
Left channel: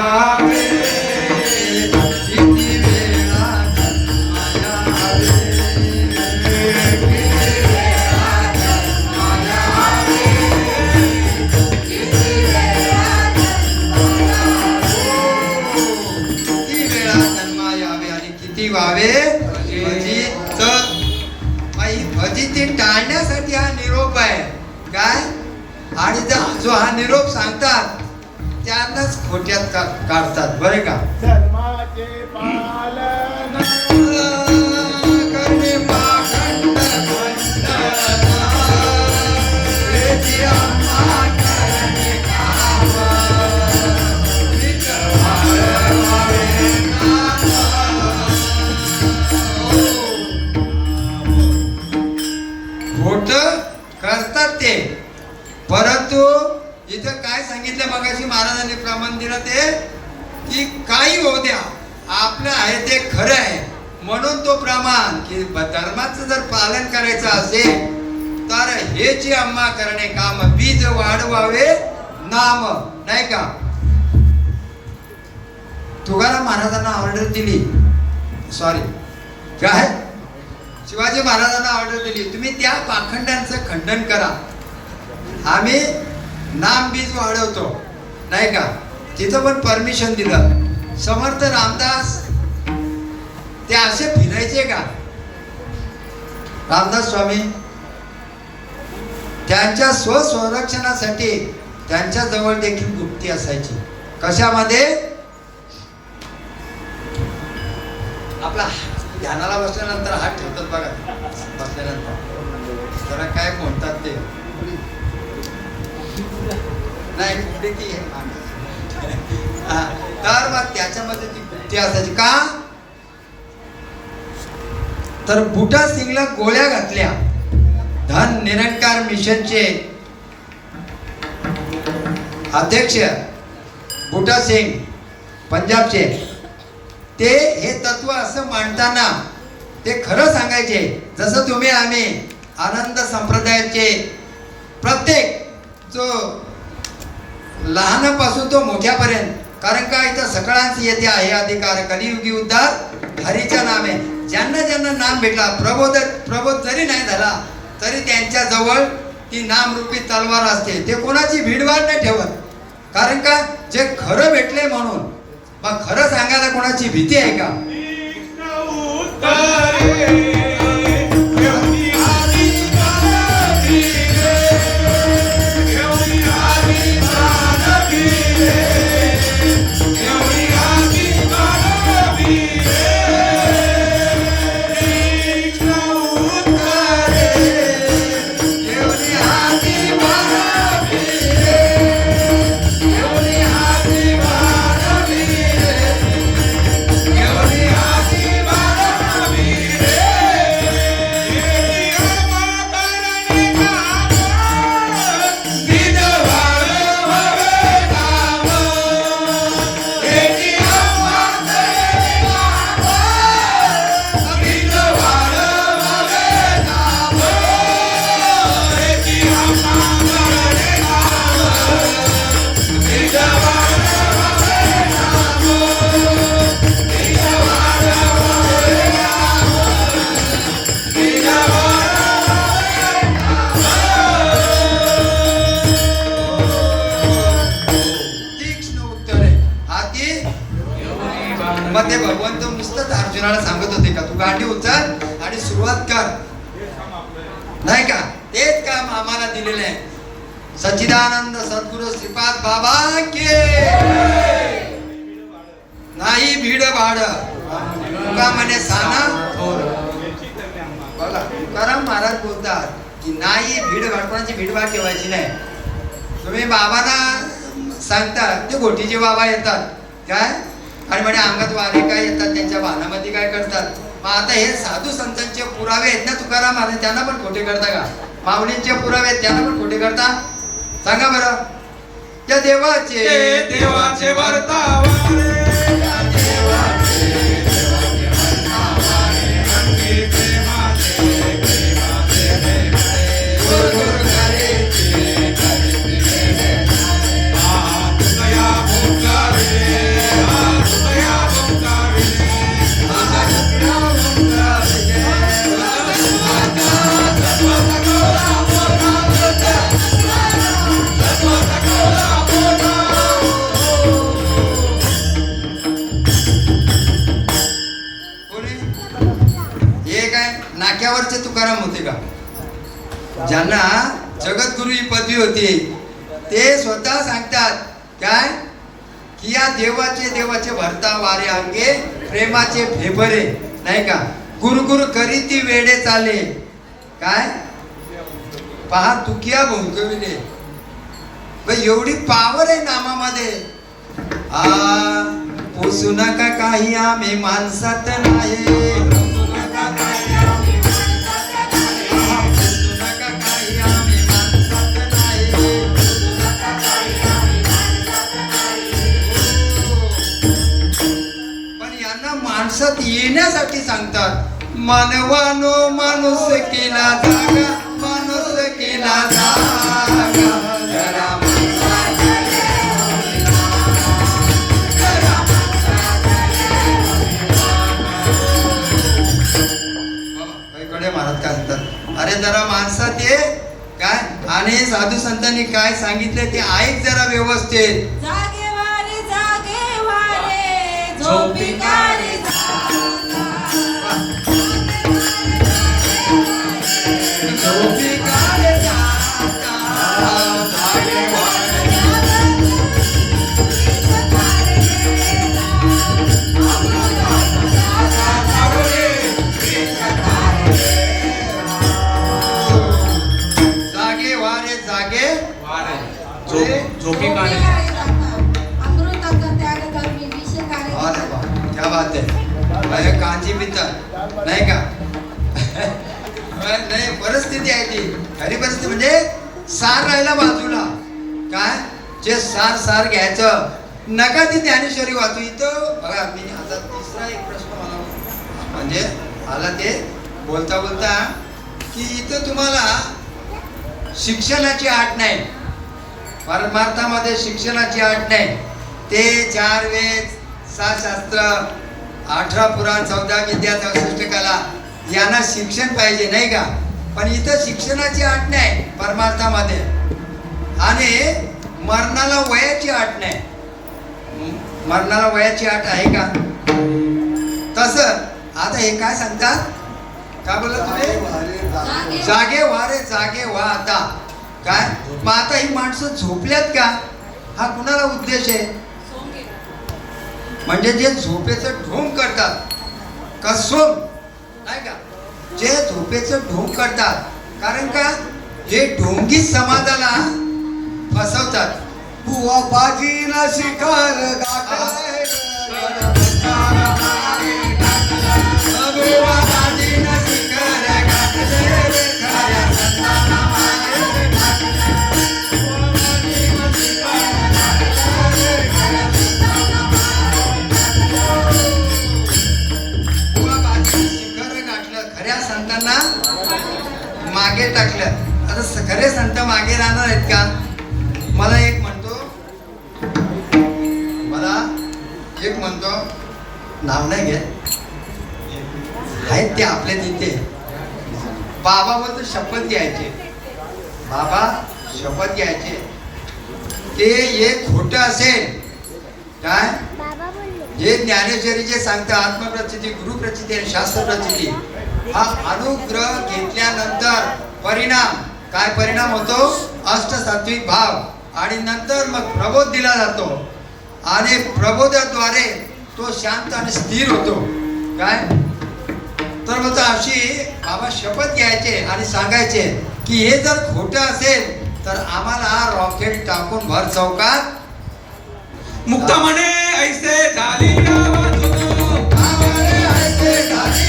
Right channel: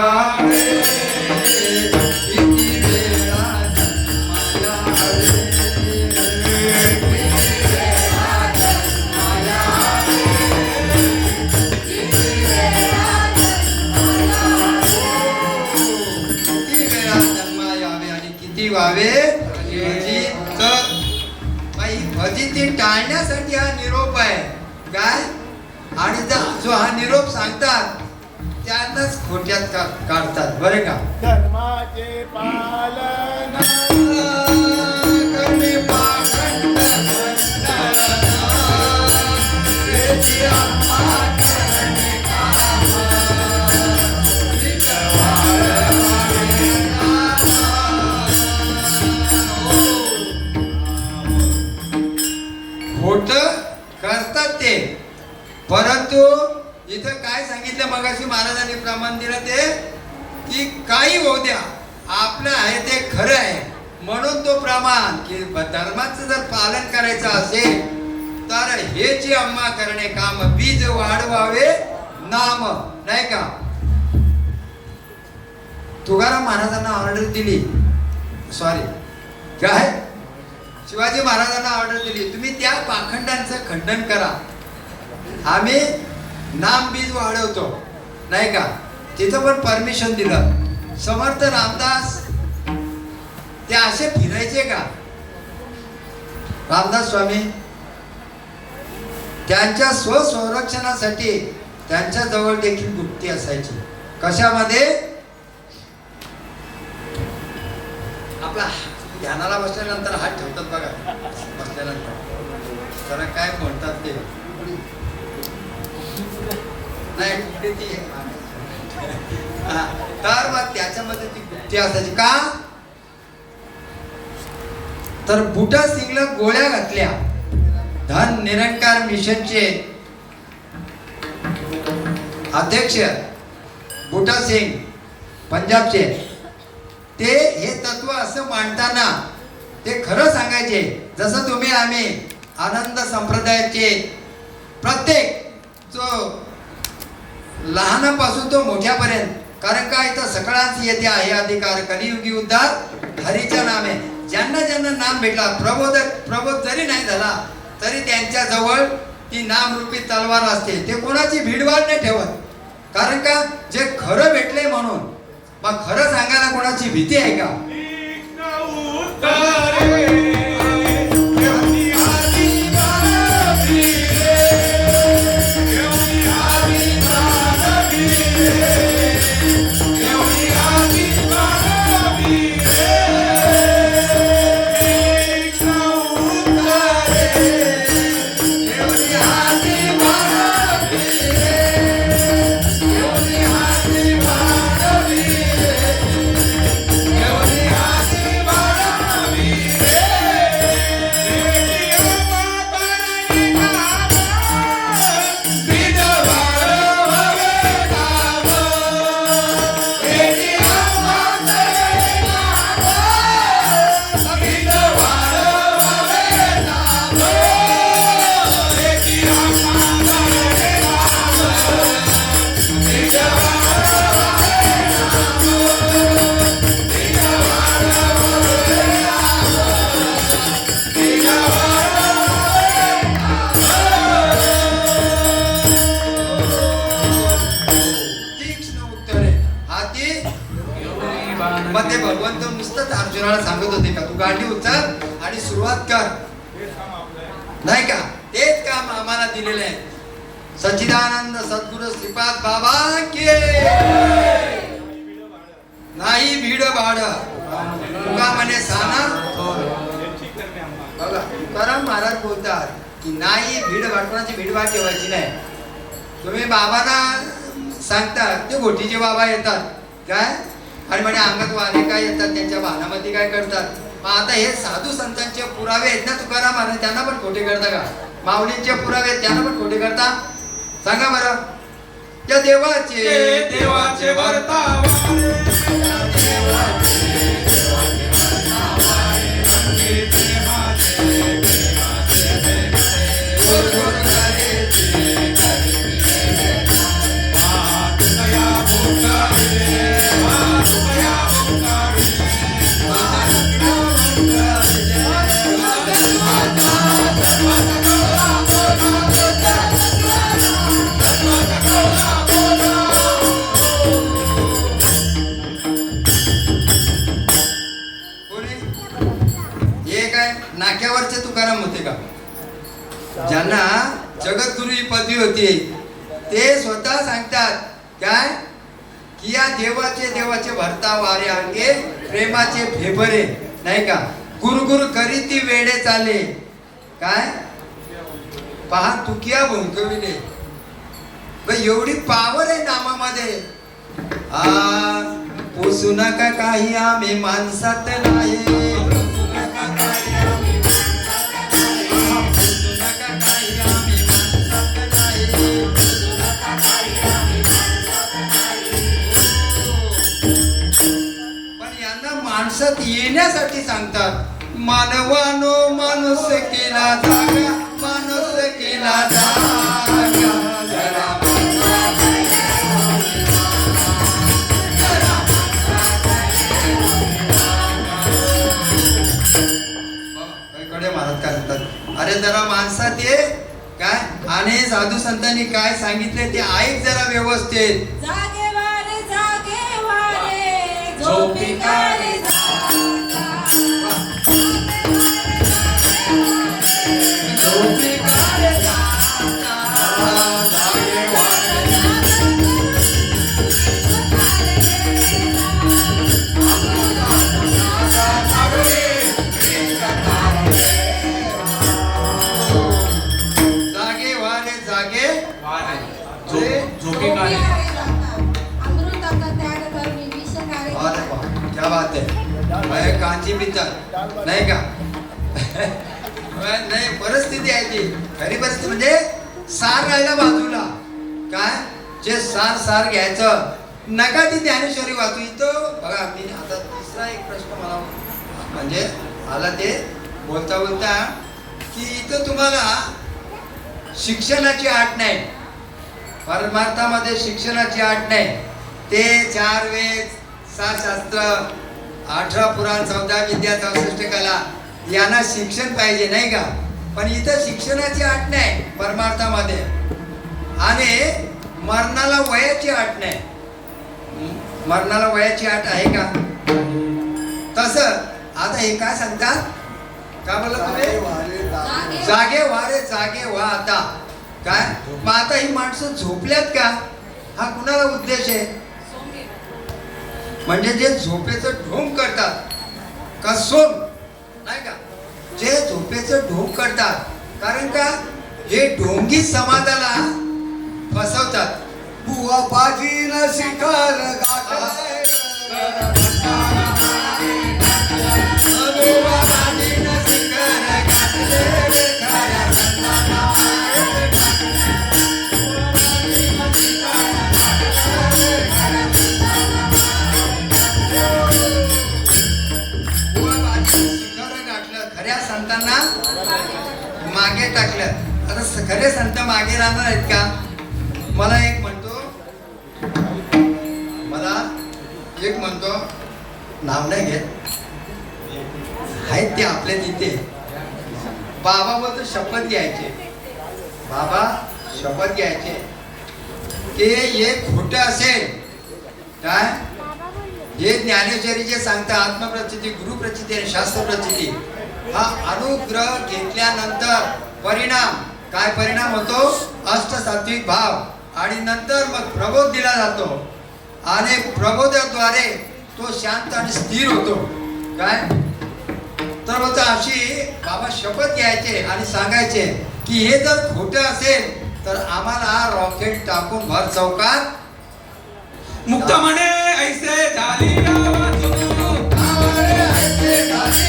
किती वेळा किती व्हावे फजिती टाळण्यासाठी हा निरोप आहे काय आणि जो हा निरोप सांगतात त्यांनाच खोट्यात काढतात बरे का धर्माचे पालन करणे पाखंड खोट करतात ते परंतु इथं काय सांगितलं मगाशी महाराजांनी प्रमाण दिलं ते की काही होऊ द्या आपलं आहे ते खरं आहे म्हणून तो प्रमाण की धर्माचं जर पालन करायचं असेल तर हे जे अम्मा करणे काम बीज वाढवावे नाम नाही का तुकाराम महाराजांना ऑर्डर दिली सॉरी काय शिवाजी महाराजांना ऑर्डर दिली तुम्ही त्या पाखंडांचं खंडन करा आम्ही नाम बीज वाढवतो नाही का तिथं पण परमिशन दिलं समर्थ रामदास ते असे फिरायचे का रामदास स्वामी त्यांच्या स्वसंरक्षणासाठी त्यांच्या जवळ देखील गुप्ती असायची कशामध्ये आपला ध्यानाला बसल्यानंतर हात ठेवतात बघा बसल्यानंतर तर काय म्हणतात ते नाही कुठे ती तर मग त्याच्यामध्ये ती गुप्ती असायची का तर बुटा सिंगला गोळ्या घातल्या धन निरंकार मिशनचे अध्यक्ष बुटा सिंग पंजाबचे ते हे तत्व असं मांडताना ते खरं सांगायचे जसं तुम्ही आम्ही आनंद संप्रदायाचे प्रत्येक जो लहानापासून तो मोठ्यापर्यंत कारण काय तर सगळ्यांचे येथे आहे अधिकार कलियुगी उद्धार हरीच्या नामे ज्यांना ज्यांना नाम भेटला प्रबोध जरी नाही झाला तरी त्यांच्या जवळ ती नामरूपी तलवार असते ते कोणाची भीडवाड नाही ठेवत कारण का जे खरं भेटलंय म्हणून मग खरं सांगायला कोणाची भीती आहे का मग ते भगवंत नुसतंच अर्जुनाला सांगत होते का तू गाडी उचल आणि सुरुवात कर नाही का तेच काम आम्हाला दिलेलं आहे सच्चिदानंद सद्गुरु श्रीपाद बाबा के नाही भीड भाड तुका म्हणे साना बघा तुकाराम महाराज बोलतात की नाही भीड भाड कोणाची भीडभाड ठेवायची नाही तुम्ही बाबांना सांगतात ते घोटीचे बाबा येतात काय आणि म्हणे अंगात वारे काय येतात त्यांच्या भानामध्ये काय करतात मग आता हे साधू संतांचे पुरावे आहेत ना तुकाराम आणि त्यांना पण खोटे करता का माऊलींचे पुरावे त्यांना पण खोटे करता सांगा बरं त्या देवाचे देवाचे वर्तावारे अंगी प्रेमाचे गोड गोड गारेचे तुकया भोंगारे तुकया भोंगारे कोणी? हे काय नाक्यावरचे तुकाराम होते का ज्यांना जगद्गुरु ही पदवी होती ते स्वतः सांगतात काय की या देवाचे भरता वारे अंगे प्रेमाचे फेबरे नाही का गुरु करीती वेडे चाले काय पहा तुकिया भोंकविले एवढी पावर आहे नामामध्ये पोसू नका काही आम्ही माणसात नाही पोसू नका काही आम्ही माणसात नाही. पण यांना माणसात येण्यासाठी सांगतात मानवानो माणूस केला जागा माणूस केला जागा जरा कडे महाराज काय सांगतात अरे जरा माणसात ये काय आणि साधू संतांनी काय सांगितले ते ऐक जरा व्यवस्थित जागे वारे झोपी काढे झोपी काढे जागा, जागे वारे जागे वारे झोपी काढे अमृताचा त्याग करणे विष अरे कार्य वा, क्या बात आहे कांची पिता नाही का नाही परिस्थिती आहे ती खरी परिस्थिती म्हणजे सार राहिला बाजूला काय जे सार घ्यायचं नका ती ज्ञानेश्वरी वाचू इथं बघा मी आता तिसरा एक प्रश्न मला म्हणजे आला ते बोलता की इथं तुम्हाला शिक्षणाची आट नाही परमार्थामध्ये शिक्षणाची आट नाही ते 4 वेद 7 शास्त्र 18 पुराण 14 विद्या 64 कला यांना शिक्षण पाहिजे नाही का पण इथं शिक्षणाची आट नाही परमार्थामध्ये आणि मरणाला वयाची आट नाही मरणाला वयाची आट आहे का तसं आता हे काय सांगतात काय बोलला तुम्ही जागे व्हा आता काय मग आता ही माणसं झोपल्यात का हा कुणाला उद्देश आहे म्हणजे जे झोपेचं ढोंग करतात कसोम नाही का जे झोपेचं ढोंग करतात कारण का हे ढोंगी समाजाला फसवतात बुवा बाजीला शिकार गाठाय बुवा बाजीला शिकार गाठले खऱ्या संतांना मागे टाकलं आता खरे संत मागे राहणार आहेत का मला एक म्हणतो नाव नाही घेत आहेत ते आपल्या तिथे बाबा बोलतो शपथ घ्यायचे बाबा शपथ घ्यायचे ते एक खोटं असेल काय हे ज्ञानेश्वरी जे सांगतं आत्मप्रचिती गुरुप्रचिती आणि शास्त्र प्रचिती हा अनुग्रह घेतल्यानंतर परिणाम काय परिणाम होतो अष्टसात्विक भाव आणि नंतर मग प्रबोध दिला जातो आणि प्रबोधाद्वारे तो शांत आणि स्थिर होतो काय तर होतं अशी बाबा शपथ घ्यायचे आणि सांगायचे की हे जर खोटं असेल तर आम्हाला रॉकेट टाकून भर चौकात मुक्त म्हणे ऐसे झाली ऐसे झाली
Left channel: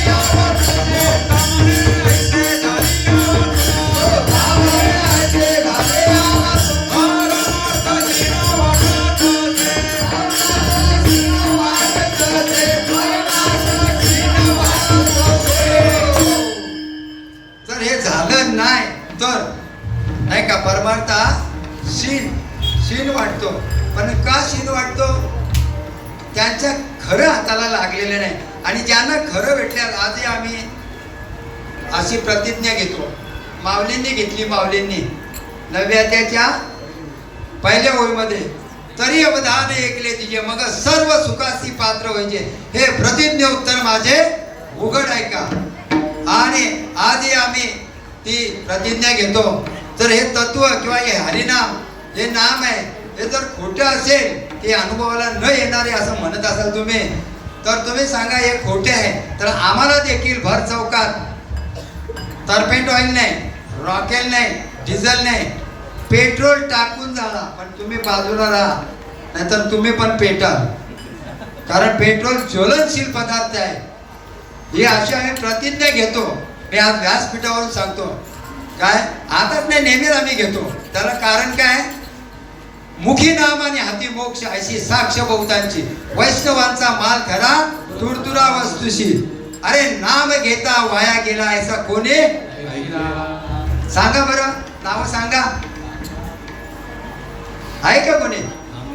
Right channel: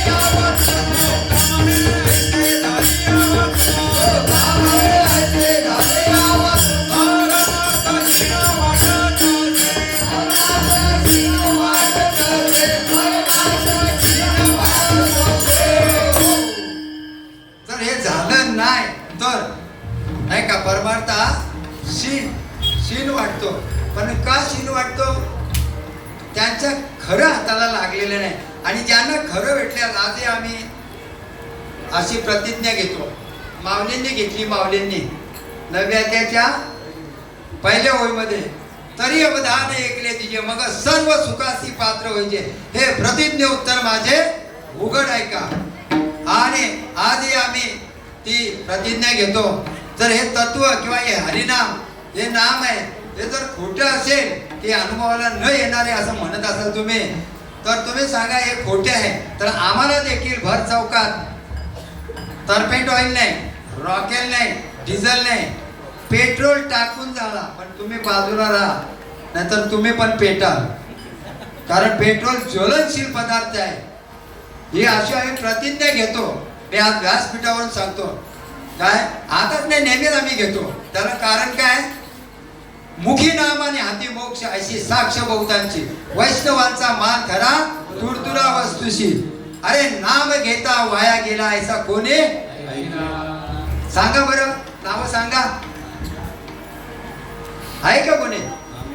हाताला शीन वाटतो. पण का शीन वाटतो? त्यांच्या खरं हाताला लागलेलं नाही. आणि ज्यांना खरं भेटल्यात, आजही आम्ही अशी प्रतिज्ञा घेतो. माऊलींनी घेतली, माऊलींनी नव्याच्या पहिल्या ओळीमध्ये, तरी अवधान ऐकले तिचे मग सर्व सुखासी पात्र व्हायचे, हे प्रतिज्ञे उत्तर माझे उघड ऐका. आणि आजही आम्ही ती प्रतिज्ञा घेतो. तर हे तत्व किंवा हे हरिनाम, हे नाम आहे, हे जर खोटं असेल, ते अनुभवाला न येणारे असं म्हणत असाल तुम्ही, तर तुम्ही सांगा हे खोटे आहे. तर आम्हाला देखील भर चौकात तरपेट ऑइल नाही, रॉकेल नाही, डिझेल नाही, पेट्रोल टाकून जाणार. पण तुम्ही बाजूला राहा, नाहीतर तुम्ही पण पेटाल. कारण पेट्रोल ज्वलनशील पदार्थ आहे. ही अशी आम्ही प्रतिज्ञा घेतो. मी आज व्यासपीठावरून सांगतो. काय आताच नाही, नेहमीच आम्ही घेतो. त्याला कारण काय? मुखी नाम आणि हाती मोक्ष अशी साक्ष बहुतांची, वैष्णवांचा माल खरा तुरतुरा वस्तुशी. अरे नाम घेता वाया गेला ऐसा कोणी? सांगा बरं, नाव सांगा. आहे का कोणी?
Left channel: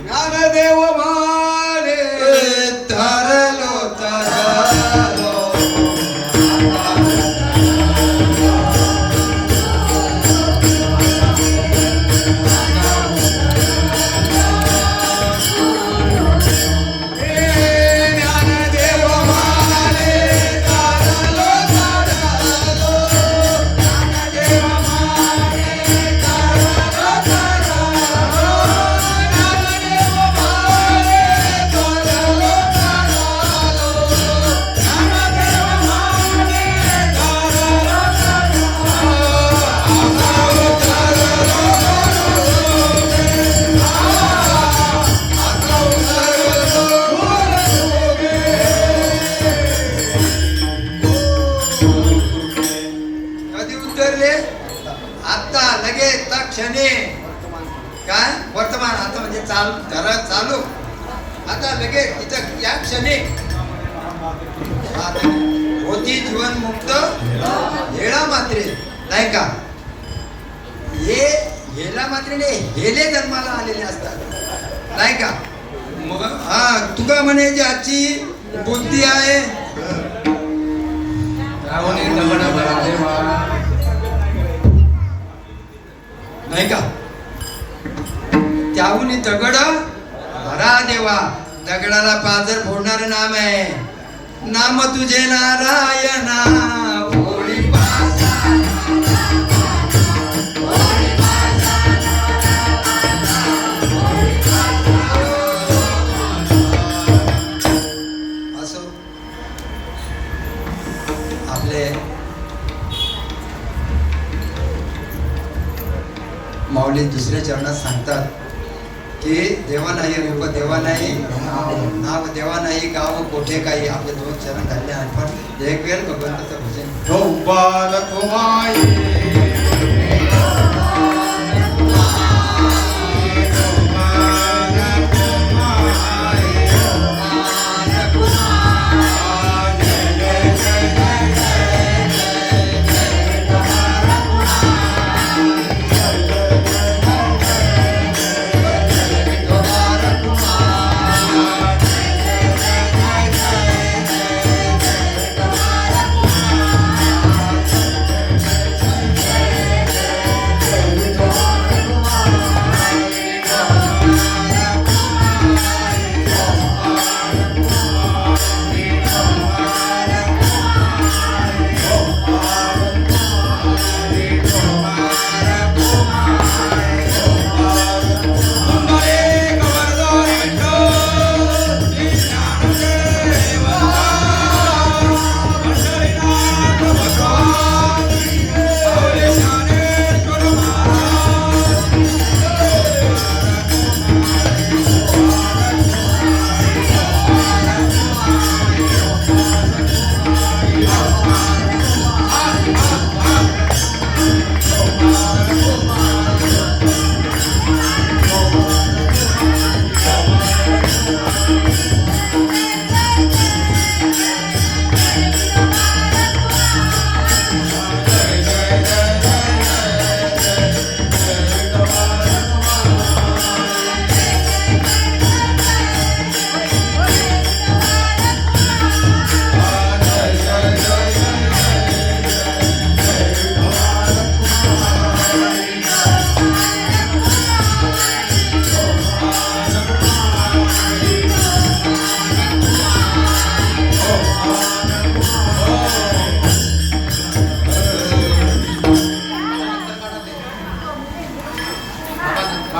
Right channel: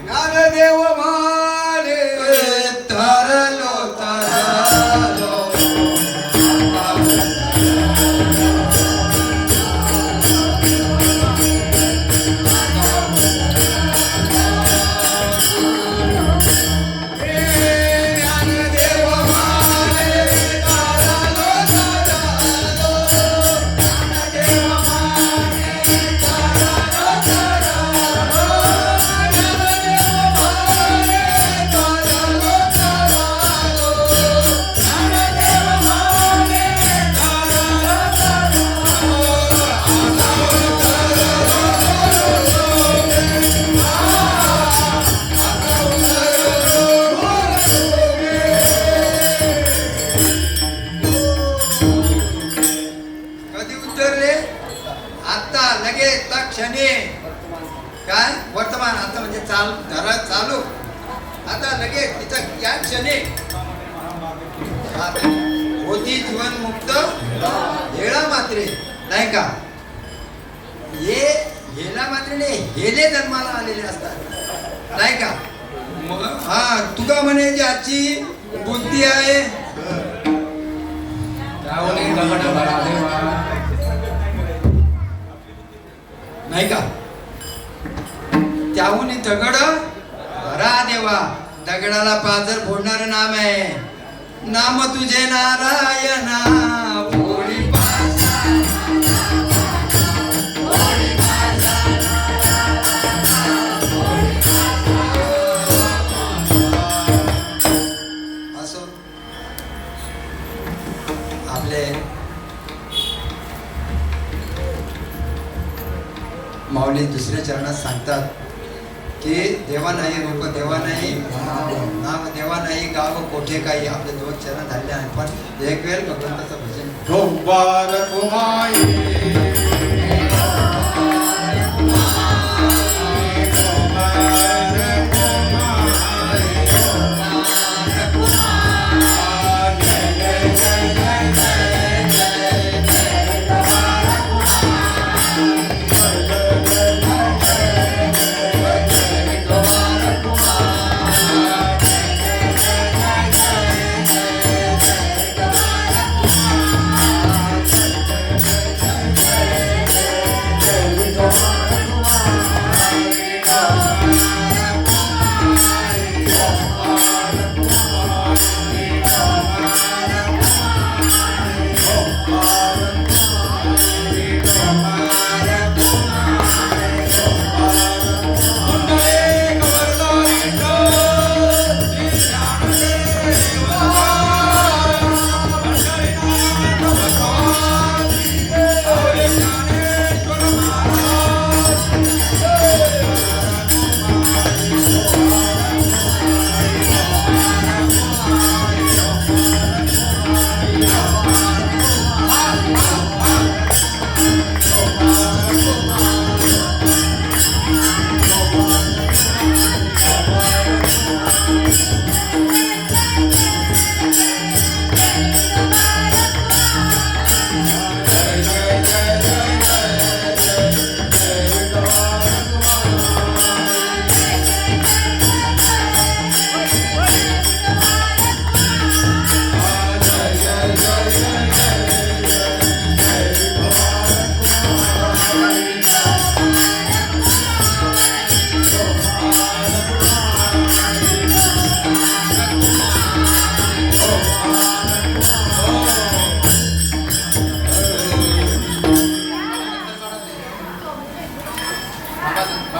ज्ञानदेव मारे तरलो तरलो, आता लगेच क्षणी. काय वर्तमान आता म्हणजे चालू आता लगेच तिथं या क्षणी होती जीवन मुक्त हेळा मात्रे, नाही का? हे हेला मात्रे नाही, हेले जन्माला आलेले असतात, नाही का? मग हा तुका म्हणे जी आजची बुद्धी आहे, नाही का? त्याहून दगड भरा देवा. दगडाला पाजर फोडणार नाम आहे. नाम तुझे नारायणा ओळी असो. आपले माऊली दुसऱ्या चरणात सांगतात की देवा नाही, रूप देवा नाही, नाम देवा नाही, गाव कोठे काही. आपले 2 चरण झाले आहेत. पण एक वेळ भगवंताचं भजन.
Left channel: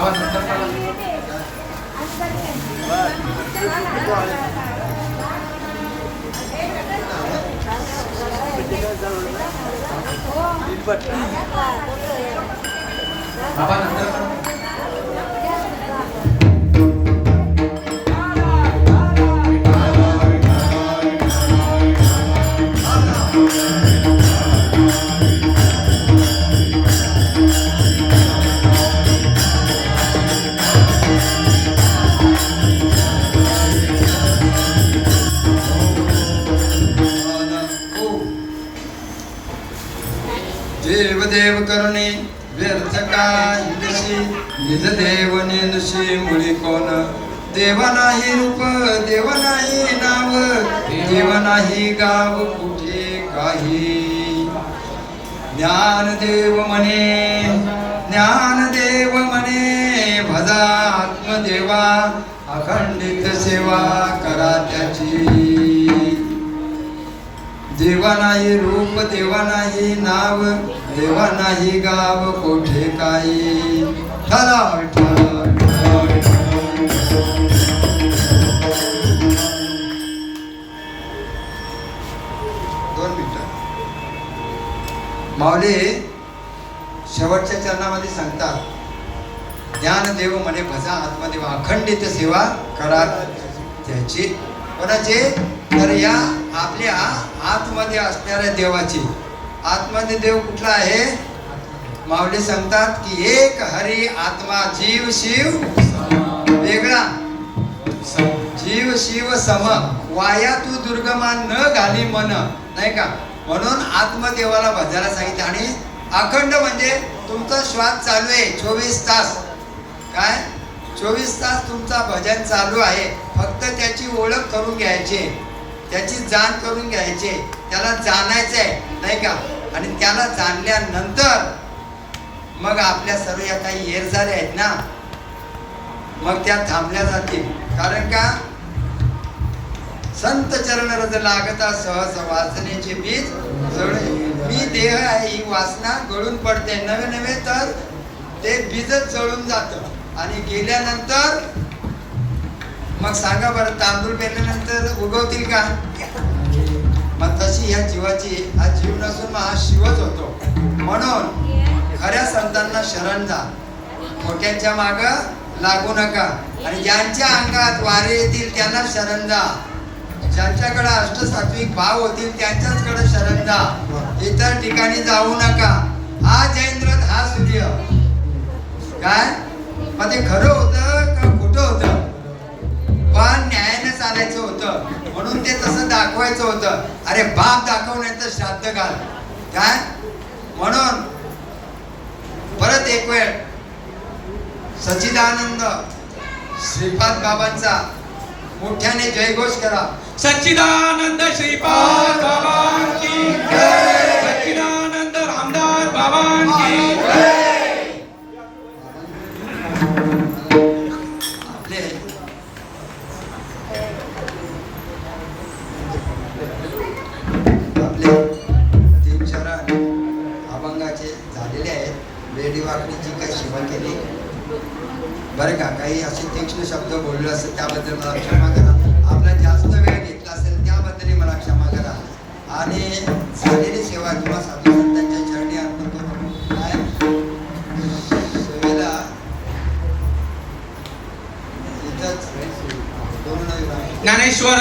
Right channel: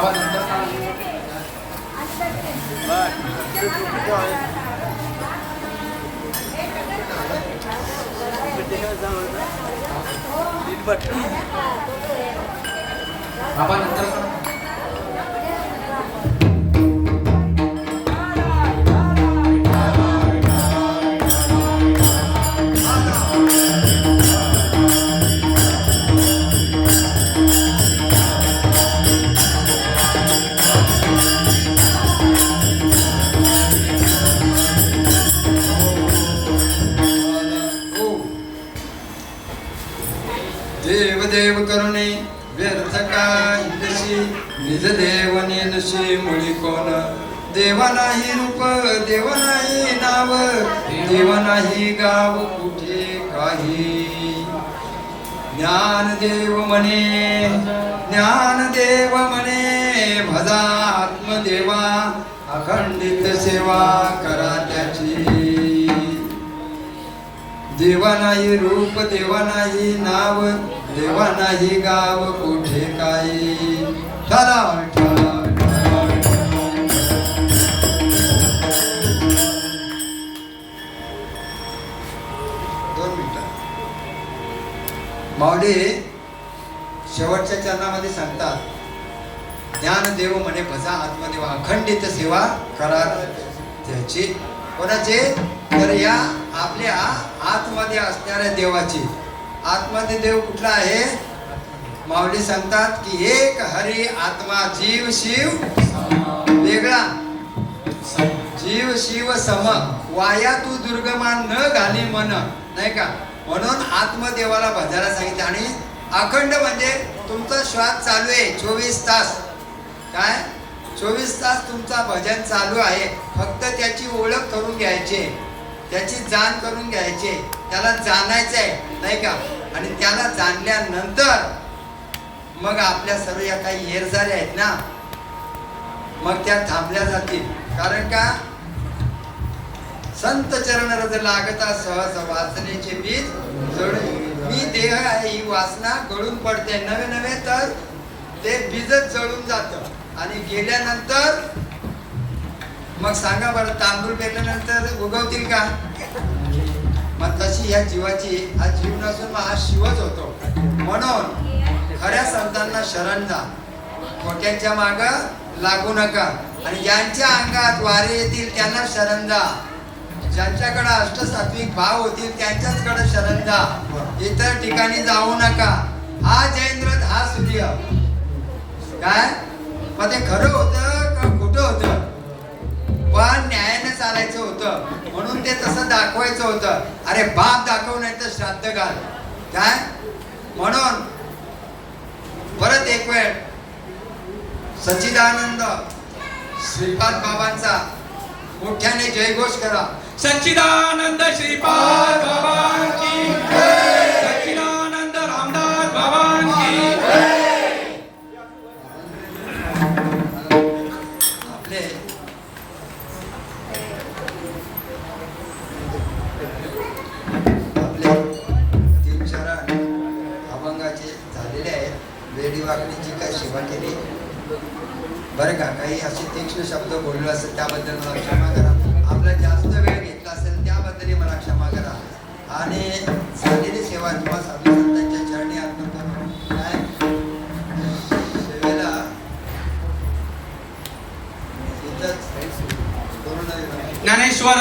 बाबा नंतर करा. बाबा नंतर करा. देव देव करुणे व्यर्थ काय कशी निज देव नेनशी मुळी कोण देवा नाही रूप देवा नाही नाव देवा नाही गाव कुठे काही ज्ञानदेव म्हणे भजा आत्मदेवा अखंडित सेवा करा त्याची देवा नाही रूप देवा नाही नाव देवा नाही गाव कोठे काही ठरा ठरा दोन मिनिटं माऊली शेवटच्या चरणामध्ये सांगतात ज्ञानदेव म्हणे भजा आत्मदेवा अखंडित सेवा करा त्याची कोणाची तर या आपल्या आतमध्ये असणाऱ्या देवाची आतमध्ये देव कुठला आहे माऊली सांगतात की एक हरी आत्मा जीव शिव वेगळा जीव शिव सम वाया तू दुर्गमान न घाली मन नाही का म्हणून आत्मदेवाला भजायला सांगितलं आणि अखंड म्हणजे तुमचा श्वास चालू आहे 24 तास काय 24 तास तुमचा भजन चालू आहे फक्त त्याची ओळख करून घ्यायची त्याची जाण करून घ्यायची त्याला जाणायचंय नाही का आणि त्याला जाणल्यानंतर मग आपल्या सर्व या काही येर झाल्या आहेत ना मग त्या थांबल्या जातील कारण का संत चरण रज लागता सहज वासनेचे बीज जळे मी देह आहे ही वासना गळून पडते नवे नवे तर ते बीजच जळून जातं आणि गेल्यानंतर मग सांगा बरं तांदूळ पेरल्यानंतर उगवतील का मग तशी ह्या जीवाची हा जीव नसून हा शिवच होतो म्हणून खऱ्या संतांना शरण जा खोट्यांच्या माग लागू नका आणि ज्यांच्या अंगात वारे येतील त्यांना शरण जा ज्यांच्याकडे अष्टसात्विक भाव होतील त्यांच्याचकडे शरण जा इतर ठिकाणी जाऊ नका हा जैंद्र हा सूर्य काय मग ते खरं होतं का खोटं होतं पण न्यायाने चालायचं होतं म्हणून ते तसं दाखवायचं होतं अरे बाप दाखव नाही तर श्राद्ध घाल काय म्हणून परत एक वेळ सच्चिदानंद श्रीपाद बाबांचा मोठ्याने जयघोष करा सच्चिदानंद श्रीपाद बाबा की जय. सच्चिदानंद रामदास बाबा की जय. आपले आपले 3 शरण अभंगाचे झालेले आहेत वेडी वाकणीची काही सेवा केली बरं का काही असे तीक्ष्ण शब्द बोललो असेल त्याबद्दल मला क्षमा करा आपला जास्त वेळ घेतला असेल त्याबद्दल मला क्षमा करा आणि झालेली सेवा किंवा साधू संतांच्या चरणी अर्पण करून काय सेवेला इथंच करून ज्ञानेश्वर